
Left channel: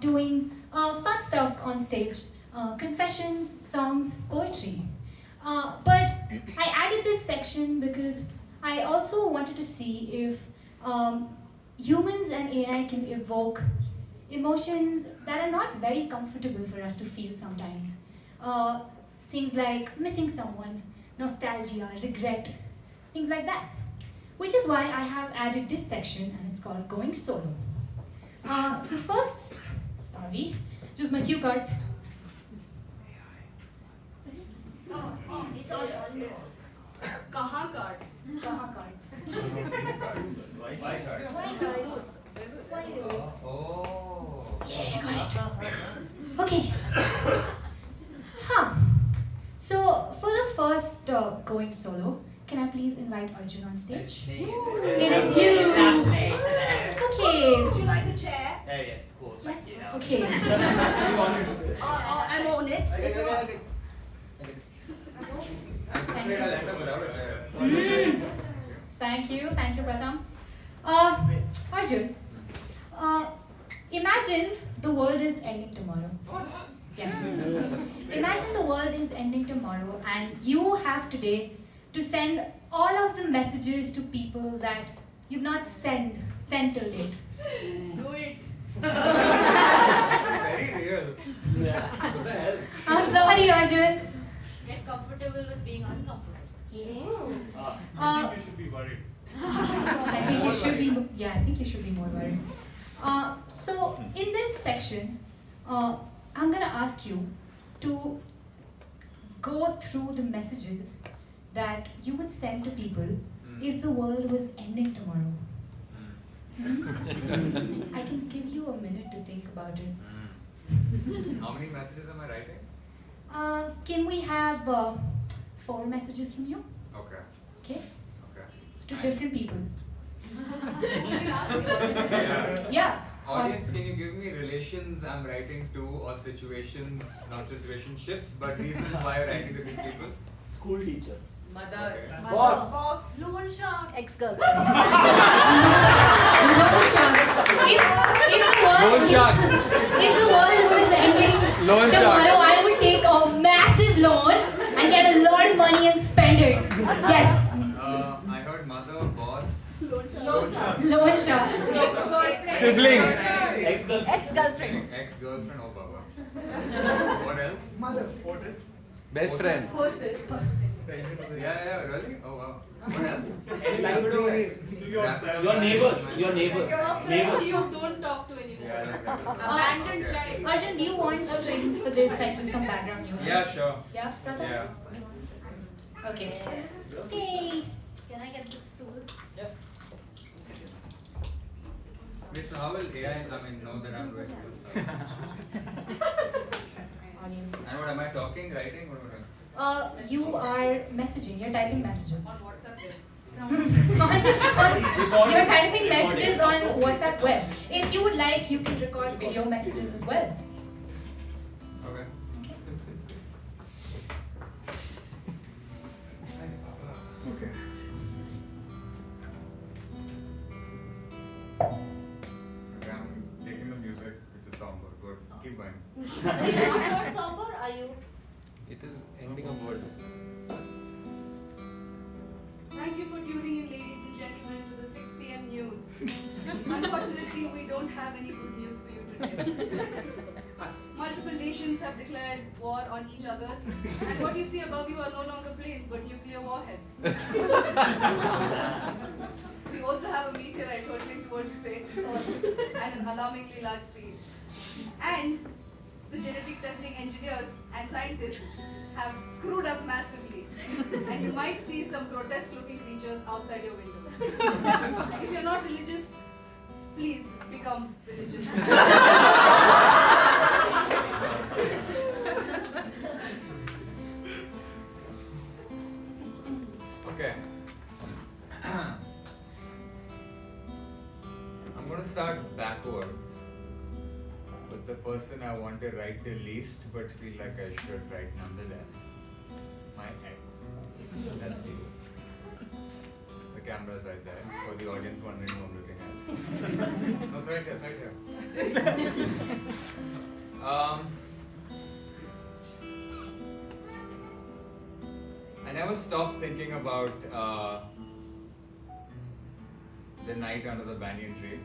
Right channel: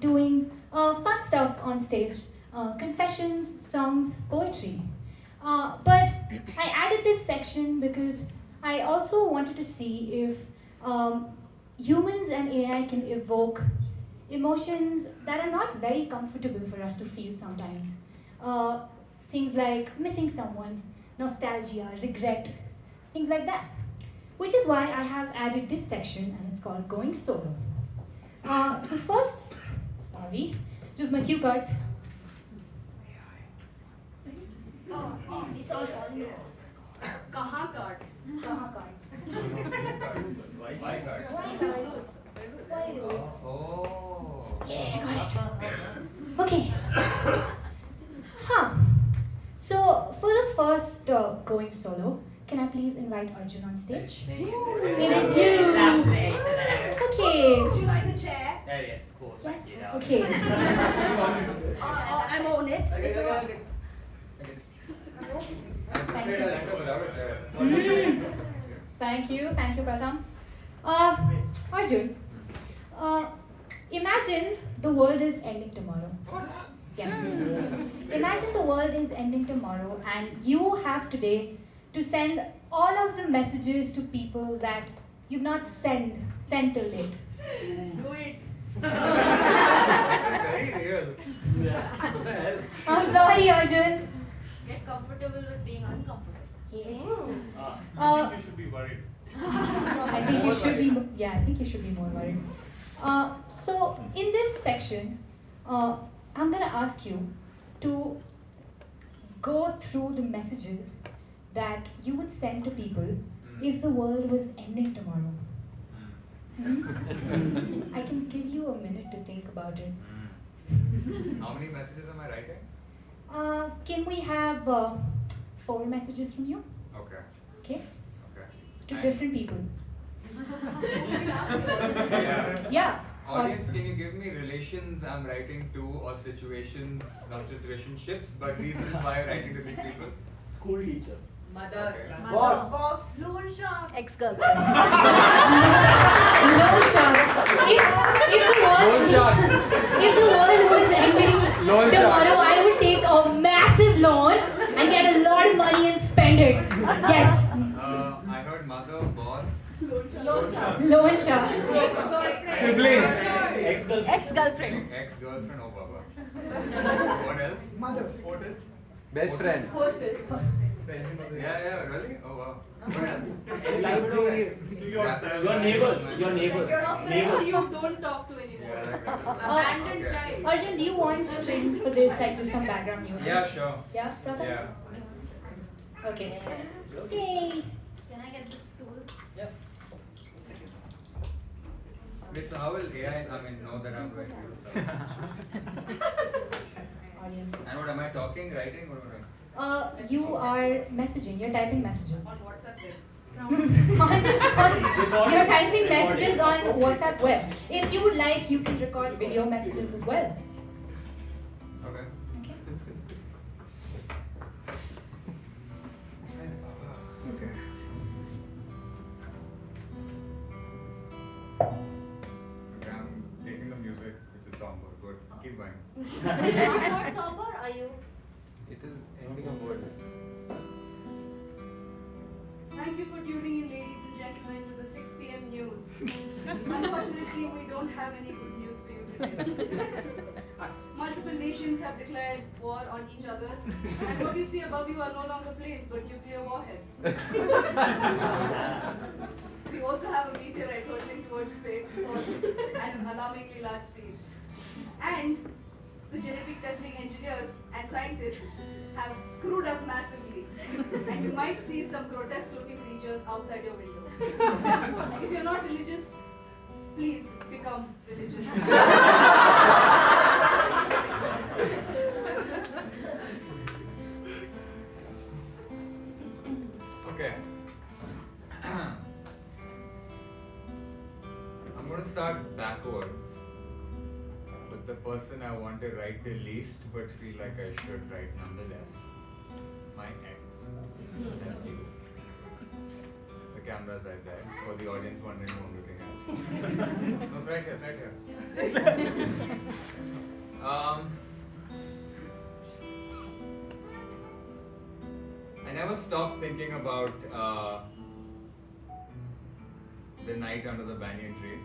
doing fun stuff on stage, confessions, songs, poetry. But I added this section because I also wanted to see if humans and AI can evoke emotions that are not very comfortable for us to feel sometimes. Things like missing someone, nostalgia, regret, things like that. Which is why I have added this section and it's called Going Solo. Choose my cue cards. It's all for you. Kaha cards. Why card? Why cards? Oh. Yeah, got it. Okay. So, for the first Going Solo, can I please invite Arjun on stage? It is you. Okay. Would you like the chair? Yes, of course. Yes. Thank you. Okay. I'm on it. Okay. I'm afraid I'll end up without a chair. Thank you, Pratham. Arjun, imagine the world is ending tomorrow. Yes. Imagine the world is ending tomorrow and you have today to send all of the messages to people that you've not sent till late. Do it. This is very real. Yeah. What the hell? I'm sorry, Arjun. Get comfortable with being uncomfortable. I think you should be worried. I think you should be. I think you should be more worried. So in this section, I'm gonna ask you to go through the messages that you would send to people if the world was ending tomorrow. I can give you a minute to think about it. How many messages am I writing? Can we have 4 messages from you? Okay. Okay. to different people. Yeah. Yeah. Audience, can you give me relations I'm writing to or situations, not just relationships, but reasons why I'm writing to these people? School teacher. Mother. Okay. Boss. Loan shark. Ex-girlfriend. Loan sharks. If the world was ending Loan tomorrow, shark. I would take a massive loan and get a lot of money and spend it. Yes. I heard mother, boss, Loan shark. Loan shark. sibling, Ex-girlfriend. ex-girlfriend, oh baba. What else? Mother. Best friend. Yeah. Yeah, really? Oh wow. What else? Your neighbor. Neighbor. You don't talk to anyone. Yeah, like that. Abandoned Okay. child. Arjun, do you want strings for this, like just some background music? Yeah, sure. Yeah, brother? Yeah. Okay. Okay. Can I get this stool? Wait, so how will AI, know that I'm doing this? Audience. And what am I talking, writing? What am I doing? You are messaging, you're typing messages. On WhatsApp you're typing messages on WhatsApp web. If you would like, you can record video messages as well. Okay. Okay. Okay, I'm taking the music, which is somber. Good. Keep going. Are you not somber? Are you? It is ending of what? Thank you for tuning in, ladies and gentlemen, to the 6 p.m. news. Unfortunately, we don't have any good news for you today. Multiple nations have declared war on each other, and what you see above you are no longer planes but nuclear warheads. We also have a meteorite hurtling towards space at an alarmingly large speed. And the genetic testing engineers and scientists have screwed up massively. And you might see some grotesque looking creatures outside your window. If you're not religious, please become religious. Okay. I'm gonna start backwards with the person I want to write the least but feel like I should write nonetheless. My ex. That's you. The camera's right there for the audience wondering who I'm looking at. No, it's right here, it's right here. I never stopped thinking about the night under the banyan tree.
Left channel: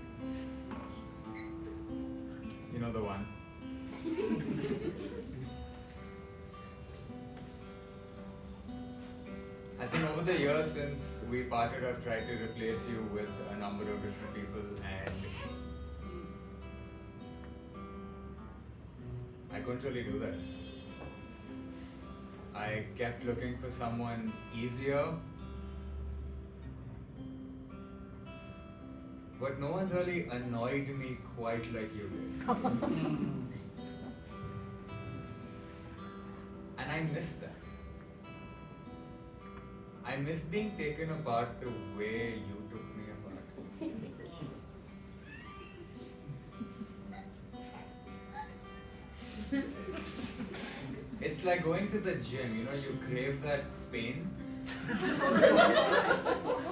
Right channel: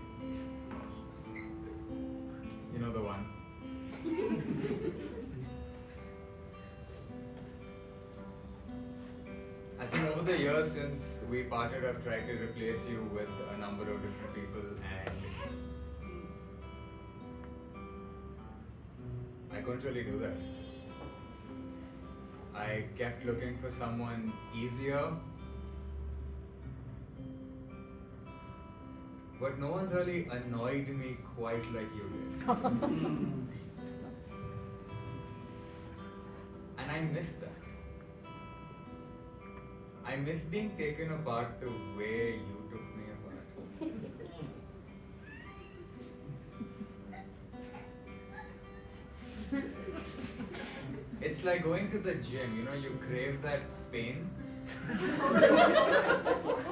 You know the one. I think over the years since we parted, I've tried to replace you with a number of different people, and I couldn't really do that. I kept looking for someone easier, but no one really annoyed me quite like you did. And I miss that. I miss being taken apart the way you took me apart. It's like going to the gym, you crave that pain.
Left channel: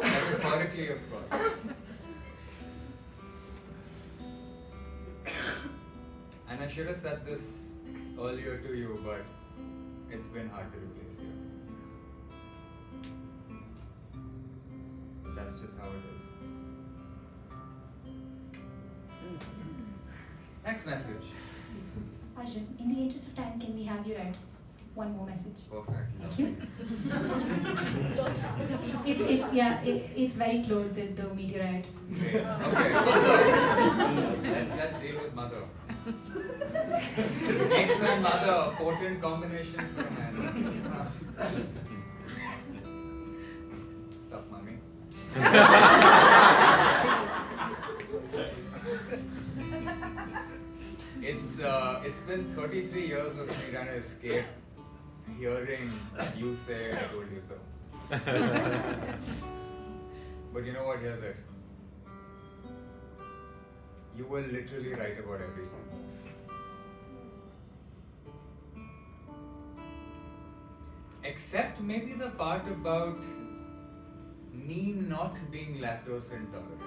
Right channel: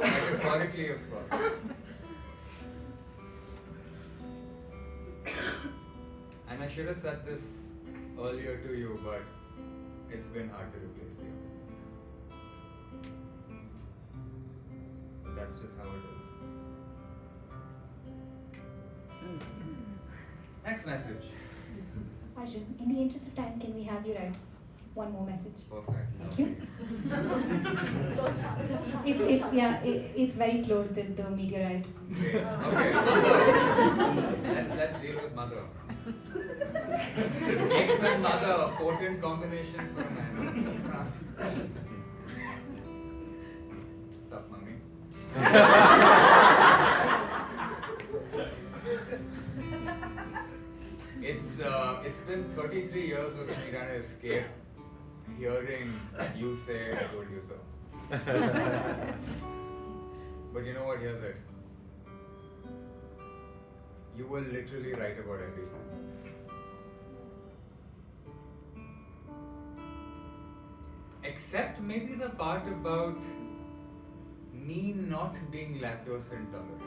Metaphorically, of course. And I should have said this earlier to you, but it's been hard to replace you. But that's just how it is. Next message. Arjun, in the interest of time, can we have you write one more message? Perfect. Thank you. It's very close with the meteorite. Great. Okay, mother. Let's deal with mother. Ex and mother, potent combination for a man. Stop, mommy. It's been 33 years of me trying to escape hearing you say I told you so. But you know what? Here's it. You will literally write about everything. Except maybe the part about me not being lactose intolerant.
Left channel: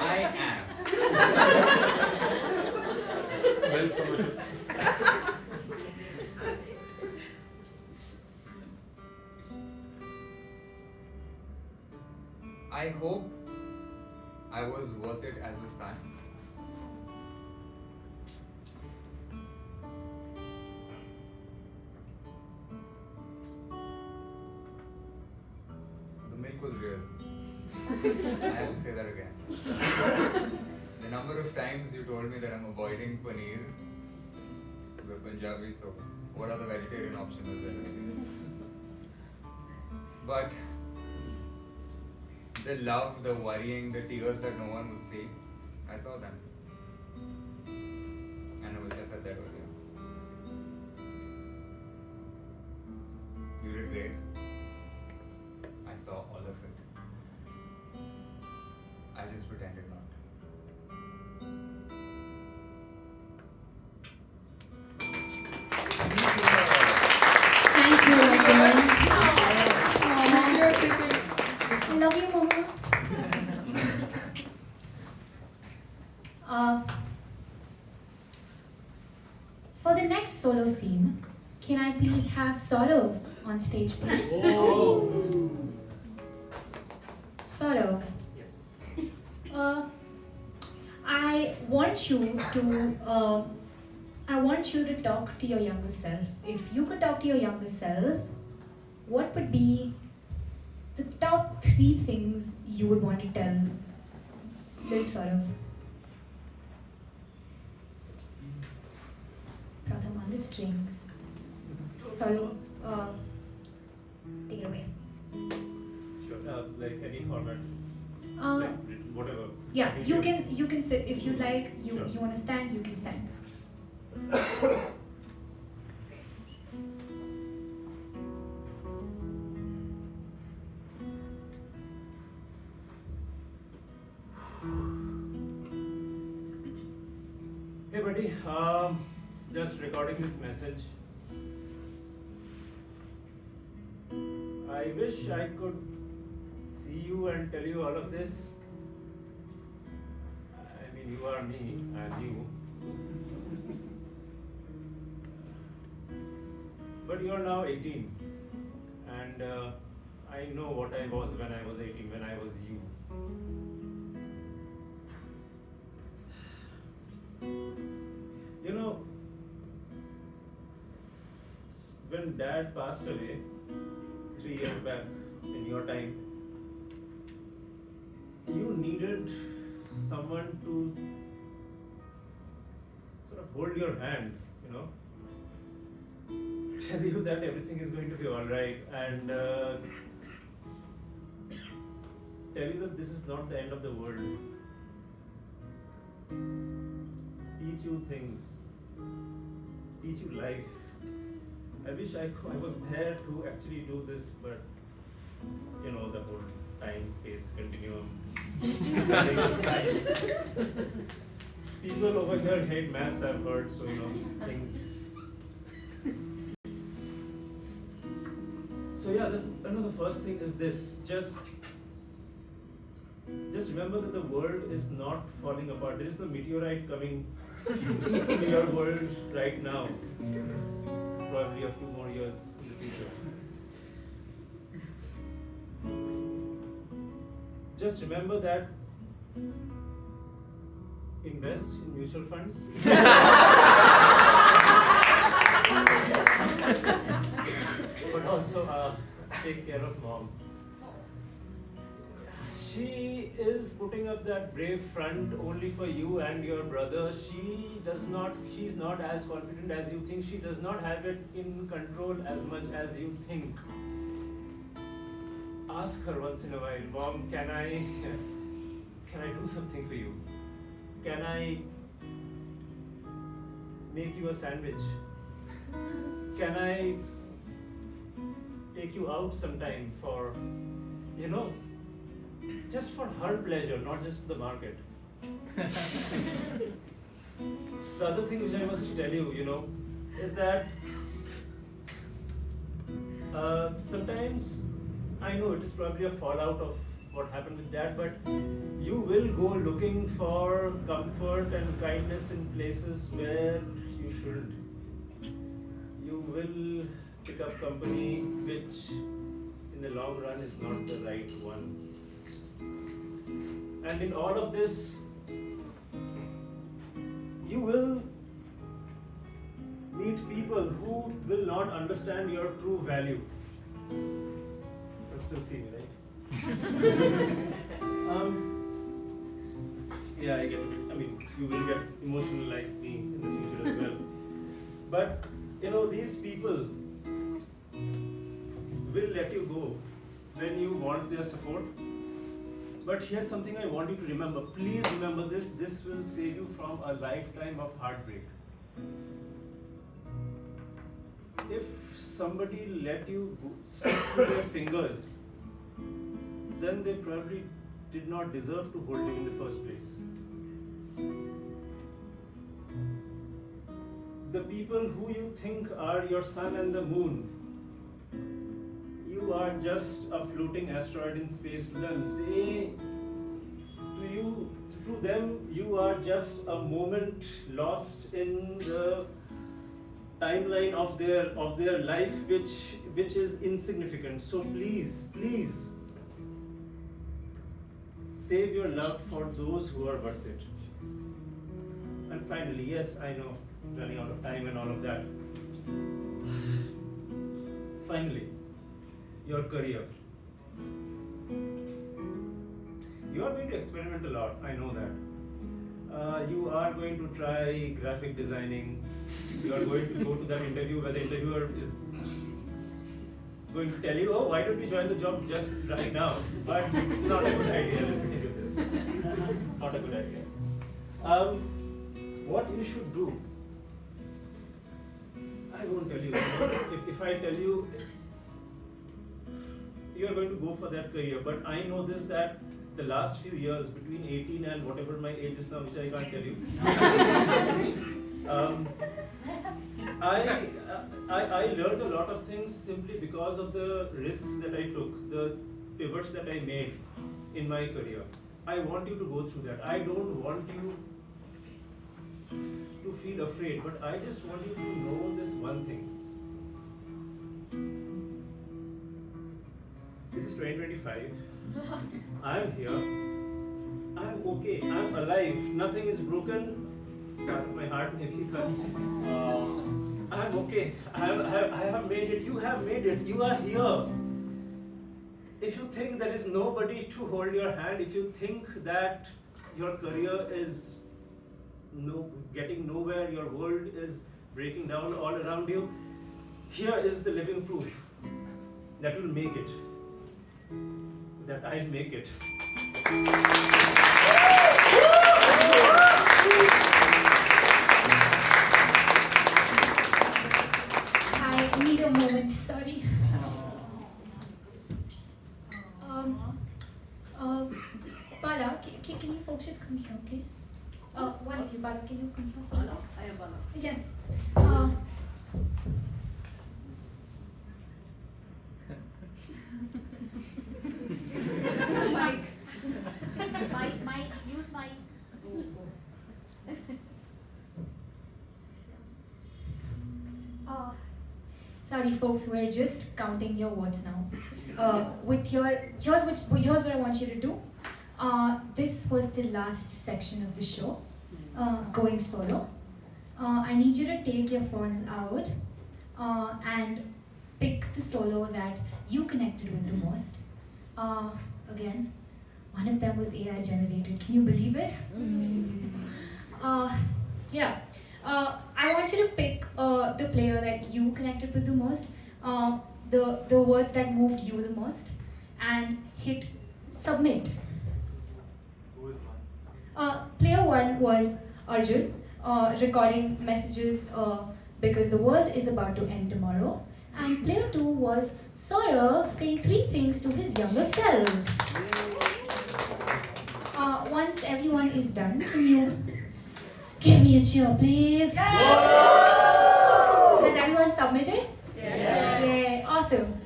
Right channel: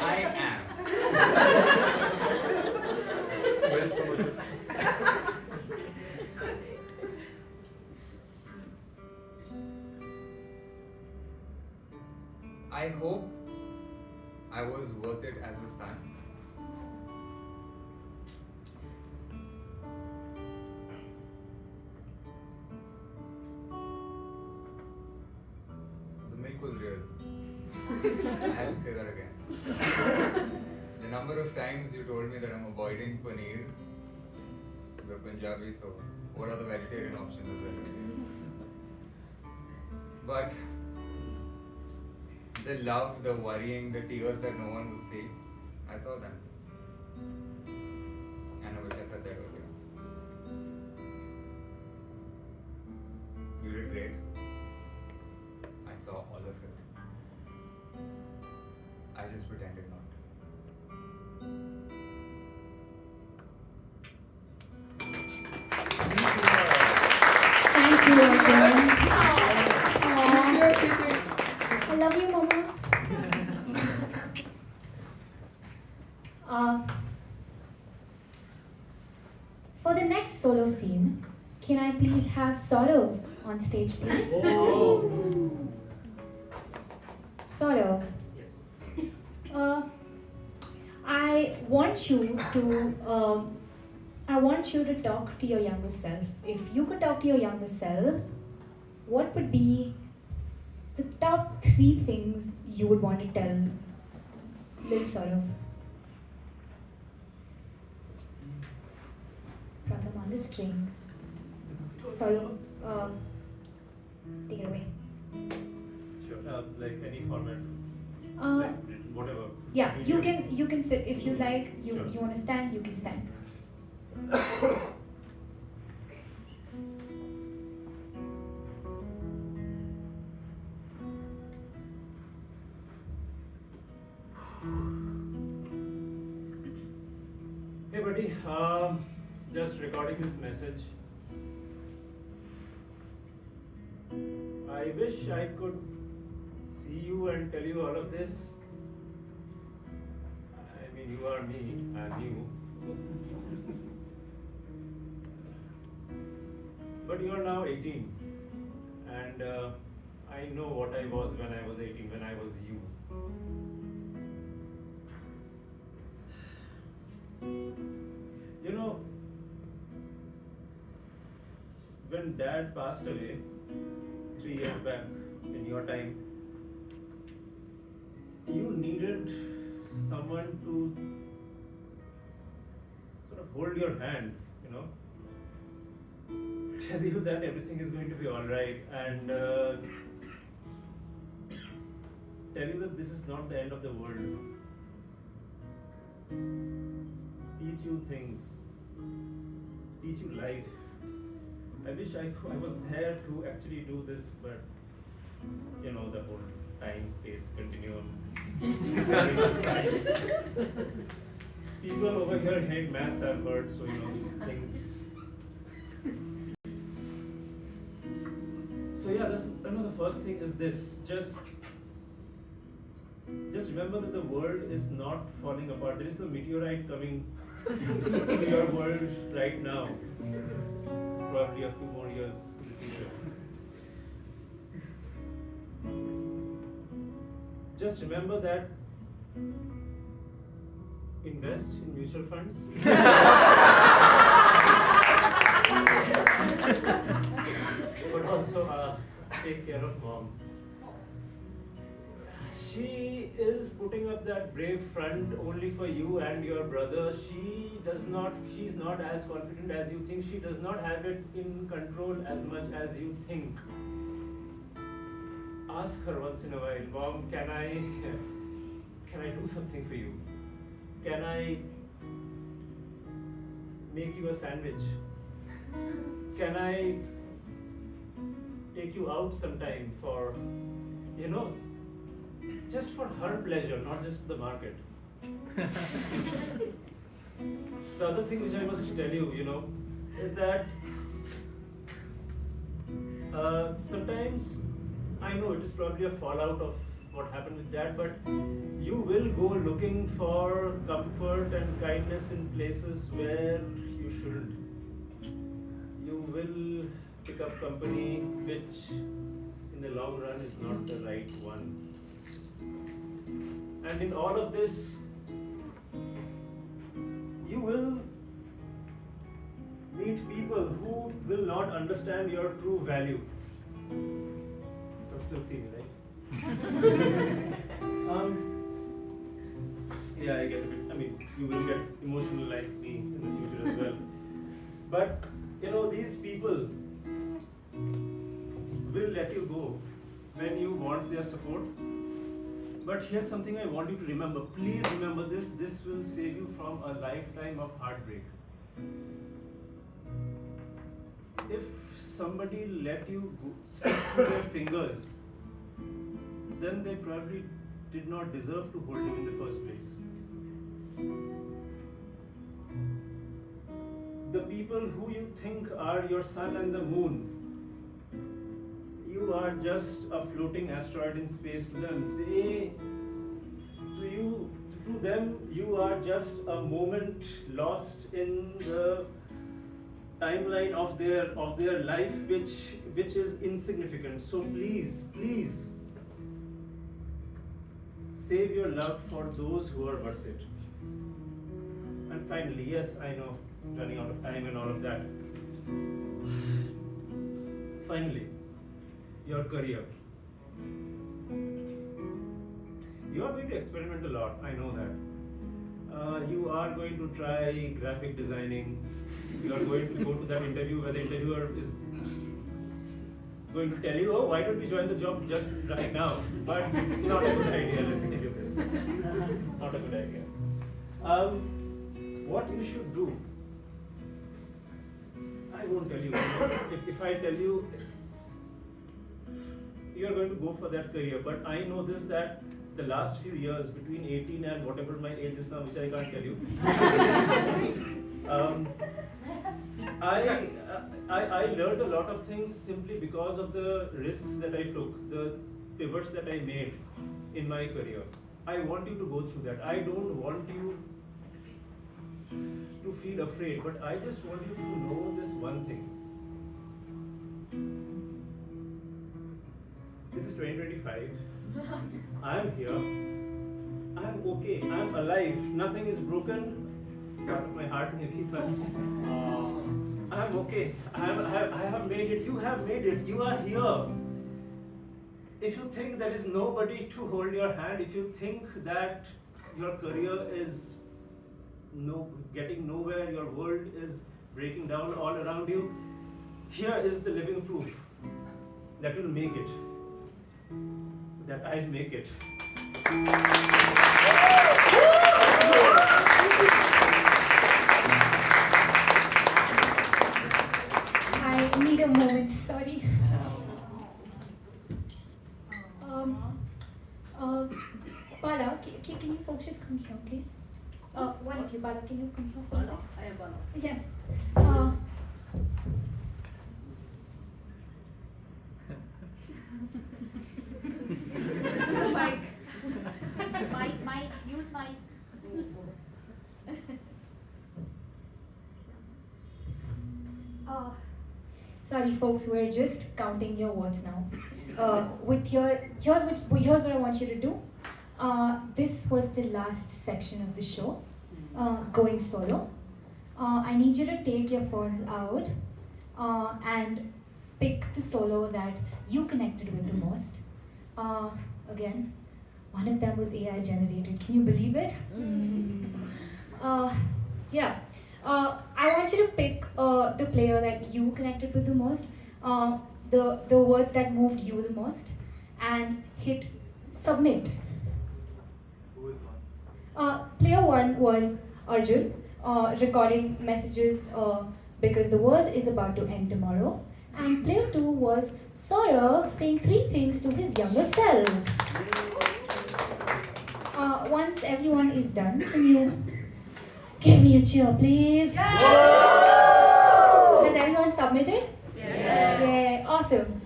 I am. Well, promotion. I hope I was worth it as a son. The milk was real. I have to say that again. The number of times you told me that I'm avoiding paneer, we're Punjabi, so what are the vegetarian options? But the love, the worrying, the tears that no one would see, I saw them. And I wish I said that earlier. You did great. I saw all of it. I just pretended not to. Thank you, Arjun. I love you, Mama. For the next solo scene, can I please have Saurav on stage, please? Saurav, Yes. I want you to talk to your younger self. If you could talk to your younger self, what would be the top 3 things you would want to tell little Saurav? Pratham on the strings. Saurav, take it away. Sure. Like any format. Uh, Like whatever. Yeah, Medium. you can sit if you like. Sure. You want to stand, you can stand. Hey buddy, just recording this message. I wish I could see you and tell you all of this. I mean, you are me, I'm you. But you are now 18, and I know what I was when I was 18, when I was you. You know, when Dad passed away 3 years back in your time, you needed someone to sort of hold your hand, you know, tell you that everything is going to be alright, and tell you that this is not the end of the world. Teach you things, teach you life. I wish I was there to actually do this, but you know, the whole time space continuum, science. People over here hate maths, I've heard, so you know, things. So yeah, the first thing is this. Just remember that the world is not falling apart. There is no meteorite coming to your world right now. It's probably a few more years in the future. Just remember that invest in mutual funds. But also take care of mom. She is putting up that brave front only for you and your brother. She's not as confident as you think. She does not have it in control as much as you think. Ask her once in a while, Mom, can I do something for you? Can I make you a sandwich? Can I take you out sometime for, you know, just for her pleasure, not just the market. The other thing which I must tell you, you know, is that sometimes I know it is probably a fallout of what happened with dad, but you will go looking for comfort and kindness in places where you shouldn't. You will pick up company which in the long run is not the right one. And in all of this, you will meet people who will not understand your true value. You can still see me, right? Yeah, I get a bit. I mean, you will get emotional like me in the future as well. But you know, these people will let you go when you want their support. But here's something I want you to remember. Please remember this. This will save you from a lifetime of heartbreak. If somebody let you slip through their fingers, then they probably did not deserve to hold you in the first place. The people who you think are your sun and the moon, you are just a floating asteroid in space to them. To them, you are just a moment lost in the timeline of their life, which is insignificant. So please, please, save your love for those who are worth it. And finally, yes, I know, running out of time and all of that. Finally, your career. You are going to experiment a lot, I know that. You are going to try graphic designing. You are going to go to that interview where the interviewer is going to tell you, oh, why don't you join the job just right now? But not a good idea, let me tell you this. Not a good idea. What you should do, I won't tell you. If I tell you, you are going to go for that career. But I know this, that the last few years, between 18 and whatever my age is now, which I can't tell you, I learned a lot of things simply because of the risks that I took, the pivots that I made in my career. I want you to go through that. I don't want you to feel afraid, but I just want you to know this one thing. This is 2025. I'm here. I'm okay. I'm alive. Nothing is broken. Part of my heart maybe, but I'm okay. I have made it. You have made it. You are here. If you think there is nobody to hold your hand, if you think that your career is getting nowhere, your world is breaking down all around you, here is the living proof that you'll make it. That I'll make it. I need a moment, sorry. Bala, can you folks just come here, please? One of you, Bala, can you come here, please? I am Bala. Yes. This is the mic. Mic, use mic. Sorry, folks, we're just counting your words now. Here's what I want you to do. This was the last section of the show, going solo. I need you to take your phones out and pick the solo that you connected with the most. Again, one of them was AI generated. Can you believe it? Yeah. I want you to pick the player that you connected with the most, the words that moved you the most, and hit submit. Who is one? Player one was Arjun, recording messages because the world is about to end tomorrow, And player 2 was Saurav saying 3 things to his younger self. Once everyone is done, can you give me a cheer, please? Has everyone submitted? Yes. Yeah, awesome.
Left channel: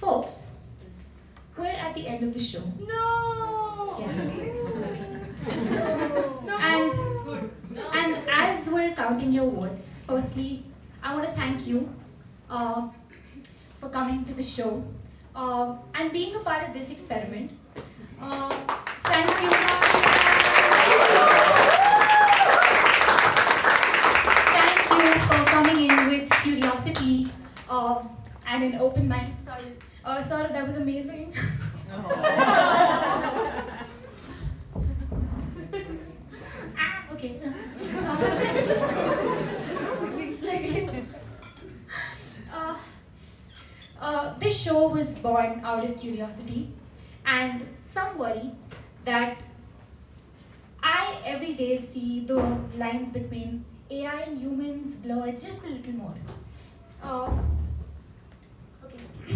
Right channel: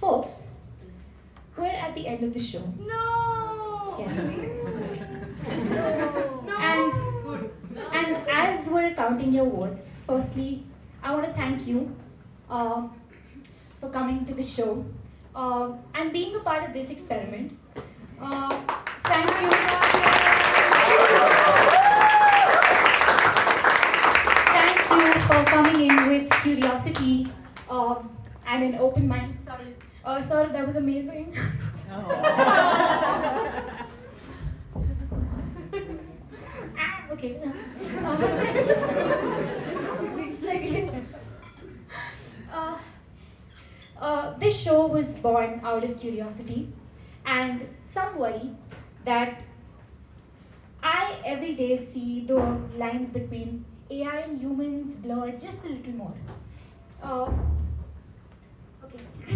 Folks, we're at the end of the show. No. Yes. No. And as we're counting your votes, firstly, I want to thank you for coming to the show and being a part of this experiment. Thank you. Thank you for coming in with curiosity and an open mind. Sorry, sir, that was amazing. Okay. This show was born out of curiosity and some worry that I every day see the lines between AI and humans blur just a little more. Okay. I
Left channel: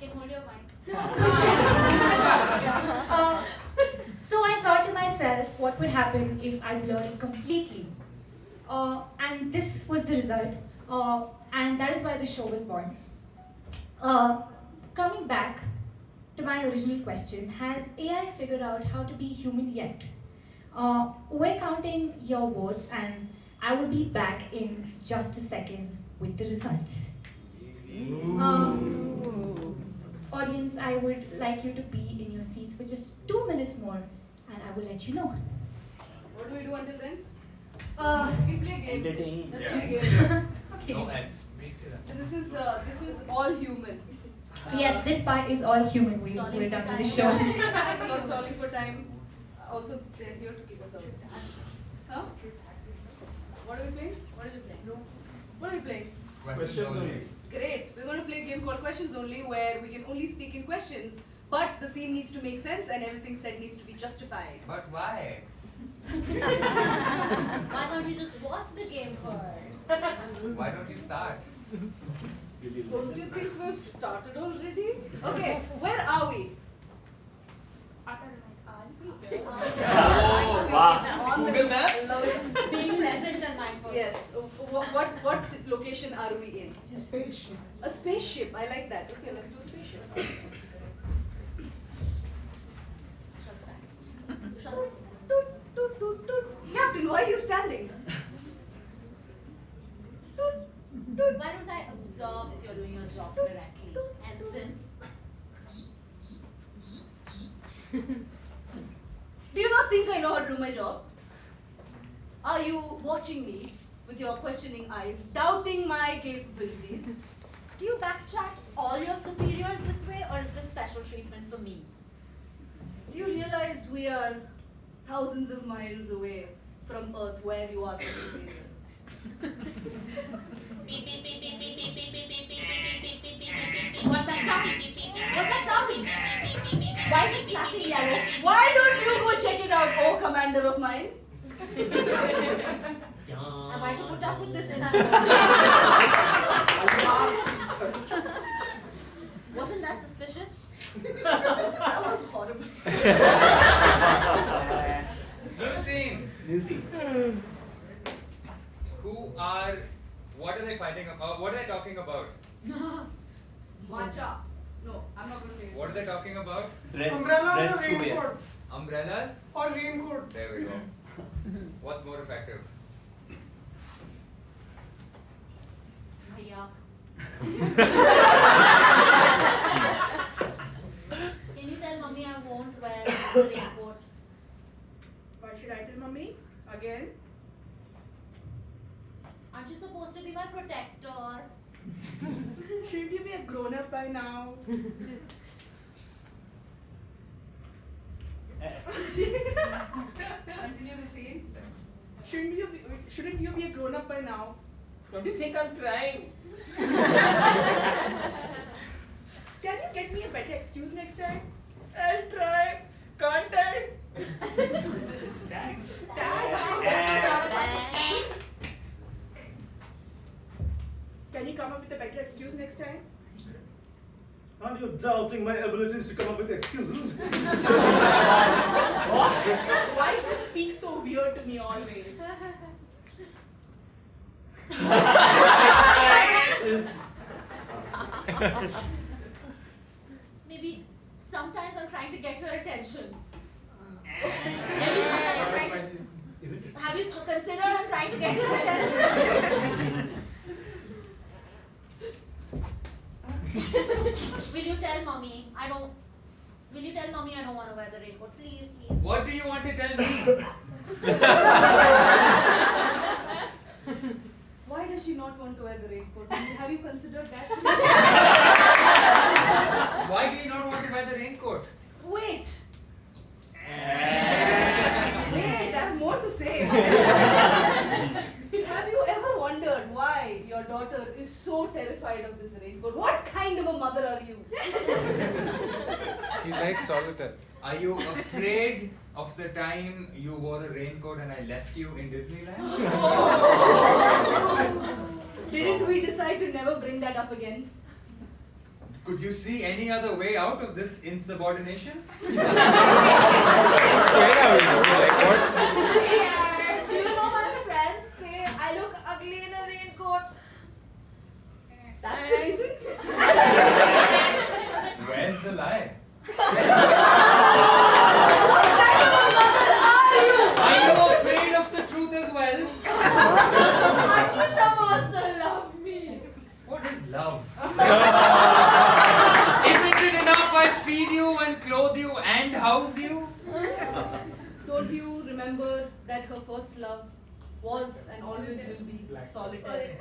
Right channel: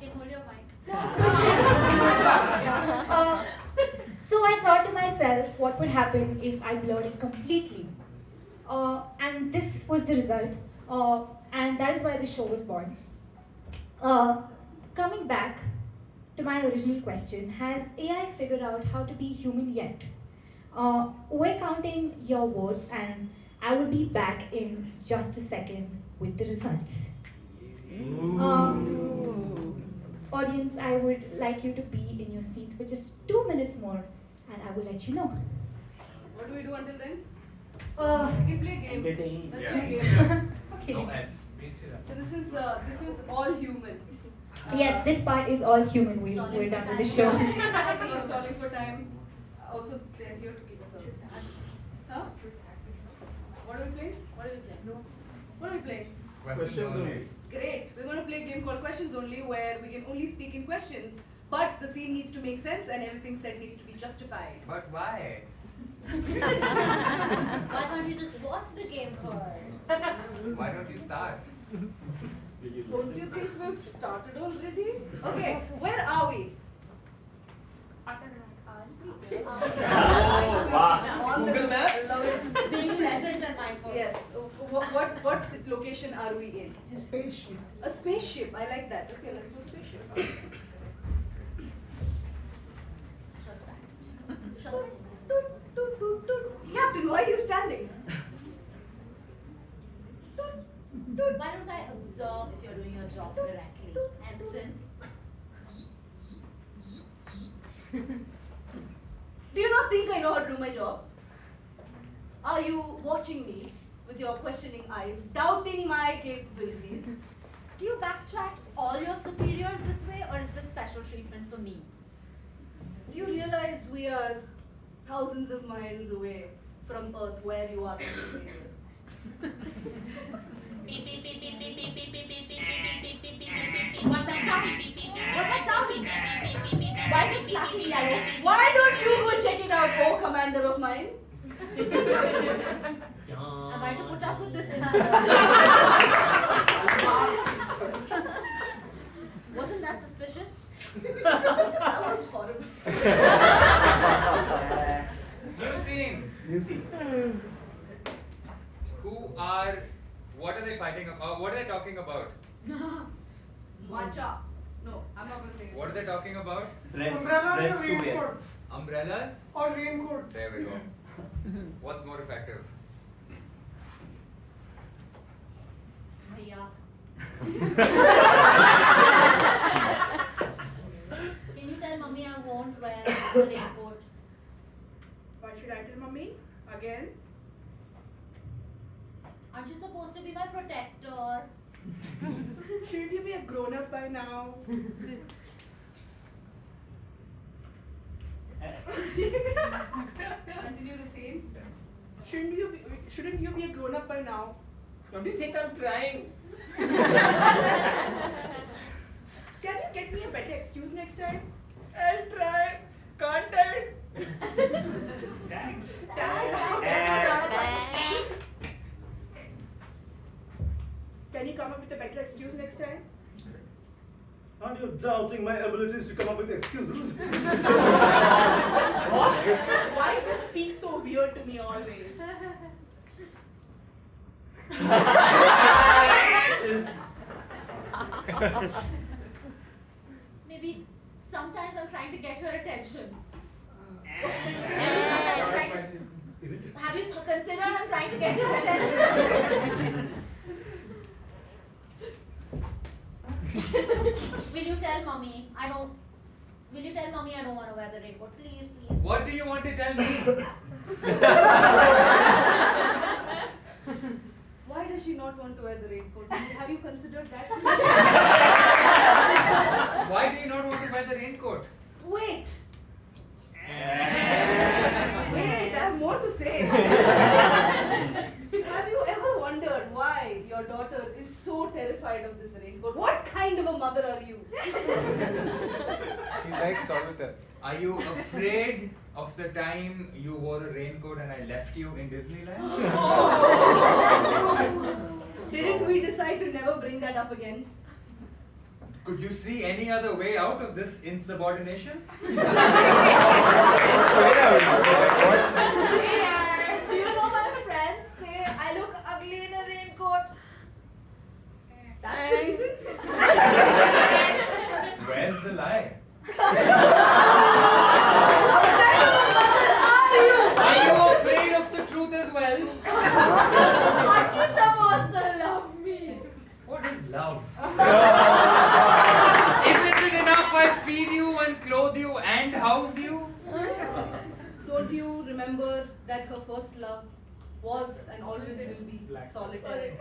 can hold your mic. So I thought to myself, what would happen if I blur it completely? And this was the result, and that is why the show was born. Coming back to my original question, has AI figured out how to be human yet? We're counting your votes, and I will be back in just a second with the results. Audience, I would like you to be in your seats for just 2 minutes more, and I will let you know. What do we do until then? Uh, We play a game. Entertain. Let's play a game. Okay. No S. So this is all human. Yes, this part is all human. We're done with the show. We're stalling for time. Also, they're here to kick us out. Huh? What are we playing? What are we playing? What are we playing? Questions only. Great. We're going to play a game called Questions Only, where we can only speak in questions, but the scene needs to make sense and everything said needs to be justified. But why? Why don't you just watch the game first? Why don't you start? Don't you think we've started already? Okay, where are we? On the Google Maps? love it. Being present and mindful. Yes. What location are we in? Spaceship. A spaceship. I like that. Okay, let's do a spaceship. Shall stand. Shall I stand? Toot, toot, toot, toot. Captain, why are you standing? Toot, toot. Why don't I observe if you're doing your job correctly? Ensign. Do you not think I know how to do my job? Are you watching me with your questioning eyes, doubting my capabilities? Do you backtrack all your superiors this way, or is this special treatment for me? Do you realize we are thousands of miles away from Earth, where you are from superiors? What's that sound? What's that sound? Why is it flashing yellow? Why don't you go check it out, oh commander of mine? Am I to put up with this Wasn't that suspicious? That was horrible. New scene. What are they fighting about? What are they talking about? Matcha. No, I'm not going to say it. What are they talking about? Dress Umbrella to or wear. raincoats? Umbrellas? Or raincoats? There we go. What's more effective? See ya. Can you tell mommy I won't wear the raincoat? Why should I tell mommy? Again? Aren't you supposed to be my protector? Shouldn't you be a grown up by now? Continue the scene. Shouldn't you be a grown up by now? Don't you think I'm trying? Can you get me a better excuse next time? I'll try. Can't I? Can you next time? Aren't you doubting my abilities to come up with excuses? Why do you speak so weird to me always? Maybe sometimes I'm trying to get your attention. Maybe sometimes I'm trying to. Have you considered I'm trying to get your attention? Will you tell mommy I don't? Will you tell mommy I don't want to wear the raincoat? Please, please. What do you want to tell me? Why does she not want to wear the raincoat? Have you considered that? Why do you not want to wear the raincoat? Wait! Wait, I have more to say. Have you ever wondered why your daughter is so terrified of this raincoat? What kind of a mother are you? She likes solitaire. Are you afraid of the time you wore a raincoat and I left you in Disneyland? Didn't we decide to never bring that up again? Could you see any other way out of this insubordination? Hey, do you know my friends say I look ugly in a raincoat? That's the reason? Where's the lie? What kind of a mother are you? Are you afraid of the truth as well? Aren't you supposed to love me? What is love? Isn't it enough I feed you and clothe you and house you? Don't you remember that her first love was and always will be solitaire?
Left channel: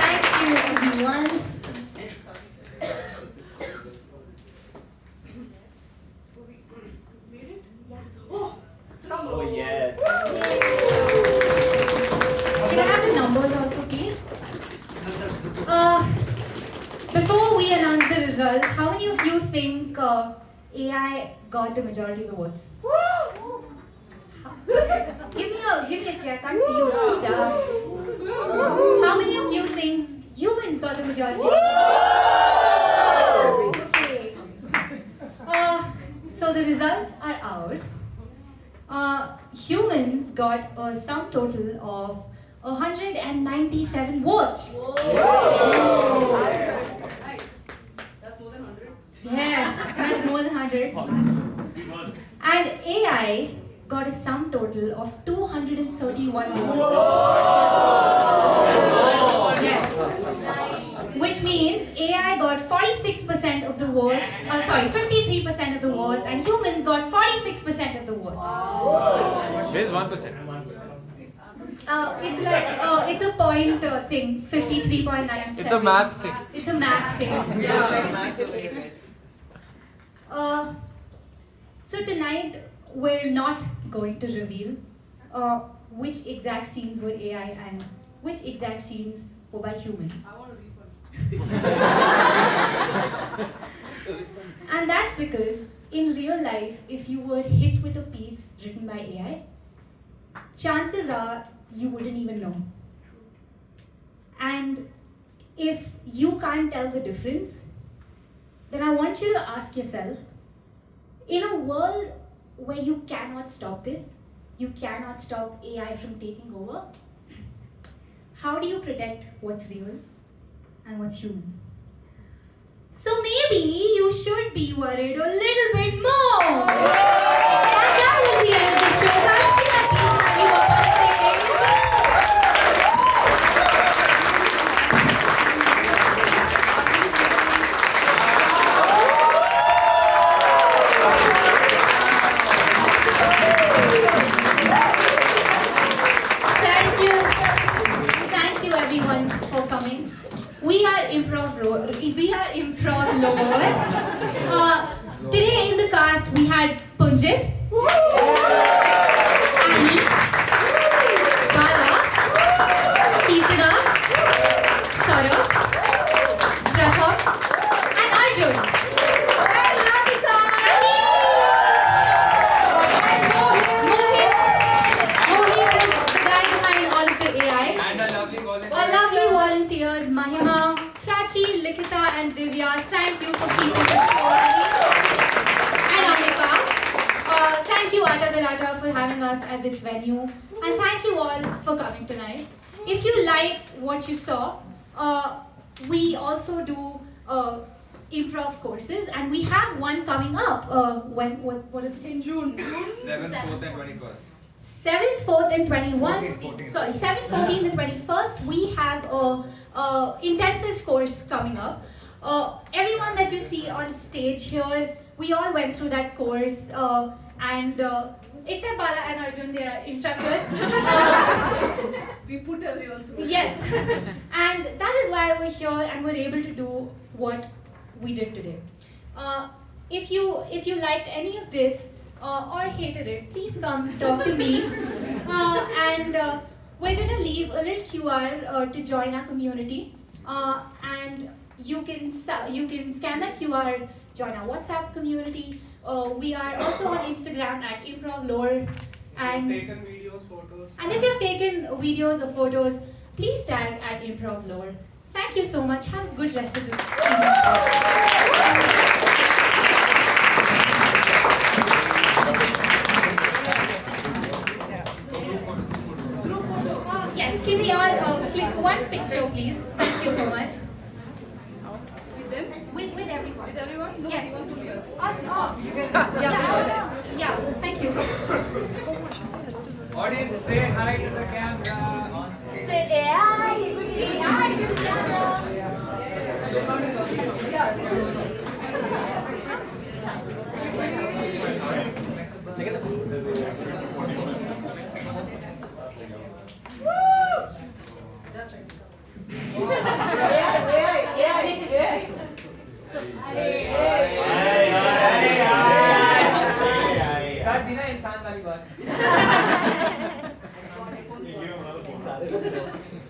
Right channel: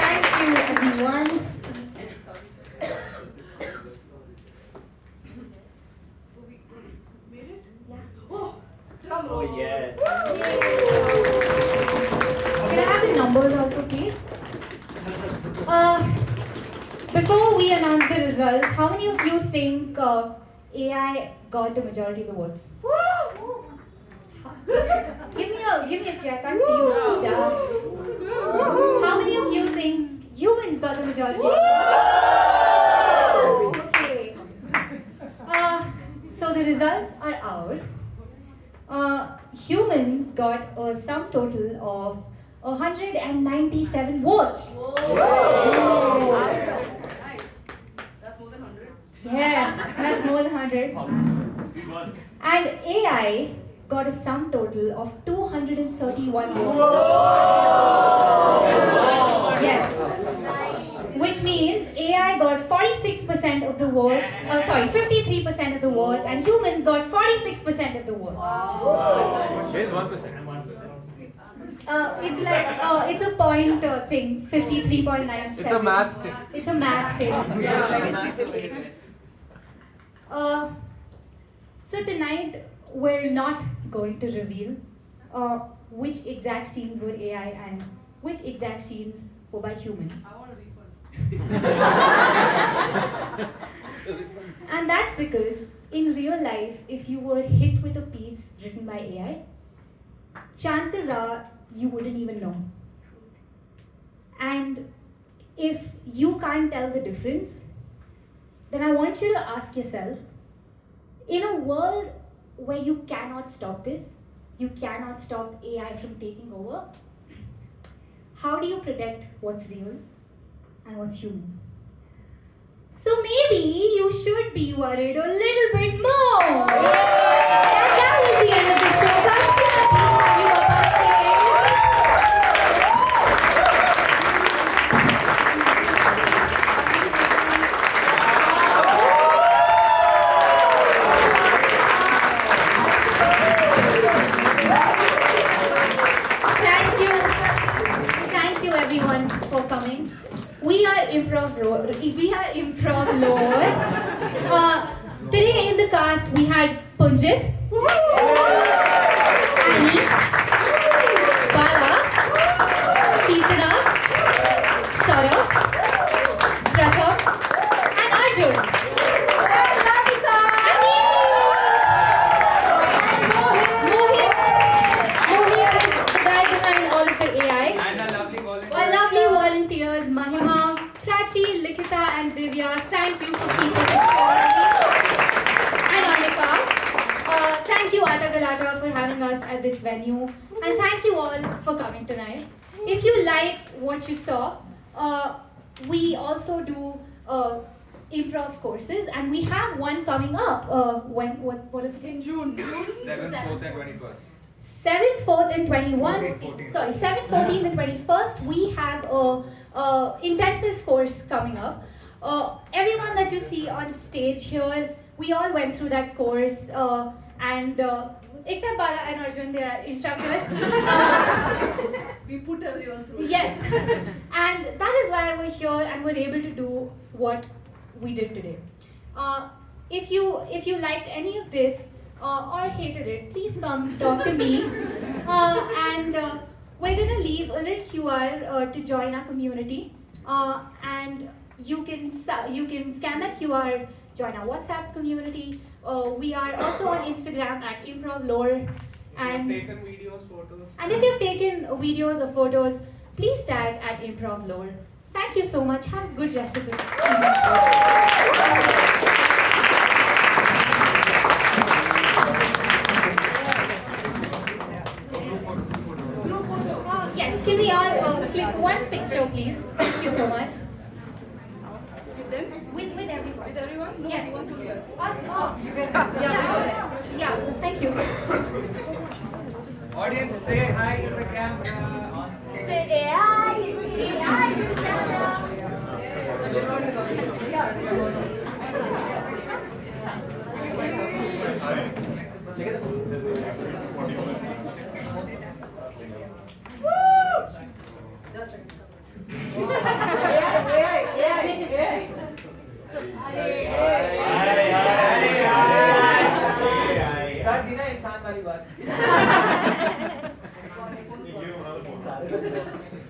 Thank you, everyone. Oh, drum Oh, roll. yes. Can I have the numbers also, please? Before we announce the results, how many of you think AI got the majority of the votes? Give me a clear. I can't see you. It's too dark. How many of you think humans got the majority? Okay. So the results are out. Humans got a sum total of 197 votes. Whoa. Nice. That's more than 100. Yeah, that's more than 100. And AI got a sum total of 231 votes. Yes. Which means AI got 46% of the votes, 53% of the votes, and humans got 46% of the votes. There's 1%. It's like, it's a point thing, 53.97. It's a math thing. It's a math thing. Yeah. So tonight we're not going to reveal which exact scenes were AI and which exact scenes were by humans. I want a refund. And that's because in real life, if you were hit with a piece written by AI, chances are you wouldn't even know. And if you can't tell the difference, then I want you to ask yourself, in a world where you cannot stop this, you cannot stop AI from taking over, how do you protect what's real and what's human? So maybe you should be worried a little bit more. And that was the end of the show. So I'm so happy to have you up on Thank you everyone for coming. We are improv lore. Today in the cast we had Punjit, Annie, Bala, Keetana, Saurabh, Pratham, and Arjun. And Radhika. And Mohit. Likita and Divya, thank you for keeping the show running. And Amrika, thank you Atta Galata for having us at this venue. And thank you all for coming tonight. If you like what you saw, we also do improv courses, and we have one coming up. What is it? In June. 7th, 4th, and 21st. 7th, 4th, and 21. 14th. Sorry, 7th, 14th, and 21st. We have a intensive course coming up. Everyone that you see on stage here, we all went through that course, and except Bala and Arjun, they are instructors. We put everyone through. Yes, and that is why we're here and we're able to do what we did today. If you liked any of this or hated it, please come talk to me. And we're gonna leave a little QR to join our community, and you can scan that QR, join our WhatsApp community. We are also on Instagram at improvlore. And taken videos, photos. And if you've taken videos or photos, please tag at improvlore. Thank you so much. Have a good rest of the evening. Yes, can we all click one picture, please? Thank you so much. With them? With everyone. With everyone? No, Yes. he wants only us. Us all. Yeah, thank you. Audience, say hi to the camera. Say AI to the camera. कर दी ना इंसान वाली बात Give him another phone.